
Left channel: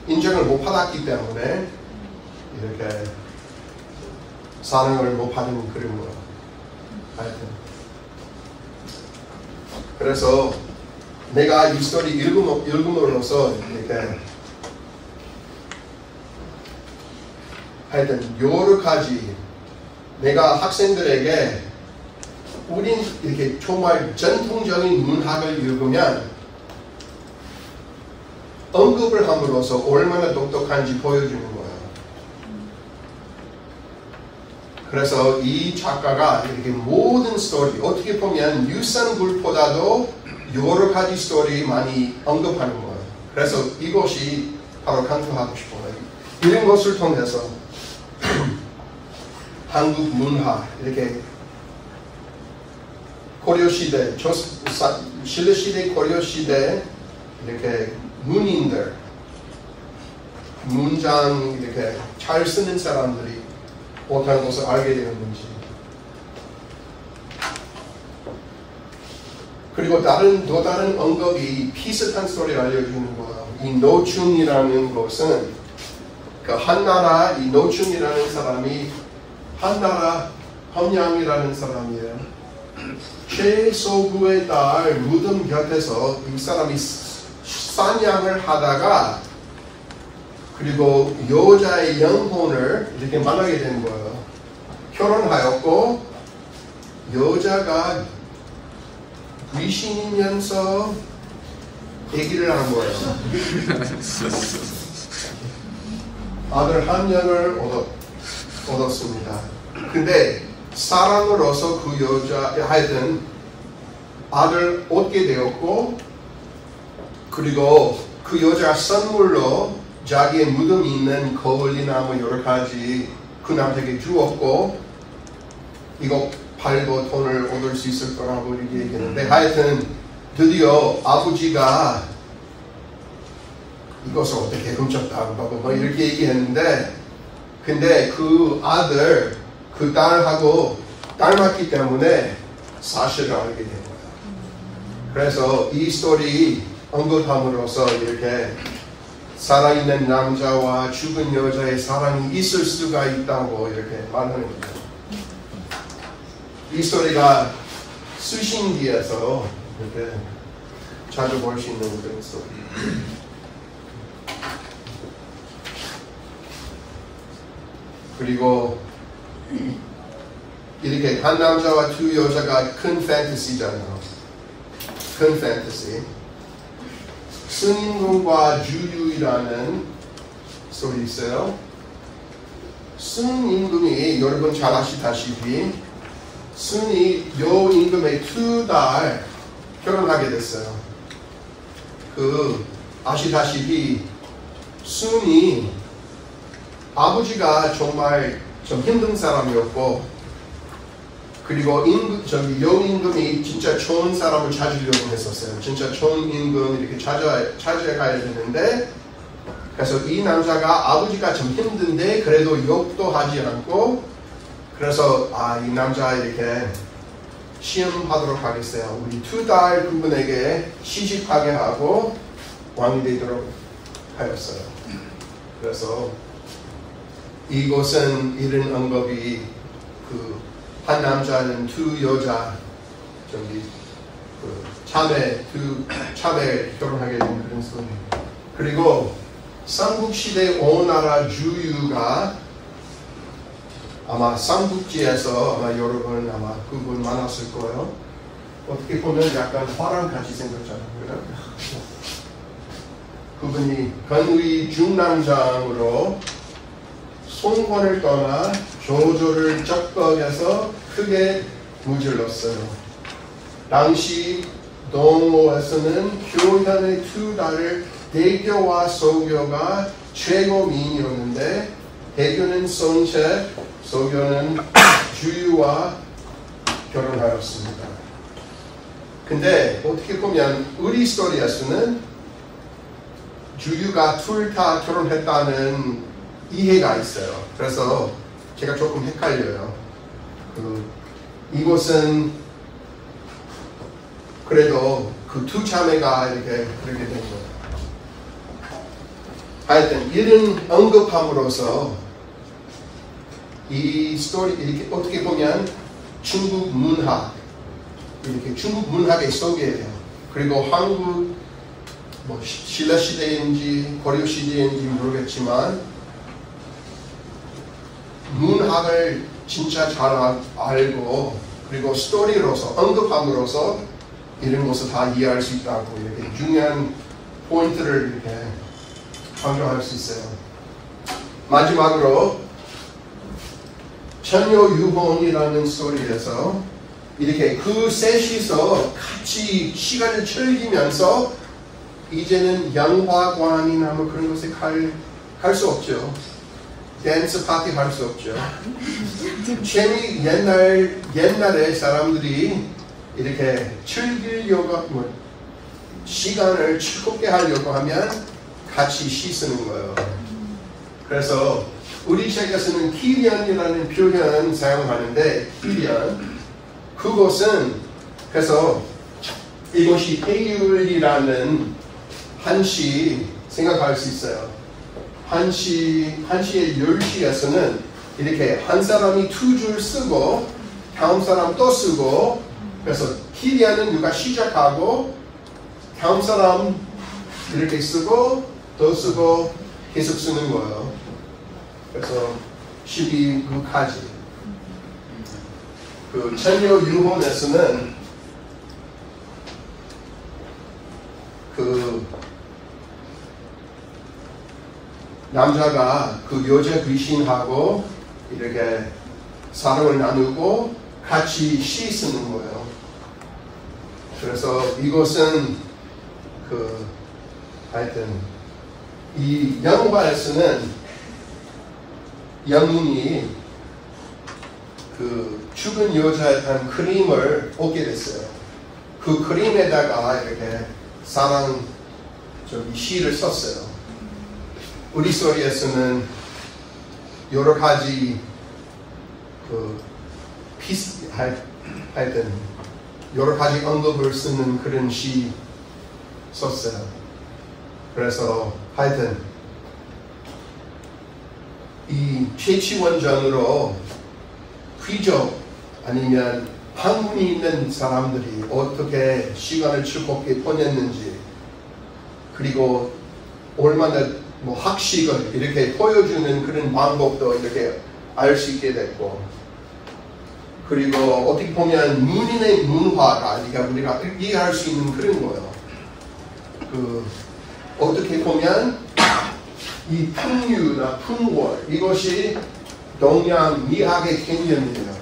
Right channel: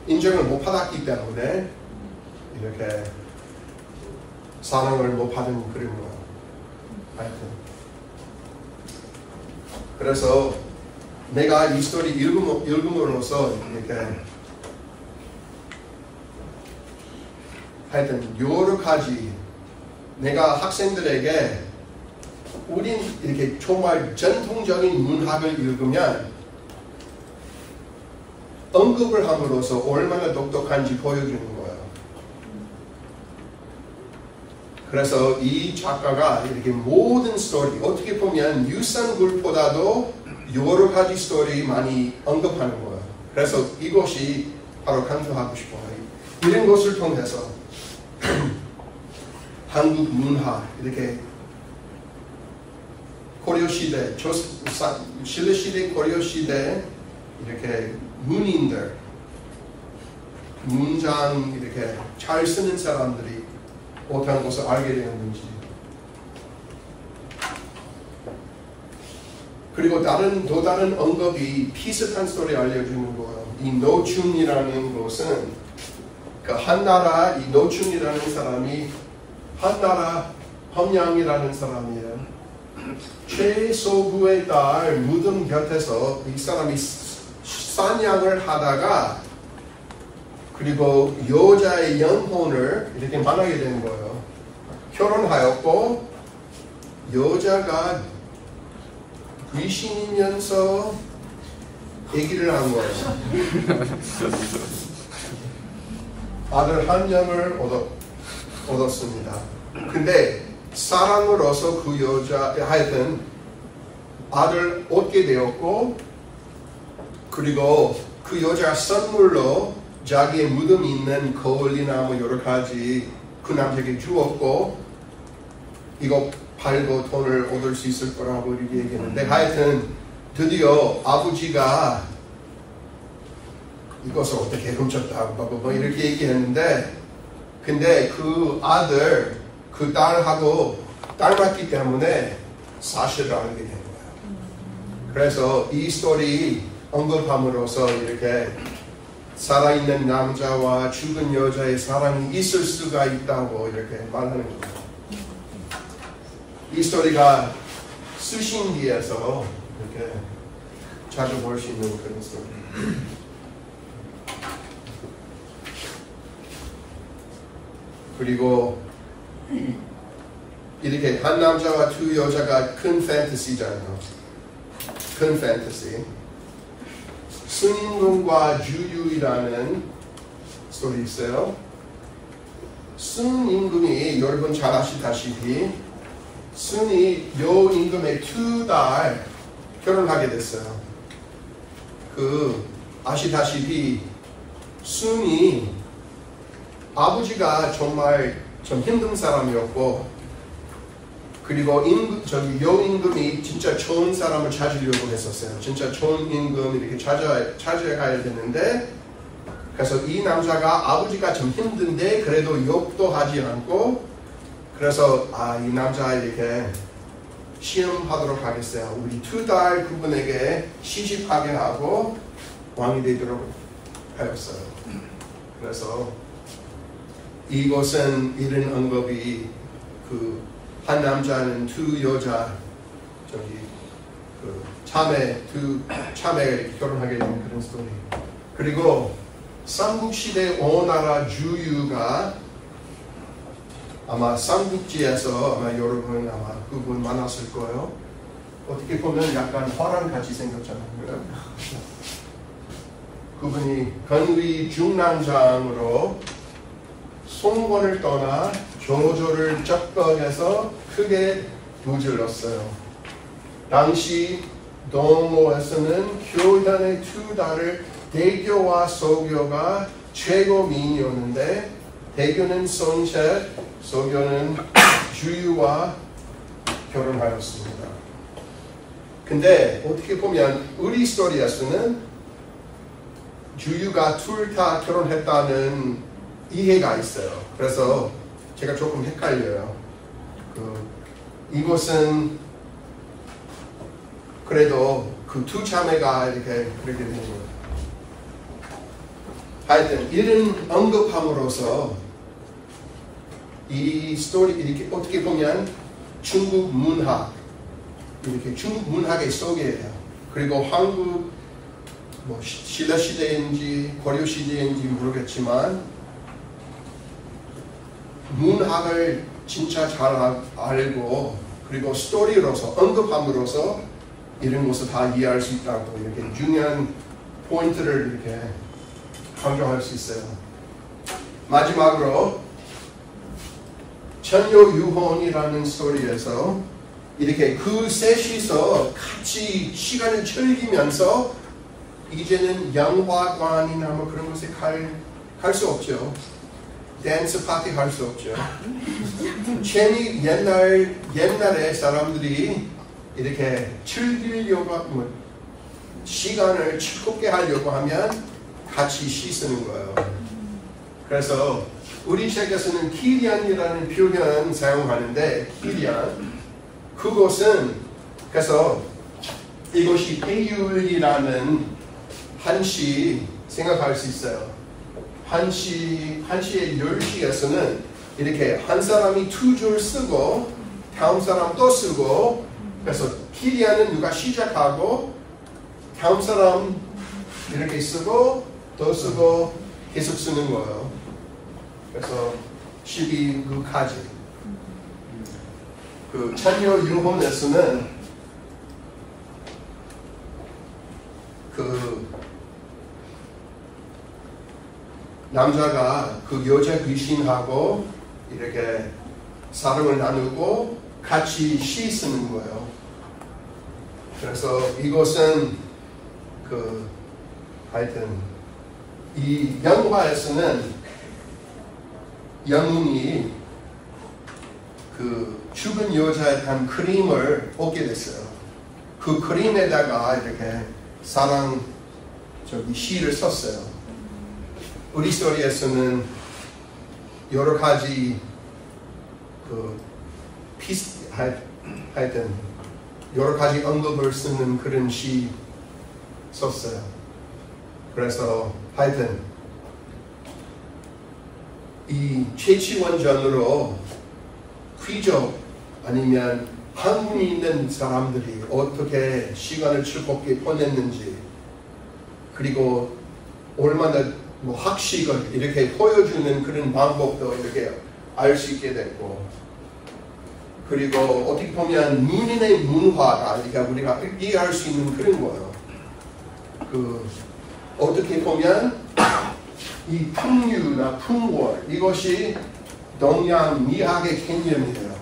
인정을 못 받았기 때문에 이렇게 사랑을 못 받은 그런 거예요. 하여튼 그래서 내가 이 스토리 읽음으로써 이렇게 하여튼 여러 가지 내가 학생들에게 우린 이렇게 정말 전통적인 문학을 읽으면 언급을 함으로써 얼마나 똑똑한지 보여주는 거예요. 그래서 이 작가가 이렇게 모든 스토리, 어떻게 보면 유산불보다도 여러 가지 스토리 많이 언급하는 거예요. 그래서 이것이 바로 강조하고 싶어요. 이런 것을 통해서 한국 문화 이렇게 고려 시대, 신라 시대, 고려 시대 이렇게 문인들, 문장 이렇게 잘 쓰는 사람들이 어떤 것을 알게 되었는지. 그리고 또 다른 언급이 비슷한 스토리 알려주는 거예요. 이 노충이라는 것은 그 한나라 이 노충이라는 사람이 한나라 함양이라는 사람이에요. 최소구의 딸 무덤 곁에서 이 사람이 사냥을 하다가 그리고 여자의 영혼을 이렇게 만나게 된 거예요. 결혼하였고 여자가 귀신이면서 아기를 한 거예요. 아들 한 명을 얻었습니다. 근데 사랑으로서 그 여자 하여튼 아들 얻게 되었고 그리고 그 여자가 선물로 자기의 무덤이 있는 거울이나무 여러 가지 그 남자에게 주었고 이거 팔고 돈을 얻을 수 있을 거라고 이렇게 얘기했는데 하여튼 드디어 아버지가 이것을 어떻게 훔쳤다고 뭐 이렇게 얘기했는데 근데 그 아들 그 딸하고 닮았기 때문에 사실을 알게 된 거예요. 그래서 이 스토리 언급함으로써 이렇게 살아있는 남자와 죽은 여자의 사랑이 있을 수가 있다고 이렇게 말하는 거예요. 이 스토리가 수신기에서 이렇게 자주 볼 수 있는 그런 스토리. 그리고 이렇게 한 남자와 두 여자가 큰 판타시잖아요. 큰 판타시. 순임금과 주류이라는 스토리 있어요. 순임금이 여러분 잘 아시다시피 순이 여임금의 두 딸 결혼하게 됐어요. 아시다시피 순이 아버지가 정말 좀 힘든 사람이었고 그리고 여임금이 진짜 좋은 사람을 찾으려고 했었어요. 진짜 좋은 임금 이렇게 찾아가야 되는데 그래서 이 남자가 아버지가 좀 힘든데 그래도 욕도 하지 않고 그래서 이 남자 이렇게 시험하도록 하겠어요. 우리 두 딸 그분에게 시집하게 하고 왕이 되도록 하였어요. 그래서 이곳은 이런 언급이 한 남자는 두 여자 참에 결혼하게 된 그런 스토리. 그리고 삼국시대 오나라 주유가 아마 삼국지에서 아마 여러분 아마 그분 만났을 거예요. 어떻게 보면 약간 화랑같이 생겼잖아요. 그분이 건의 중남장으로 송권을 떠나 조조를 적벽해서 크게 무질렀어요. 당시 동로에서는 효단의 두 딸을 대교와 소교가 최고 미인이었는데 대교는 손셋, 소교는 주유와 결혼하였습니다. 근데 어떻게 보면 우리 스토리에서는 주유가 둘 다 결혼했다는 이해가 있어요. 그래서 제가 조금 헷갈려요. 이곳은 그래도 그 두 자매가 이렇게 그렇게 된 거예요. 하여튼 이런 언급함으로써 이 스토리 이렇게 어떻게 보면 중국 문학 이렇게 중국 문학의 속이에요. 그리고 한국 뭐 신라 시대인지 고려 시대인지 모르겠지만 문학을 진짜 잘 알고 그리고 스토리로서 언급함으로써 이런 것을 다 이해할 수 있다고 이렇게 중요한 포인트를 이렇게 강조할 수 있어요. 마지막으로 천녀유혼이라는 스토리에서 이렇게 그 셋이서 같이 시간을 즐기면서 이제는 영화관이나 뭐 그런 곳에 갈 할 수 없죠. 댄스 파티 할 수 없죠. 옛날에 사람들이 이렇게 즐기려고 시간을 즐겁게 하려고 하면 같이 씻는 거예요. 그래서 우리 책에서는 키리안이라는 표현 사용하는데 키리안 그것은 그래서 이것이 페율이라는 한시 생각할 수 있어요. 한시의 10시에서는 이렇게 한 사람이 2줄 쓰고 다음 사람 또 쓰고 그래서 키리안은 누가 시작하고 다음 사람 이렇게 쓰고 또 쓰고 계속 쓰는 거예요. 그래서 12구까지 그 천녀 유혼에서는 그 남자가 그 여자 귀신하고 이렇게 사랑을 나누고 같이 씻는 거예요. 그래서 이것은 그 하여튼 이 영화에서는 영웅이 그 죽은 여자에 대한 그림을 얻게 됐어요. 그 그림에다가 이렇게 사랑 시를 썼어요. 우리 스토리에서는 여러 가지 하여튼 여러 가지 언급을 쓰는 그런 시 썼어요. 그래서 하여튼 이 최치원전으로 귀족 아니면 학문이 있는 사람들이 어떻게 시간을 즐겁게 보냈는지 그리고 얼마나 학식을 이렇게 보여주는 그런 방법도 이렇게 알 수 있게 됐고 그리고 어떻게 보면 문인의 문화가 우리가 이해할 수 있는 그런 거예요. 어떻게 보면 이 풍류나 풍월 이것이 동양 미학의 개념이에요.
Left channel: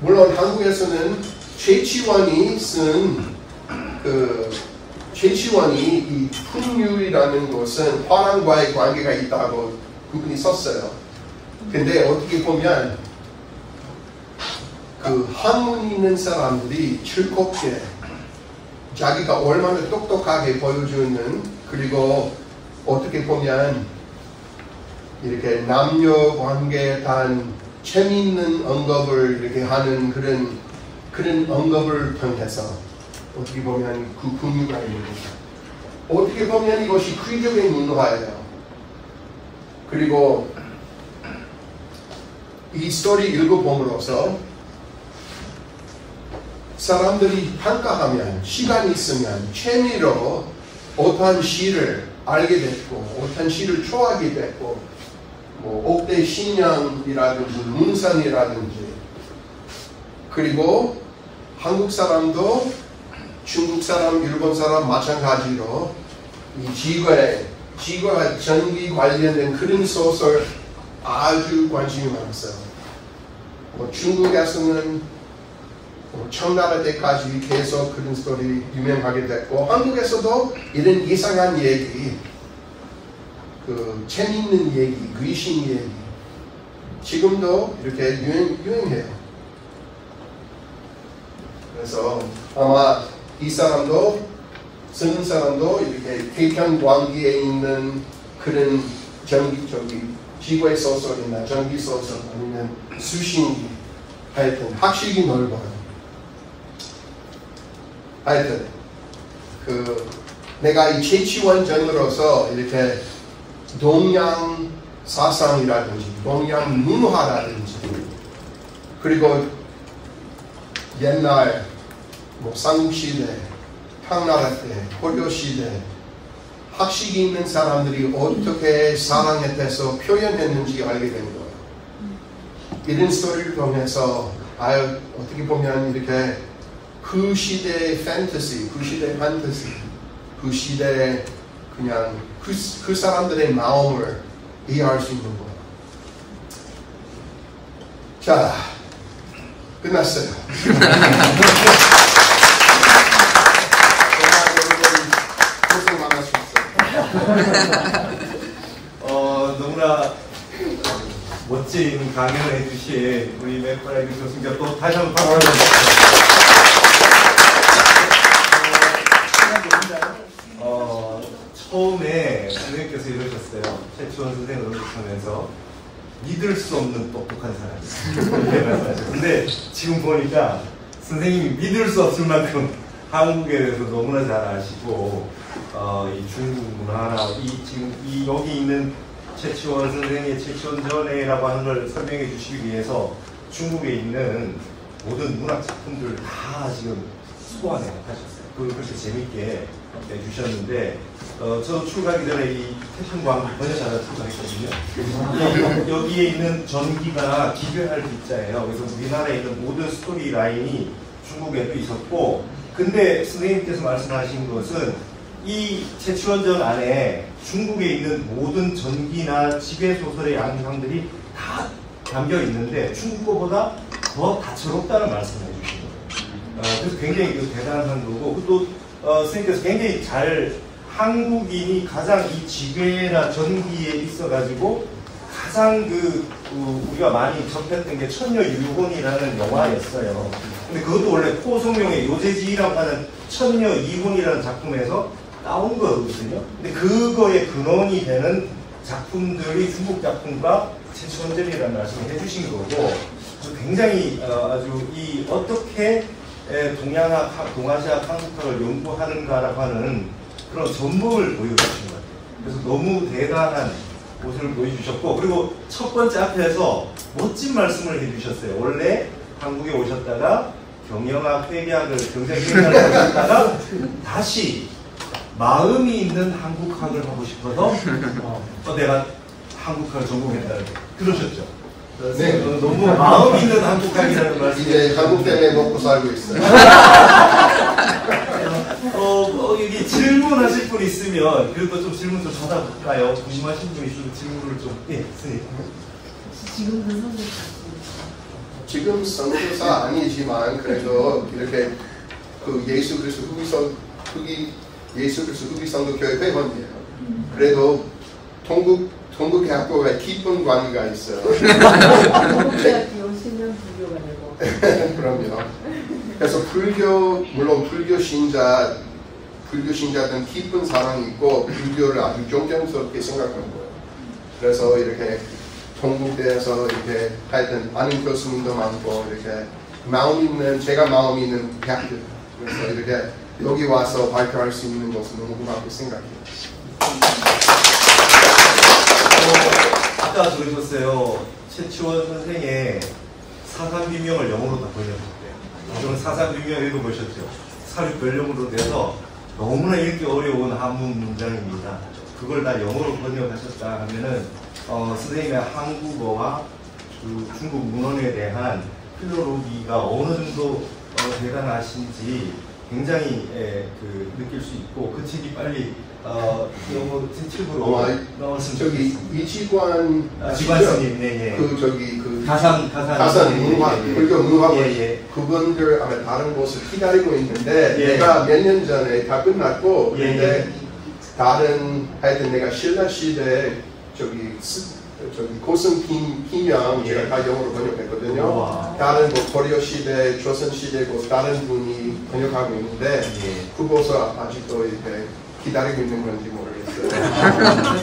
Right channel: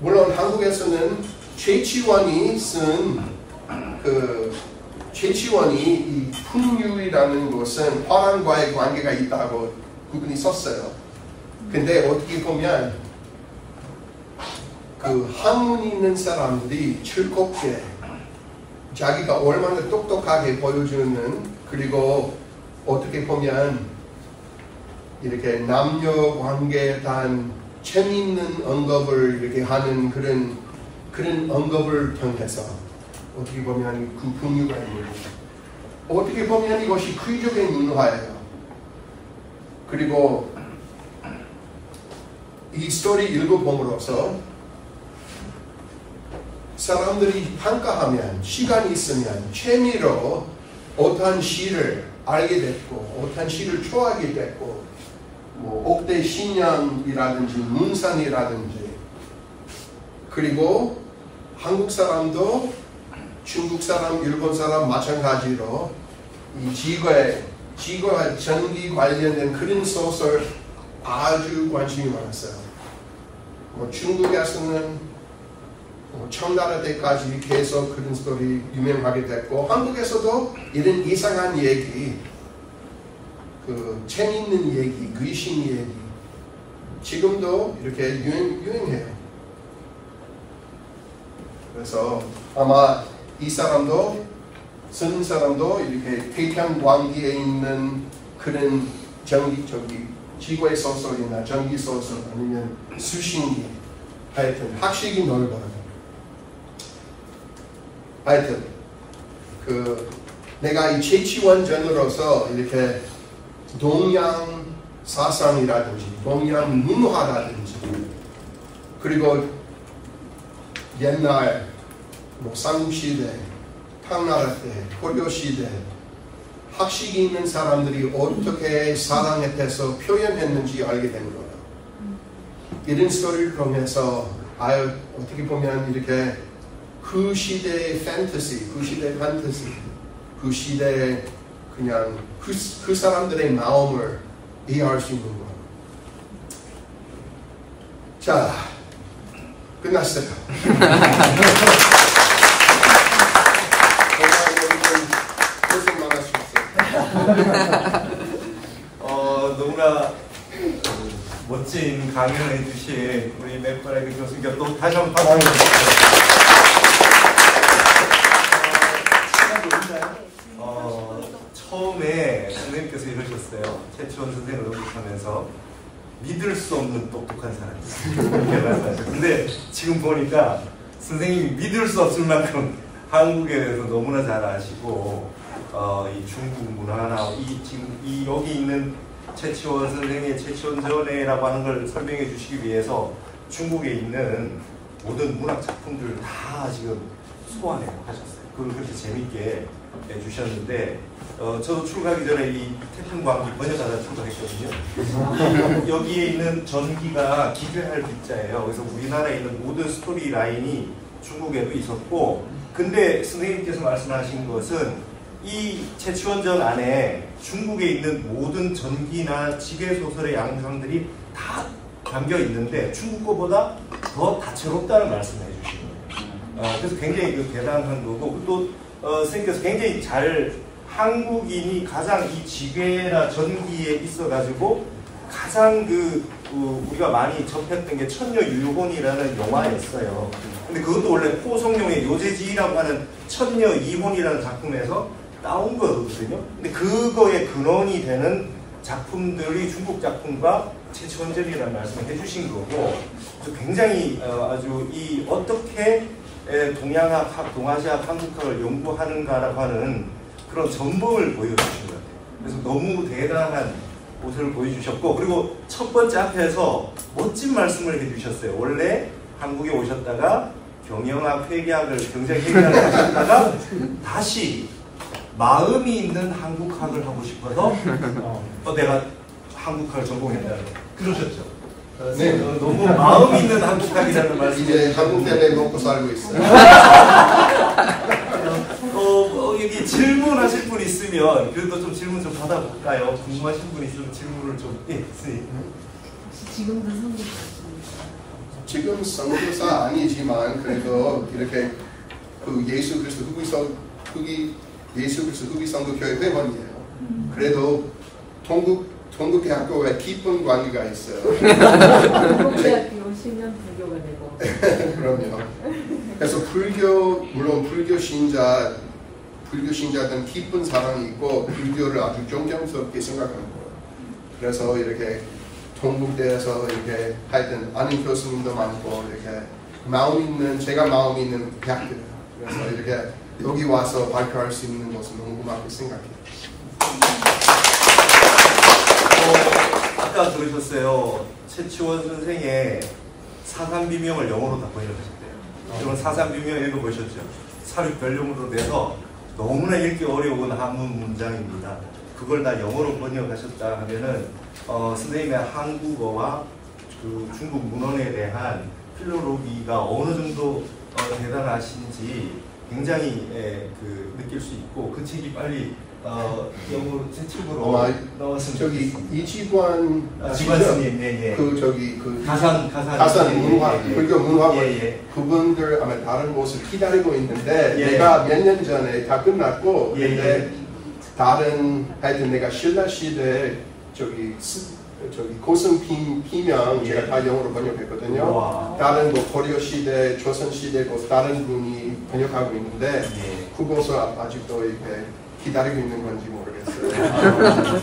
물론 한국에서는 최치원이 쓴 최치원이 이 풍류이라는 것은 화랑과의 관계가 있다고 그분이 썼어요. 근데 어떻게 보면 학문이 있는 사람들이 즐겁게 자기가 얼마나 똑똑하게 보여주는 그리고 어떻게 보면 이렇게 남녀 관계에 대한 재미있는 언급을 이렇게 하는 그런 언급을 통해서 어떻게 보면 그 풍류가 있는 거죠. 어떻게 보면 이것이 귀족의 문화예요. 그리고 이 스토리 읽어봄으로써 사람들이 평가하면 시간이 있으면 재미로 어떠한 시를 알게 됐고 어떠한 시를 좋아하게 됐고 옥대 신양이라든지 문산이라든지 그리고 한국 사람도 중국 사람, 일본 사람 마찬가지로 이 지구와 전기 관련된 그런 소설 아주 관심이 많았어요. 중국에서는 청나라 때까지 계속 그런 스토리 유명하게 됐고 한국에서도 이런 이상한 얘기, 재미있는 얘기, 귀신 얘기 지금도 이렇게 유행해요. 그래서 아마 이 사람도 쓰는 사람도 이렇게 태평광기에 있는 그런 지구의 소설이나 전기 소설 아니면 수신기 하여튼 학식이 넓어요. 하여튼 내가 이 최치원전으로서 이렇게 동양 사상이라든지 동양 문화라든지 그리고 옛날 삼국시대,唐나라 때, 고려시대 학식이 있는 사람들이 어떻게 사랑에 대해서 표현했는지 알게 된 거예요. 이런 스토리를 통해서 어떻게 보면 이렇게 그 시대의 판타지, 그 시대의 그냥 그 사람들의 마음을 이해할 수 있는 거예요. 자, 끝났어요. 정말 여러분 고생 많으셨어요. 너무나 멋진 강연을 해주신 우리 맥파레그 교수님께 또 다시 한번 박수 부탁드립니다. 처음에 선생님께서 이러셨어요. 최치원 선생을 언급하면서 믿을 수 없는 똑똑한 사람이다. 근데 지금 보니까 선생님이 믿을 수 없을 만큼 한국에 대해서 너무나 잘 아시고 이 중국 문화나 지금 여기 있는 최치원 선생의 최치원전회라고 하는 걸 설명해 주시기 위해서 중국에 있는 모든 문학 작품들 다 지금 소환해 하셨어요. 그걸 그렇게 재밌게 내주셨는데 저도 출가하기 전에 이 태풍광 번역하다 출가했거든요. 여기에 있는 전기가 기별할 기자예요. 그래서 우리나라에 있는 모든 스토리 라인이 중국에도 있었고, 근데 선생님께서 말씀하신 것은 이 최치원전 안에 중국에 있는 모든 전기나 지배소설의 양상들이 다 담겨 있는데 중국 거보다 더 다채롭다는 말씀을 해주신 거예요. 그래서 굉장히 대단한 거고, 또 선생님께서 굉장히 잘 한국인이 가장 이 지배나 전기에 있어가지고 가장 우리가 많이 접했던 게 천녀유혼이라는 영화였어요. 근데 그것도 원래 포송룡의 요제지라고 하는 천녀이혼이라는 작품에서 나온 거거든요. 근데 그거의 근원이 되는 작품들이 중국 작품과 최치원전이라는 말씀을 해주신 거고, 굉장히 아주 어떻게 동아시아 한국학을 연구하는가라고 하는 그런 전목을 보여주신 것 같아요. 그래서 너무 대단한 모습을 보여주셨고, 그리고 첫 번째 앞에서 멋진 말씀을 해주셨어요. 원래 한국에 오셨다가 경영학, 회계학을 하셨다가 다시 마음이 있는 한국학을 하고 싶어서 또 내가 한국학을 전공했다는 그러셨죠. 네. 너무 마음이 있는 한국학이라는 말씀. 이제 한국 때문에 먹고 살고 있어요. 여기 질문하실 분 있으면 그래도 좀 질문 좀 받아볼까요? 궁금하신 분 있으면 질문을 좀. 예, 선생님. 지금도 선생님. 지금 선교사 아니지만 그래도 이렇게 예수 그리스도 후기 선교교회 회원이에요. 그래도 동국대학교에 깊은 관계가 있어요. 동국대학교 10년 불교가 되고. 그럼요. 그래서 물론 불교 신자들은 깊은 사랑이 있고 불교를 아주 존경스럽게 생각하는 거예요. 그래서 이렇게 동국대에서 이렇게 하여튼 아는 교수님도 많고 이렇게 제가 마음 있는 대학교. 그래서 이렇게 여기 와서 발표할 수 있는 것은 너무 고맙게 생각해요. 아까 들으셨어요. 최치원 선생의 사삼비명을 영어로 다 번역했대요. 저는 사삼비명 읽어보셨죠? 사륙별용으로 돼서 너무나 읽기 어려운 한문 문장입니다. 그걸 다 영어로 번역하셨다 하면은 선생님의 한국어와 중국 문헌에 대한 필로로기가 어느 정도 대단하신지 굉장히 느낄 수 있고, 그 책이 빨리 영어 책으로 나왔으면 저기 좋겠습니다. 이지관 지관스님, 네, 가산 문화, 불교 문화원 예. 그분들 아마 다른 곳을 기다리고 있는데 예. 내가 몇 년 전에 다 끝났고 예. 근데 다른 하여튼 내가 신라 시대 저기 고승 피명 예. 제가 다 영어로 번역했거든요. 우와. 다른 뭐 고려 시대, 조선 시대 다른 분이 번역하고 있는데 그곳을 아직도 이렇게 기다리고 있는 건지 모르겠어요.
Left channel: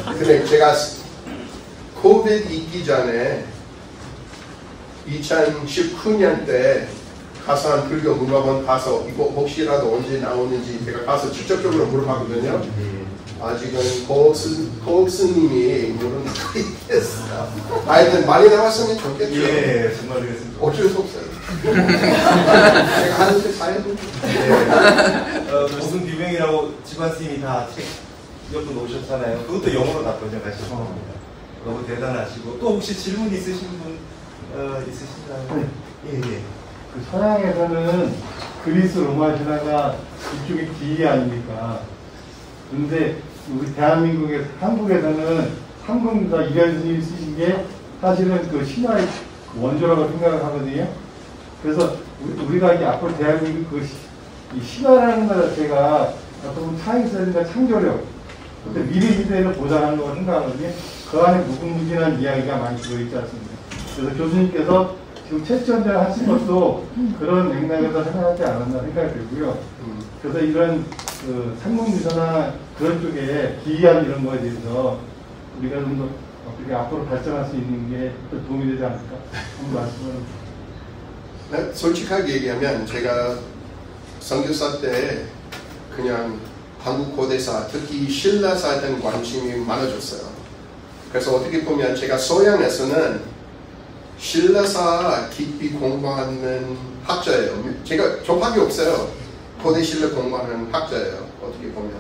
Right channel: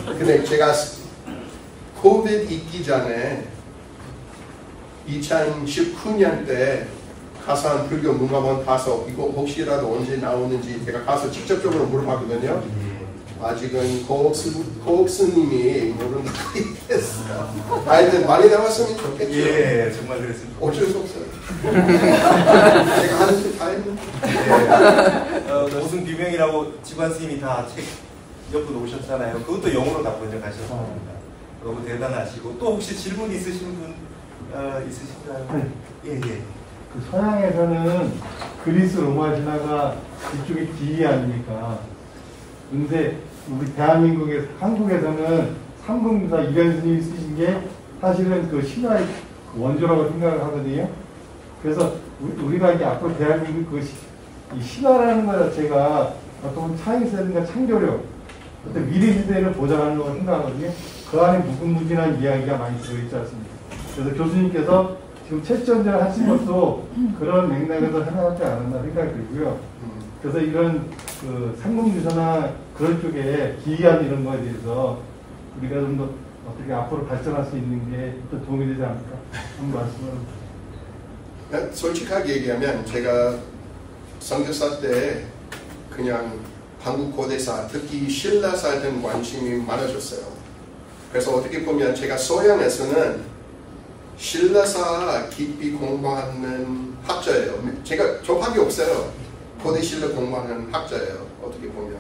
근데 제가 코비드 있기 전에 2019년 때 가산 불교 문화원 가서 이거 혹시라도 언제 나오는지 제가 가서 직접적으로 물어봤거든요. 아직은 고옥스님이 모르는 거 있겠어요. 하여튼 많이 나왔으면 좋겠죠. 예, 정말 그렇습니다. 어쩔 수 없어요. 제가 하는 데 다 해보죠. 무슨 비명이라고 지관스님이 다 책 몇 분 오셨잖아요. 그것도 영어로 다 번역하셨습니다. 너무 대단하시고, 또 혹시 질문 있으신 분 있으신가요? 예. 그 서양에서는 그리스 로마 신화가 이쪽이 D 아닙니까? 근데 우리 대한민국에서 한국에서는 삼금사 이련스님이 쓰신 게 사실은 그 신화의 원조라고 생각을 하거든요. 그래서 우리가 이제 앞으로 대한민국 이 신화라는 것 자체가 어떤 차이성이나 창조력 어떤 미래 시대를 보장하는 거라고 생각하거든요. 그 안에 무궁무진한 이야기가 많이 들어있지 않습니까? 그래서 교수님께서 지금 채취원전을 하신 것도 그런 맥락에서 생각하지 않았나 생각이 들고요. 그래서 이런 그 삼국유사나 그런 쪽에 기이한 이런 거에 대해서 우리가 좀 더 어떻게 앞으로 발전할 수 있는 게 더 도움이 되지 않을까 한번 말씀을. 솔직하게 얘기하면 제가 선교사 때 그냥 한국 고대사, 특히 신라사에 대한 관심이 많아졌어요. 그래서 어떻게 보면 제가 소양에서는 신라사 깊이 공부하는 학자예요. 제가 접학이 없어요. 고대 신라 공부하는 학자예요. 어떻게 보면.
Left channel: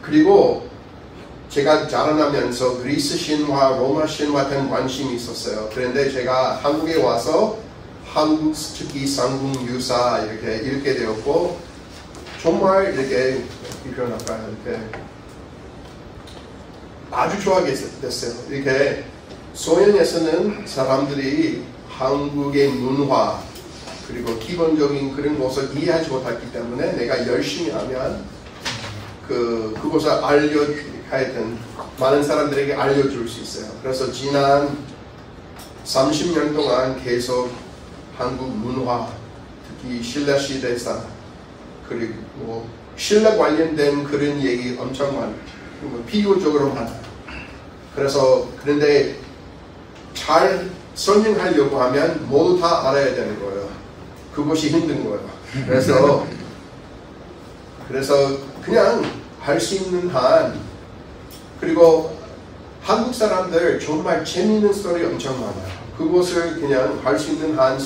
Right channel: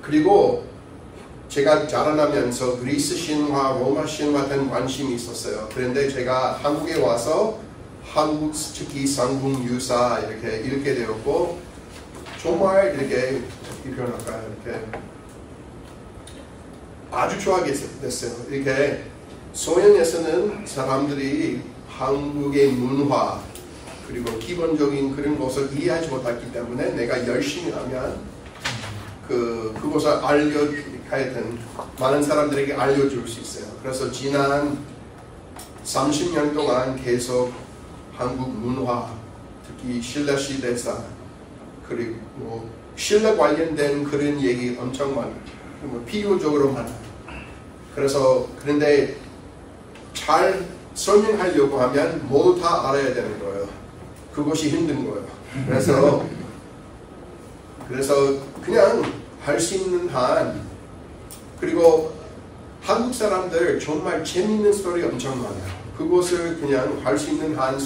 그리고 제가 자라나면서 그리스 신화, 로마 신화 등 관심이 있었어요. 그런데 제가 한국에 와서 한국 특히 삼국유사 이렇게 읽게 되었고 정말 이렇게 아주 좋아하게 됐어요. 이렇게 소양에서는 사람들이 한국의 문화 그리고 기본적인 그런 것을 이해하지 못했기 때문에 내가 열심히 하면 그것을 하여튼 많은 사람들에게 알려줄 수 있어요. 그래서 지난 30년 동안 계속 한국 문화, 특히 신라 시대사, 그리고 뭐 신라 관련된 그런 얘기 엄청 많아요. 비유적으로 많아요. 그래서 그런데 잘 설명하려고 하면 모두 다 알아야 되는 거예요. 그것이 힘든 거예요. 그래서 그냥 할 수 있는 한, 그리고 한국 사람들 정말 재미있는 스토리 엄청 많아요. 그것을 그냥 할 수 있는 한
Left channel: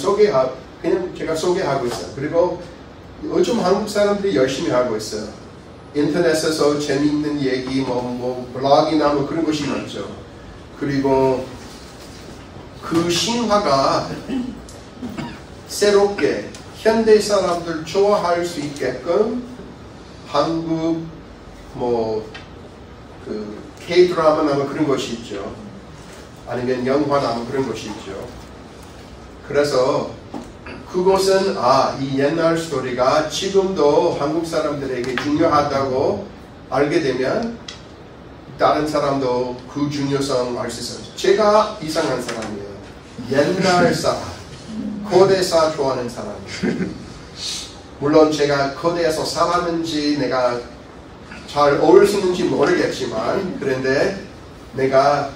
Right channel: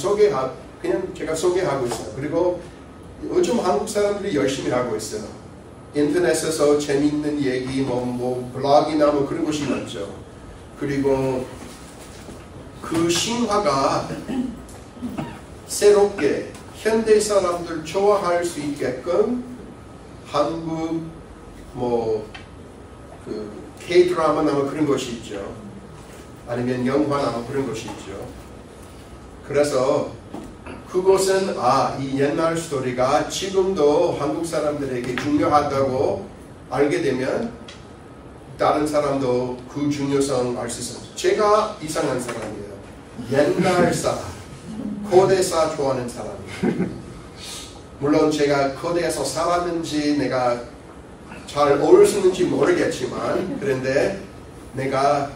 그냥 제가 소개하고 있어요. 그리고 요즘 한국 사람들이 열심히 하고 있어요. 인터넷에서 재미있는 얘기, 블로그나 그런 것이 많죠. 그리고 그 신화가 새롭게 현대 사람들 좋아할 수 있게끔 한국 K-드라마나 그런 것이 있죠. 아니면 영화나 그런 것이 있죠. 그래서 그것은 이 옛날 스토리가 지금도 한국 사람들에게 중요하다고 알게 되면 다른 사람도 그 중요성 알 수 있어요. 제가 이상한 사람이에요. 옛날 사람, 고대사 좋아하는 사람. 물론 제가 고대에서 살았는지 내가 잘 어울릴 수 있는지 모르겠지만 그런데 내가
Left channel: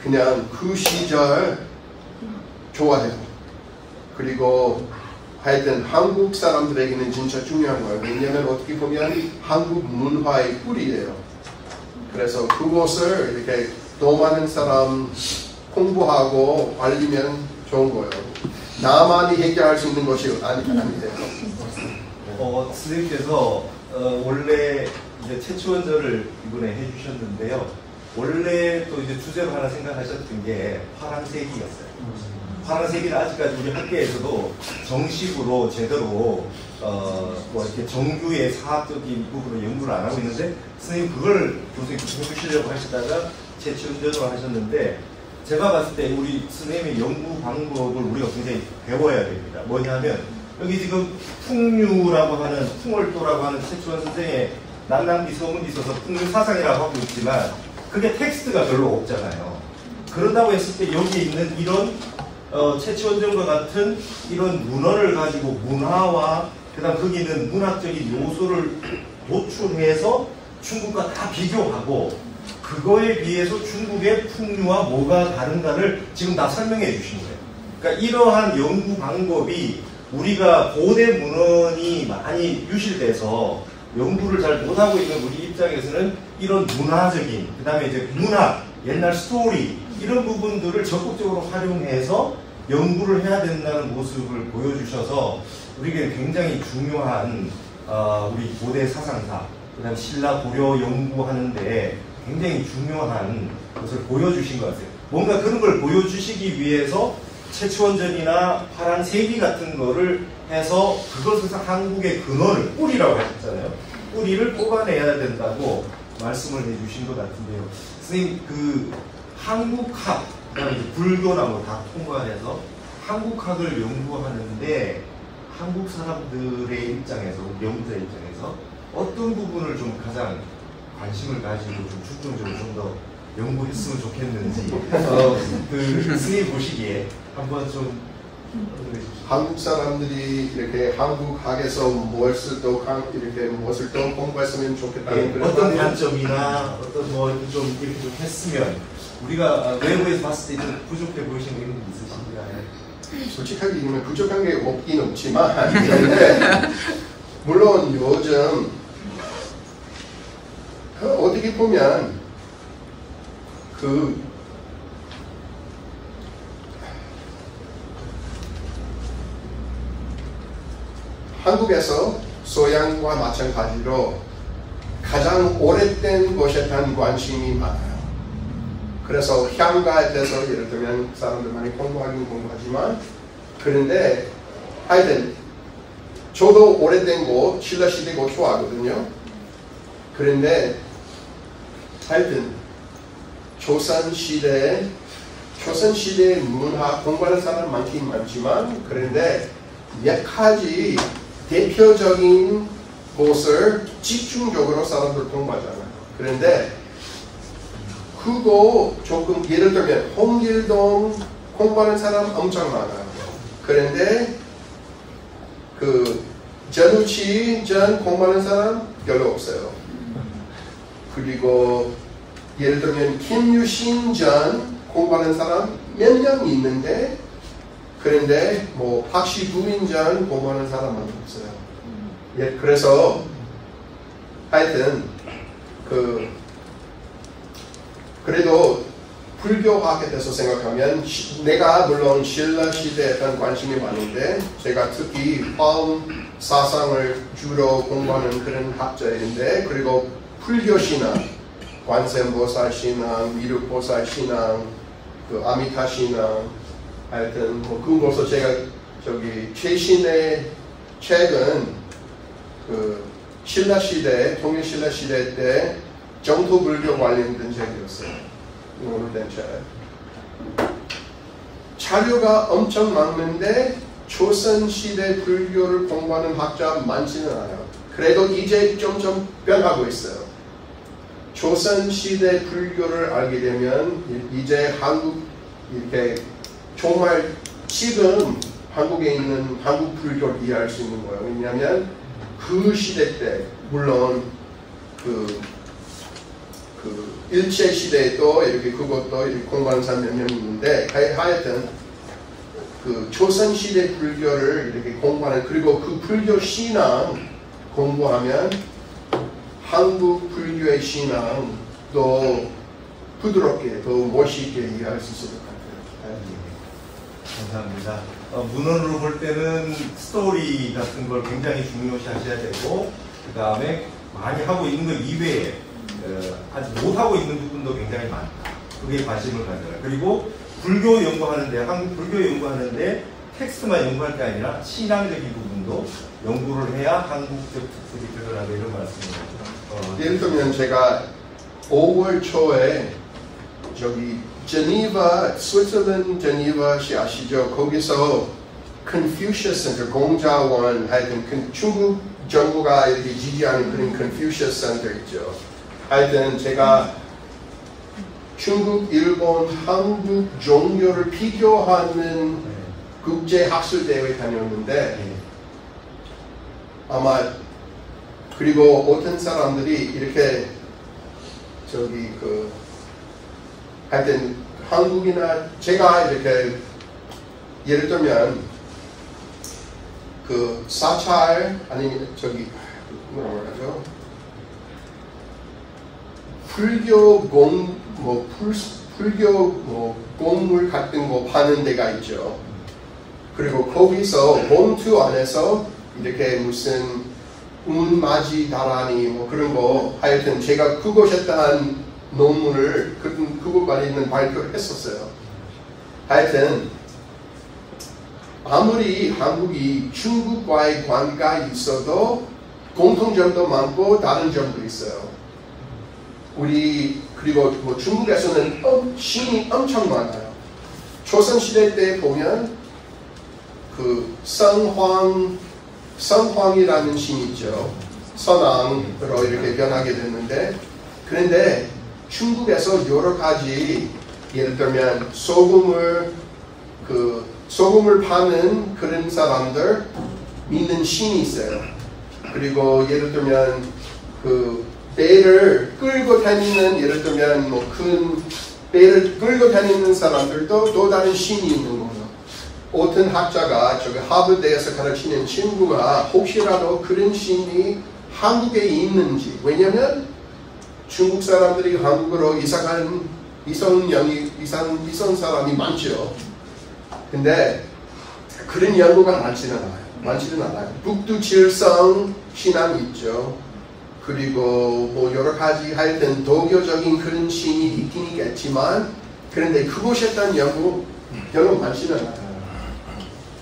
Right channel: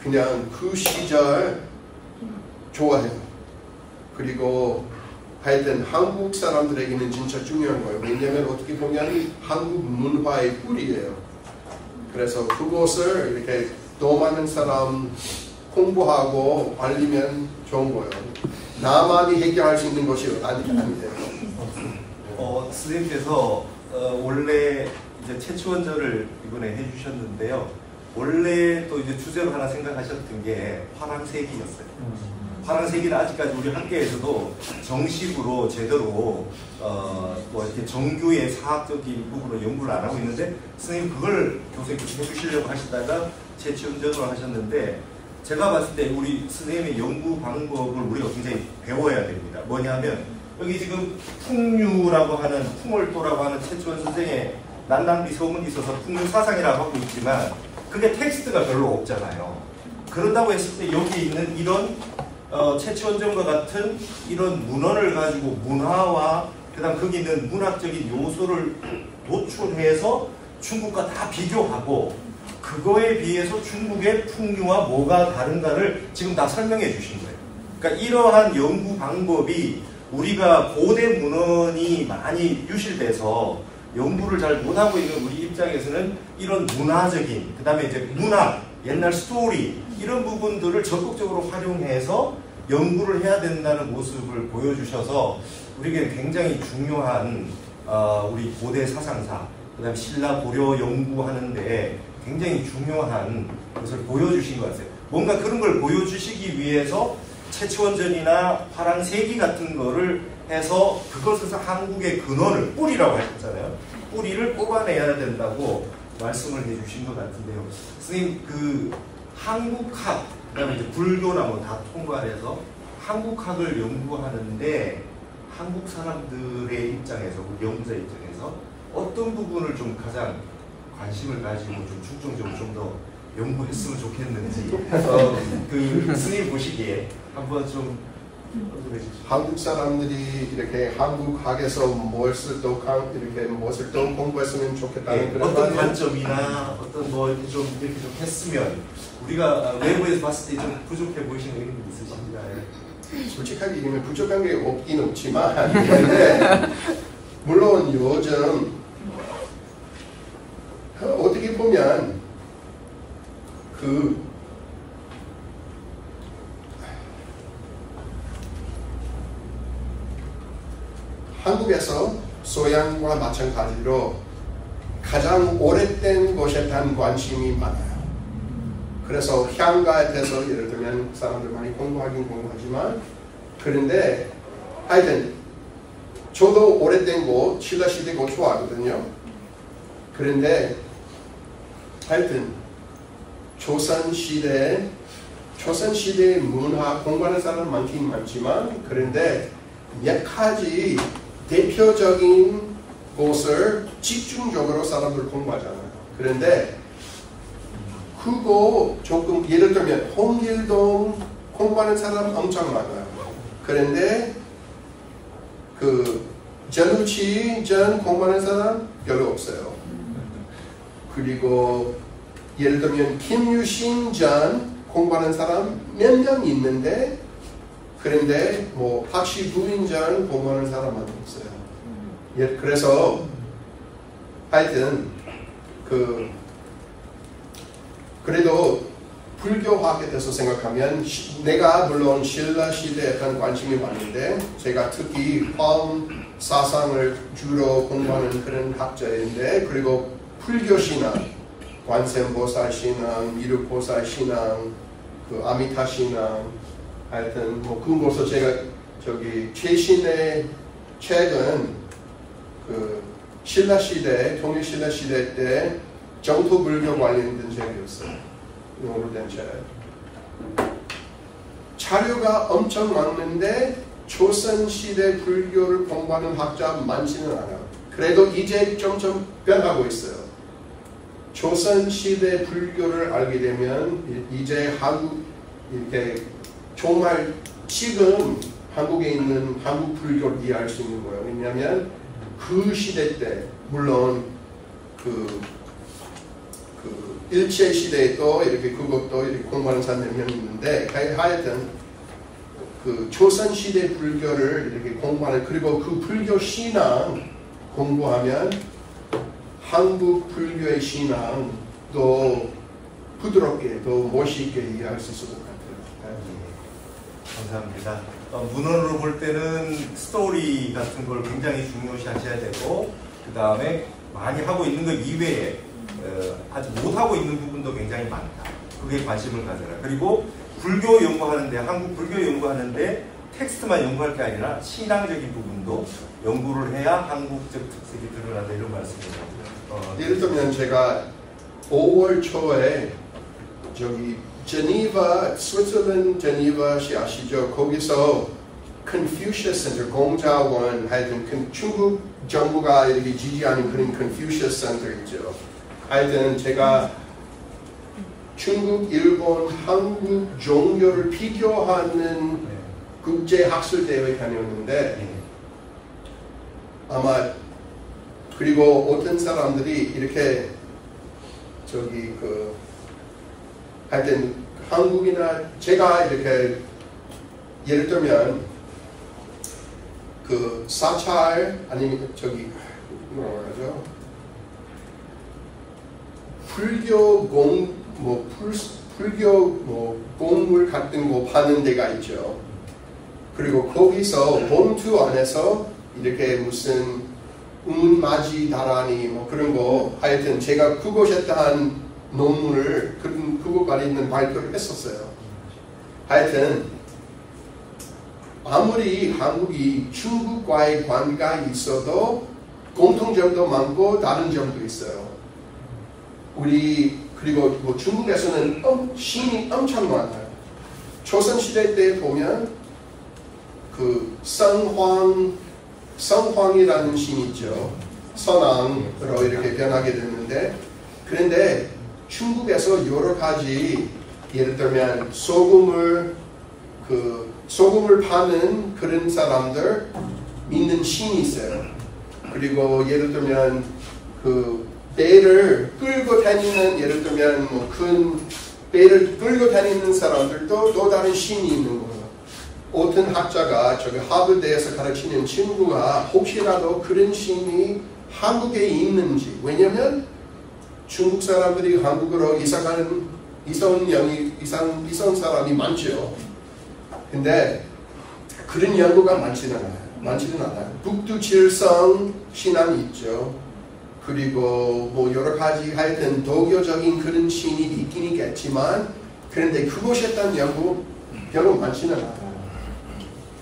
그냥 그 시절 좋아해요. 그리고 하여튼 한국 사람들에게는 진짜 중요한 거예요. 왜냐하면 어떻게 보면 한국 문화의 뿌리예요. 그래서 그것을 이렇게 더 많은 사람 공부하고 알리면 좋은 거예요. 나만이 해결할 수 있는 것이 아니에요. 선생님께서 원래 이제 채취원전을 이번에 해주셨는데요. 원래 또 이제 주제로 하나 생각하셨던 게 화랑세기였어요. 화랑세기는 아직까지 우리 학계에서도 정식으로 제대로 이렇게 정규의 사학적인 부분으로 연구를 안 하고 있는데 선생님 그걸 교수님께서 해주시려고 하시다가 채취원전으로 하셨는데 제가 봤을 때 우리 선생님의 연구 방법을 우리가 굉장히 배워야 됩니다. 뭐냐 하면 여기 지금 풍류라고 하는 풍월도라고 하는 채취원 선생의 난남비 소문이 있어서 풍류 사상이라고 하고 있지만 그게 텍스트가 별로 없잖아요. 그런다고 했을 때 여기 있는 이런 채취원전과 같은 이런 문헌을 가지고 문화와 그다음 거기 있는 문학적인 요소를 노출해서 중국과 다 비교하고 그거에 비해서 중국의 풍류와 뭐가 다른가를 지금 다 설명해 주신 거예요. 그러니까 이러한 연구 방법이 우리가 고대 문헌이 많이 유실돼서 연구를 잘 못하고 있는 우리 입장에서는 이런 문화적인, 그 다음에 이제 문학, 옛날 스토리 이런 부분들을 적극적으로 활용해서 연구를 해야 된다는 모습을 보여주셔서 우리에게 굉장히 중요한 우리 고대 사상사, 그 다음에 신라 고려 연구하는데 굉장히 중요한 것을 보여주신 것 같아요. 뭔가 그런 걸 보여주시기 위해서 채취원전이나 파란세기 같은 거를 해서 그것에서 한국의 근원을, 뿌리라고 하셨잖아요. 뿌리를 뽑아내야 된다고 말씀을 해주신 것 같은데요. 선생님, 그 한국학, 그 다음에 불교나 뭐 다 통과해서 한국학을 연구하는데 한국 사람들의 입장에서, 우리 연구자 입장에서 어떤 부분을 좀 가장 관심을 가지고 좀 중점적으로 좀 더 연구했으면 좋겠는지 그 스님 보시기에 한번 좀 어떻게 한국 사람들이 이렇게 한국학에서 무엇을 또 공부했으면 좋겠다는 그런 어떤 말이에요. 관점이나 어떤 뭐 좀 이렇게 좀 했으면 우리가 외부에서 봤을 때 좀 부족해 보이시는 거 이런 게 있으신가요? 솔직하게 얘기하면 부족한 게 없긴 없지만 근데 물론 요즘 어떻게 보면 한국에서 소양과 마찬가지로 가장 오래된 것에 대한 관심이 많아요. 그래서 향가에 대해서 예를 들면 사람들 많이 공부하긴 공부하지만 그런데 하여튼 저도 오래된 거 신라시대 거 좋아하거든요. 그런데 하여튼 조선시대 문화 공부하는 사람 많긴 많지만 그런데 몇 가지 대표적인 곳을 집중적으로 사람들 공부하잖아요. 그런데 그거 조금 예를 들면 홍길동 공부하는 사람 엄청 많아요. 그런데 그 전우치 전 공부하는 사람 별로 없어요. 그리고 예를 들면 김유신 전 공부하는 사람 몇 명 있는데 그런데 뭐 박시부인 전 공부하는 사람은 없어요. 예, 그래서 하여튼 그래도 불교학에 대해서 생각하면 내가 물론 신라 시대에 대한 관심이 많은데 제가 특히 화엄 사상을 주로 공부하는 그런 학자인데 그리고 불교 신앙, 관세음보살 신앙, 미륵보살 신앙, 그 아미타 신앙 하여튼 뭐 그것서 제가 최신의 책은 그 신라 시대, 통일 신라 시대 때 정토 불교 관련된 책이었어요. 오래된 책. 자료가 엄청 많은데 조선 시대 불교를 공부하는 학자 많지는 않아요. 그래도 이제 점점 변하고 있어요. 조선 시대 불교를 알게 되면 이제 한국 이렇게 정말 지금 한국에 있는 한국 불교를 이해할 수 있는 거예요. 왜냐하면 그 시대 때 물론 그 일제 시대에도 이렇게 그것도 이렇게 공부하는 사람 몇 명 있는데 하여튼 그 조선 시대 불교를 이렇게 공부하는 그리고 그 불교 신앙 공부하면 한국 불교의 신앙도 부드럽게 더 멋있게 이해할 수 있을 것 같아요. 감사합니다. 문헌으로 볼 때는 스토리 같은 걸 굉장히 중요시 하셔야 되고 그 다음에 많이 하고 있는 것 이외에 아직 못하고 있는 부분도 굉장히 많다. 그게 관심을 가져라. 그리고 불교 연구하는데 한국 불교 연구하는데 텍스트만 연구할 게 아니라 신앙적인 부분도 연구를 해야 한국적 특색이 드러나고 이런 말씀입니다. 예를 들면 제가 5월 초에 제니바, 스위스랜드 제니바시 아시죠? 거기서 Confucius Center, 공자원, 하여튼 중국 정부가 이렇게 지지하는 그런 Confucius Center 있죠. 하여튼 제가 중국, 일본, 한국 종교를 비교하는 국제학술대회 다녔는데 아마 그리고 어떤 사람들이 이렇게 하여튼 한국이나 제가 이렇게 예를 들면 그 사찰 아니면 뭐라고 하죠? 불교 공물 같은 거 파는 데가 있죠. 그리고 거기서 봉투 안에서 이렇게 무슨 운마지 다라니 뭐 그런 거 하여튼 제가 그것에 대한 논문을 그것 관련 발표를 했었어요. 하여튼 아무리 한국이 중국과의 관계가 있어도 공통점도 많고 다른 점도 있어요. 그리고 뭐 중국에서는 신이 엄청 많아요. 조선시대 때 보면 그 성황이라는 신 있죠. 선왕으로 이렇게 변하게 됐는데 그런데 중국에서 여러 가지 예를 들면 소금을 파는 그런 사람들 믿는 신이 있어요. 그리고 예를 들면 그 배를 끌고 다니는 예를 들면 뭐 큰 배를 끌고 다니는 사람들도 또 다른 신이 있는 거예요. 어떤 학자가 저기 하버드에서 가르치는 친구가 혹시라도 그런 신이 한국에 있는지, 왜냐면 중국 사람들이 한국으로 이사온 사람이 많죠. 근데 그런 연구가 많지는 않아요. 북두칠성 신앙이 있죠. 그리고 뭐 여러 가지 하여튼 도교적인 그런 신이 있긴 있겠지만, 그런데 그곳에 대한 연구 별로 많지는 않아요.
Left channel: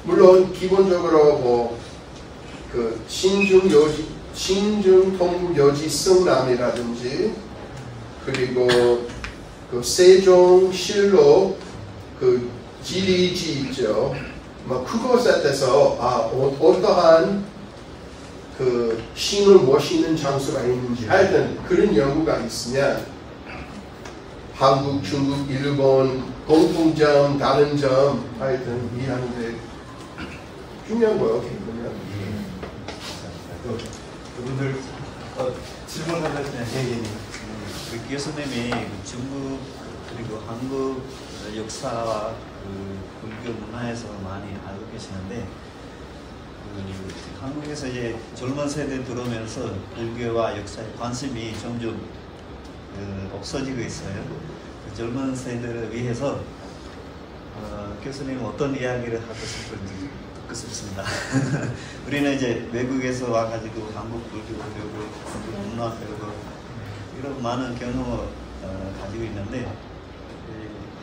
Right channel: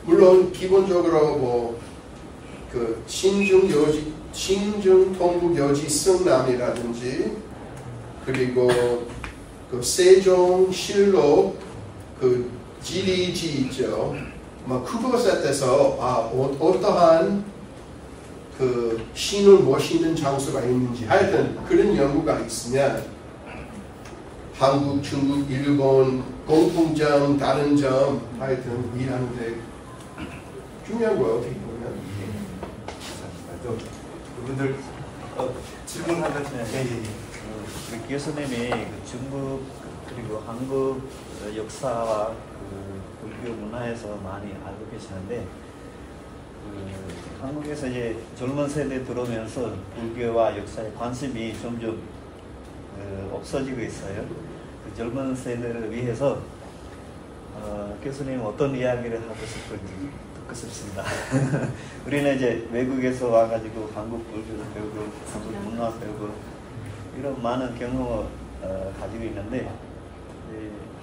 물론 기본적으로 뭐 그 신중 통북여지 성남이라든지 그리고 그 세종실록 그 지리지 있죠. 뭐 그것에 대해서 어떠한 그 신을 모시는 장소가 있는지 하여튼 그런 연구가 있으면 한국, 중국, 일본 공통점, 다른 점 하여튼 이해하는데 중요한 거예요. 어떻게 보면. 또 그분들 질문 하나 얘기. 교수님이 중국 그리고 한국 역사와 불교 문화에서 많이 알고 계시는데 한국에서 이제 젊은 세대 들어오면서 불교와 역사에 관심이 점점 없어지고 있어요. 그 젊은 세대를 위해서 교수님 어떤 이야기를 하고 싶은지 듣고 싶습니다. 우리는 이제 외국에서 와가지고 한국 불교 교육을 문화 교육을 이런 많은 경험을 가지고 있는데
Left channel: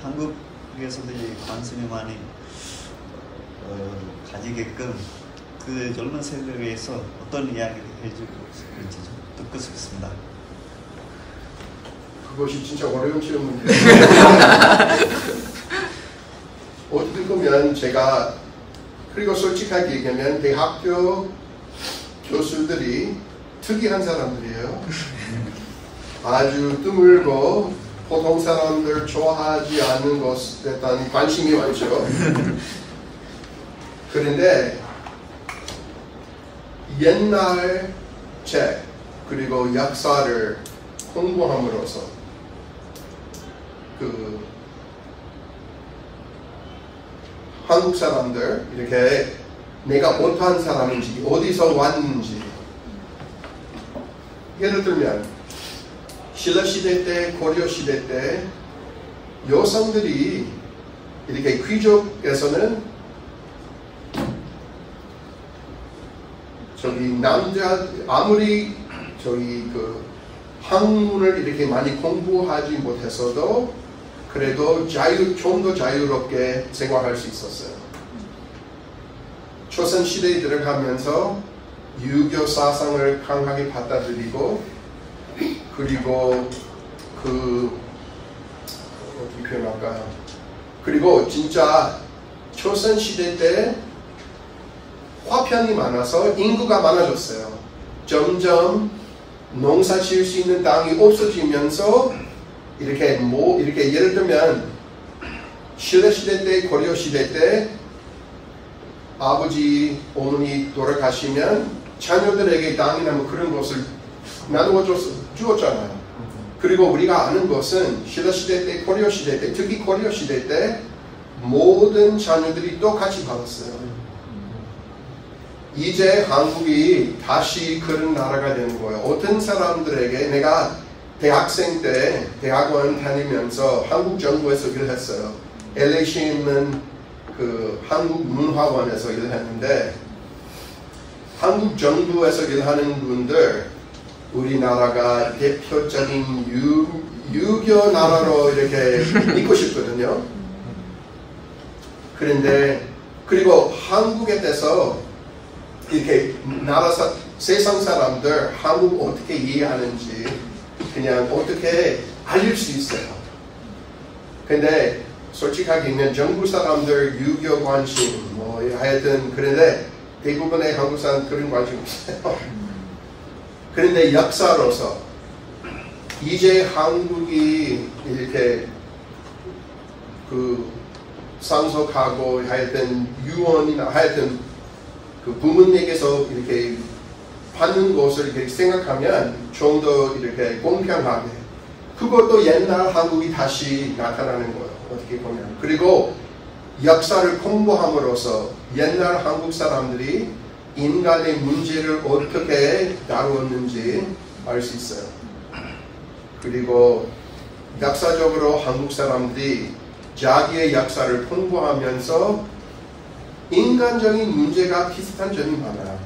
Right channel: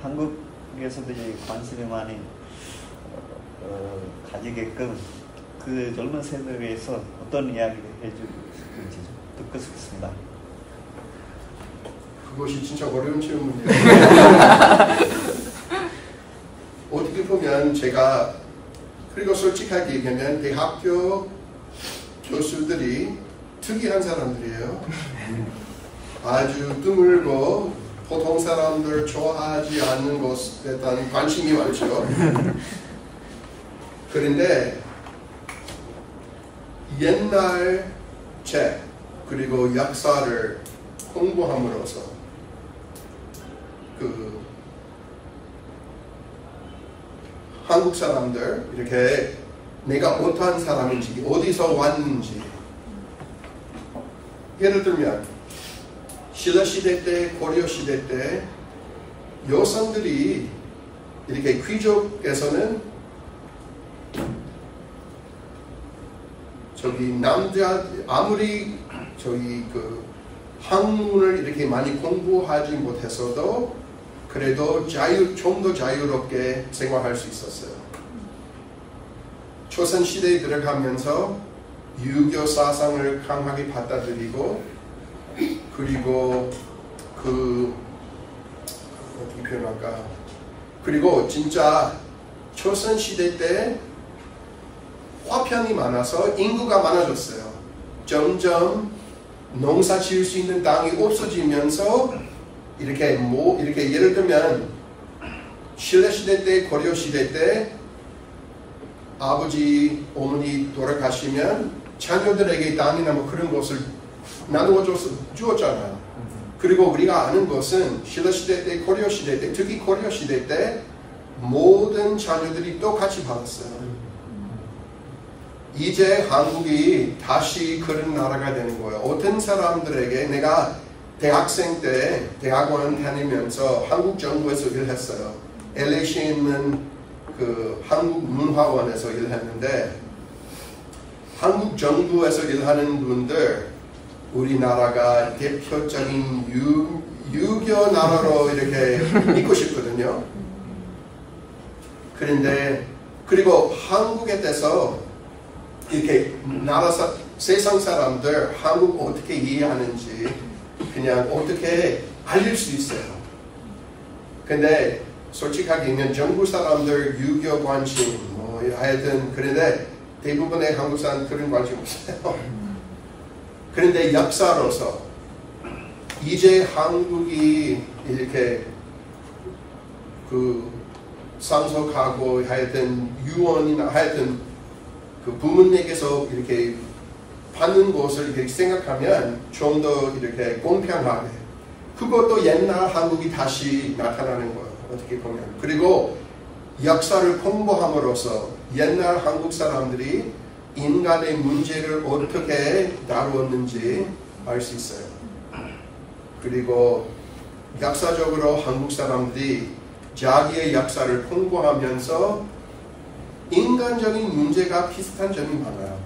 한국에서도 이제 관심이 많이 가지게끔 그 젊은 세대를 위해서 어떤 이야기를 해주고 싶은지 듣고 싶습니다. 그것이 진짜 어려운 질문이에요. 어떻게 보면 제가 그리고 솔직하게 얘기하면 대학교 교수들이 특이한 사람들이에요. 아주 드물고 보통 사람들 좋아하지 않는 것에 대한 관심이 많죠. 그런데 옛날 책 그리고 역사를 공부함으로써 그 한국 사람들 이렇게 내가 어떠한 사람인지 어디서 왔는지 예를 들면 신라시대 때 고려시대 때 여성들이 이렇게 귀족에서는 저기 남자 아무리 저기 그 학문을 이렇게 많이 공부하지 못했어도 그래도 좀 더 자유롭게 생활할 수 있었어요. 조선시대에 들어가면서 유교 사상을 강하게 받아들이고 그리고 어떻게 표현할까요? 그리고 진짜 조선시대 때 화편이 많아서 인구가 많아졌어요. 점점 농사 지을 수 있는 땅이 없어지면서 이렇게 예를 들면 신라시대 때 고려시대 때 아버지 어머니 돌아가시면 자녀들에게 땅이나 뭐 그런 것을 나누어 주었잖아요. 그리고 우리가 아는 것은 신라시대 때 고려시대 때 특히 고려시대 때 모든 자녀들이 똑같이 받았어요. 이제 한국이 다시 그런 나라가 되는 거예요. 어떤 사람들에게 내가 대학생 때 대학원 다니면서 한국 정부에서 일했어요. LA시에 있는 그 한국문화원에서 일했는데 한국 정부에서 일하는 분들 우리나라가 대표적인 유교 나라로 이렇게 믿고 싶거든요. 그런데 그리고 한국에 대해서 이렇게 세상 사람들 한국 어떻게 이해하는지 그냥 어떻게 알릴 수 있어요. 근데 솔직하게 있는 정부 사람들 유교 관심 뭐 하여튼 그런데 대부분의 한국 사람 그런 관심 없어요. 그런데 역사로서 이제 한국이 이렇게 그 상속하고 하여튼 유언이나 하여튼 그 부모님에게서 이렇게 받는 것을 이렇게 생각하면 좀 더 이렇게 공평하게 그것도 옛날 한국이 다시 나타나는 거예요. 어떻게 보면. 그리고 역사를 공부함으로써 옛날 한국 사람들이 인간의 문제를 어떻게 다루었는지 알 수 있어요. 그리고 역사적으로 한국 사람들이 자기의 역사를 공부하면서 인간적인 문제가 비슷한 점이 많아요.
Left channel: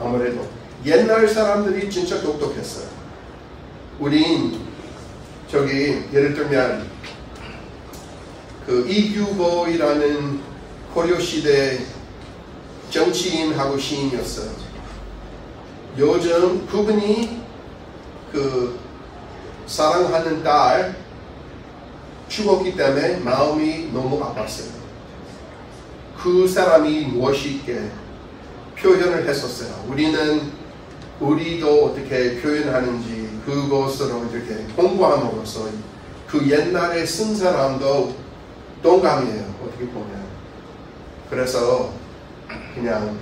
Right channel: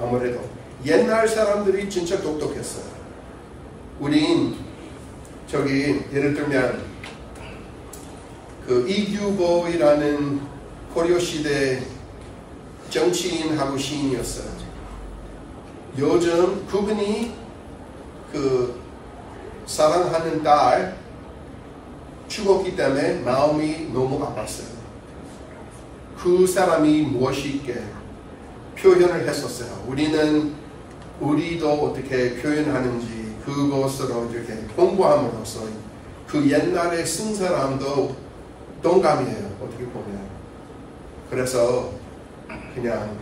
아무래도 옛날 사람들이 진짜 똑똑했어요. 우린 저기 예를 들면 그 이규보이라는 고려시대 정치인하고 시인이었어요. 요즘 그분이 그 사랑하는 딸 죽었기 때문에 마음이 너무 아팠어요. 그 사람이 무엇이게 표현을 했었어요. 우리도 어떻게 표현하는지 그것으로 이렇게 공부함으로써 그 옛날에 쓴 사람도 동감이에요. 어떻게 보면. 그래서 그냥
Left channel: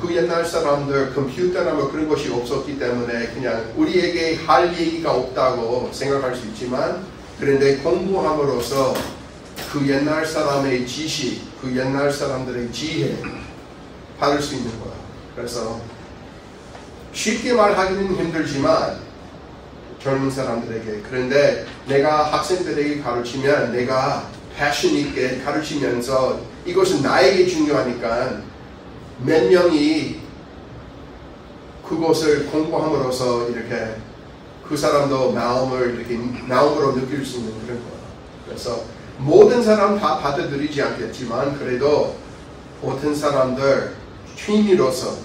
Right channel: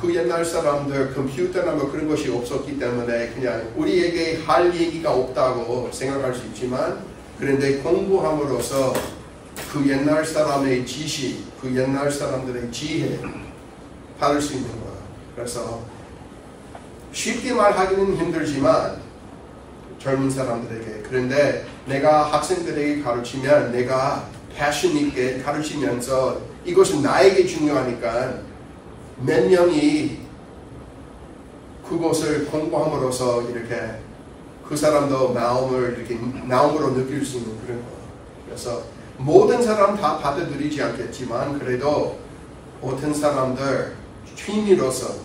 그 옛날 사람들 컴퓨터나 뭐 그런 것이 없었기 때문에 그냥 우리에게 할 얘기가 없다고 생각할 수 있지만 그런데 공부함으로써 그 옛날 사람의 지식, 그 옛날 사람들의 지혜 받을 수 있는 거예요. 그래서 쉽게 말하기는 힘들지만 젊은 사람들에게 그런데 내가 학생들에게 가르치면 내가 패션 있게 가르치면서 이것은 나에게 중요하니까 몇 명이 그것을 공부함으로써 이렇게 그 사람도 마음을 이렇게 마음으로 느낄 수 있는 그런 거예요. 그래서 모든 사람 다 받아들이지 않겠지만 그래도 어떤 사람들 취미로서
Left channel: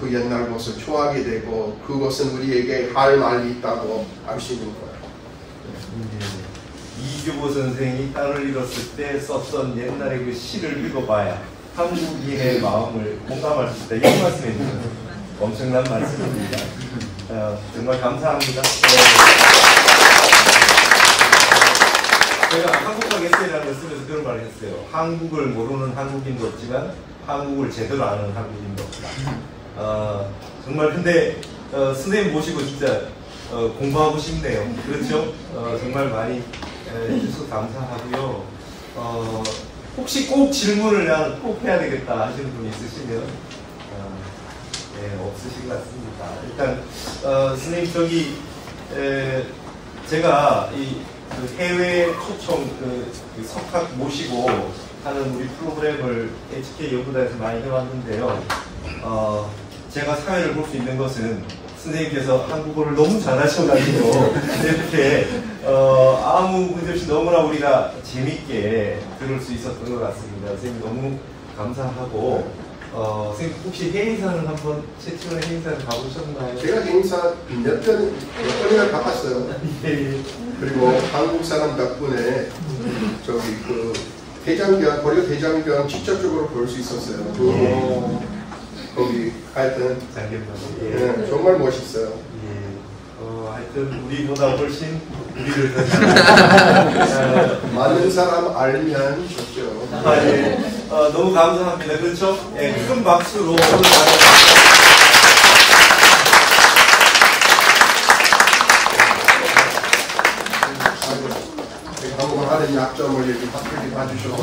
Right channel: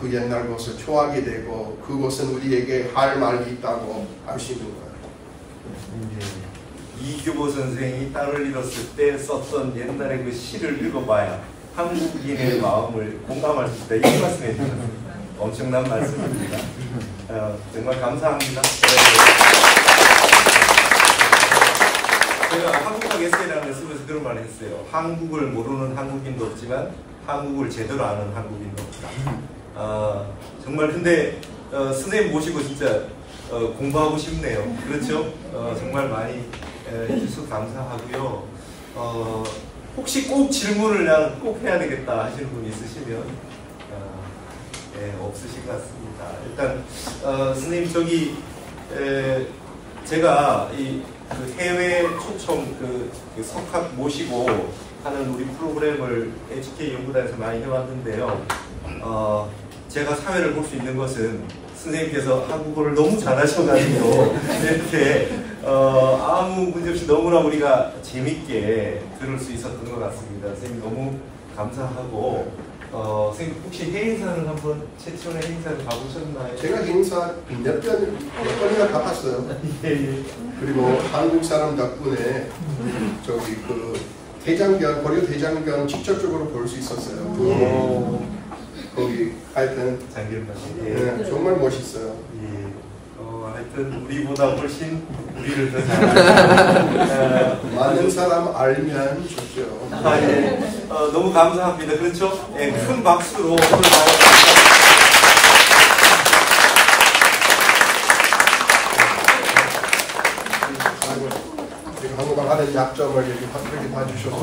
그 옛날 것을 좋아하게 되고 그것은 우리에게 할 말이 있다고 알 수 있는 거예요. 이규보 선생이 땅을 잃었을 때 썼던 옛날의 그 시를 읽어봐야 한국인의 마음을 공감할 수 있다. 이런 말씀해 주셨어요. 엄청난 말씀입니다. 정말 감사합니다. 제가 한국학 에세이라는 걸 쓰면서 그런 말을 했어요. 한국을 모르는 한국인도 없지만 한국을 제대로 아는 한국인도 없다. 정말 근데 선생님 모시고 진짜 공부하고 싶네요. 그렇죠? 정말 많이 해주셔서 감사하고요. 혹시 꼭 질문을 난 꼭 해야 되겠다 하시는 분 있으시면 없으신 것 같습니다. 일단 선생님 저기 제가 이 해외 초청 석학 모시고 하는 우리 프로그램을 HK 연구단에서 많이 해왔는데요. 제가 사회를 볼 수 있는 것은 선생님께서 한국어를 너무 잘하셔가지고 이렇게 아무 문제 없이 너무나 우리가 재밌게 들을 수 있었던 것 같습니다. 선생님 너무 감사하고 선생님 혹시 해외사는 한번 최초의 해외사를 가보셨나요? 제가 행사 몇 번이나 가봤어요. 그리고 한국 사람 덕분에 저기 그 대장경, 고려 대장경 직접적으로 볼 수 있었어요. 거기 하여튼 정말 멋있어요. 하여튼 우리보다 훨씬 우리를 더 잘하는 많은 사람 알면 좋죠. 너무 감사합니다. 그렇죠? 큰 박수로 한국말 하는 약점을 이렇게 봐주셔서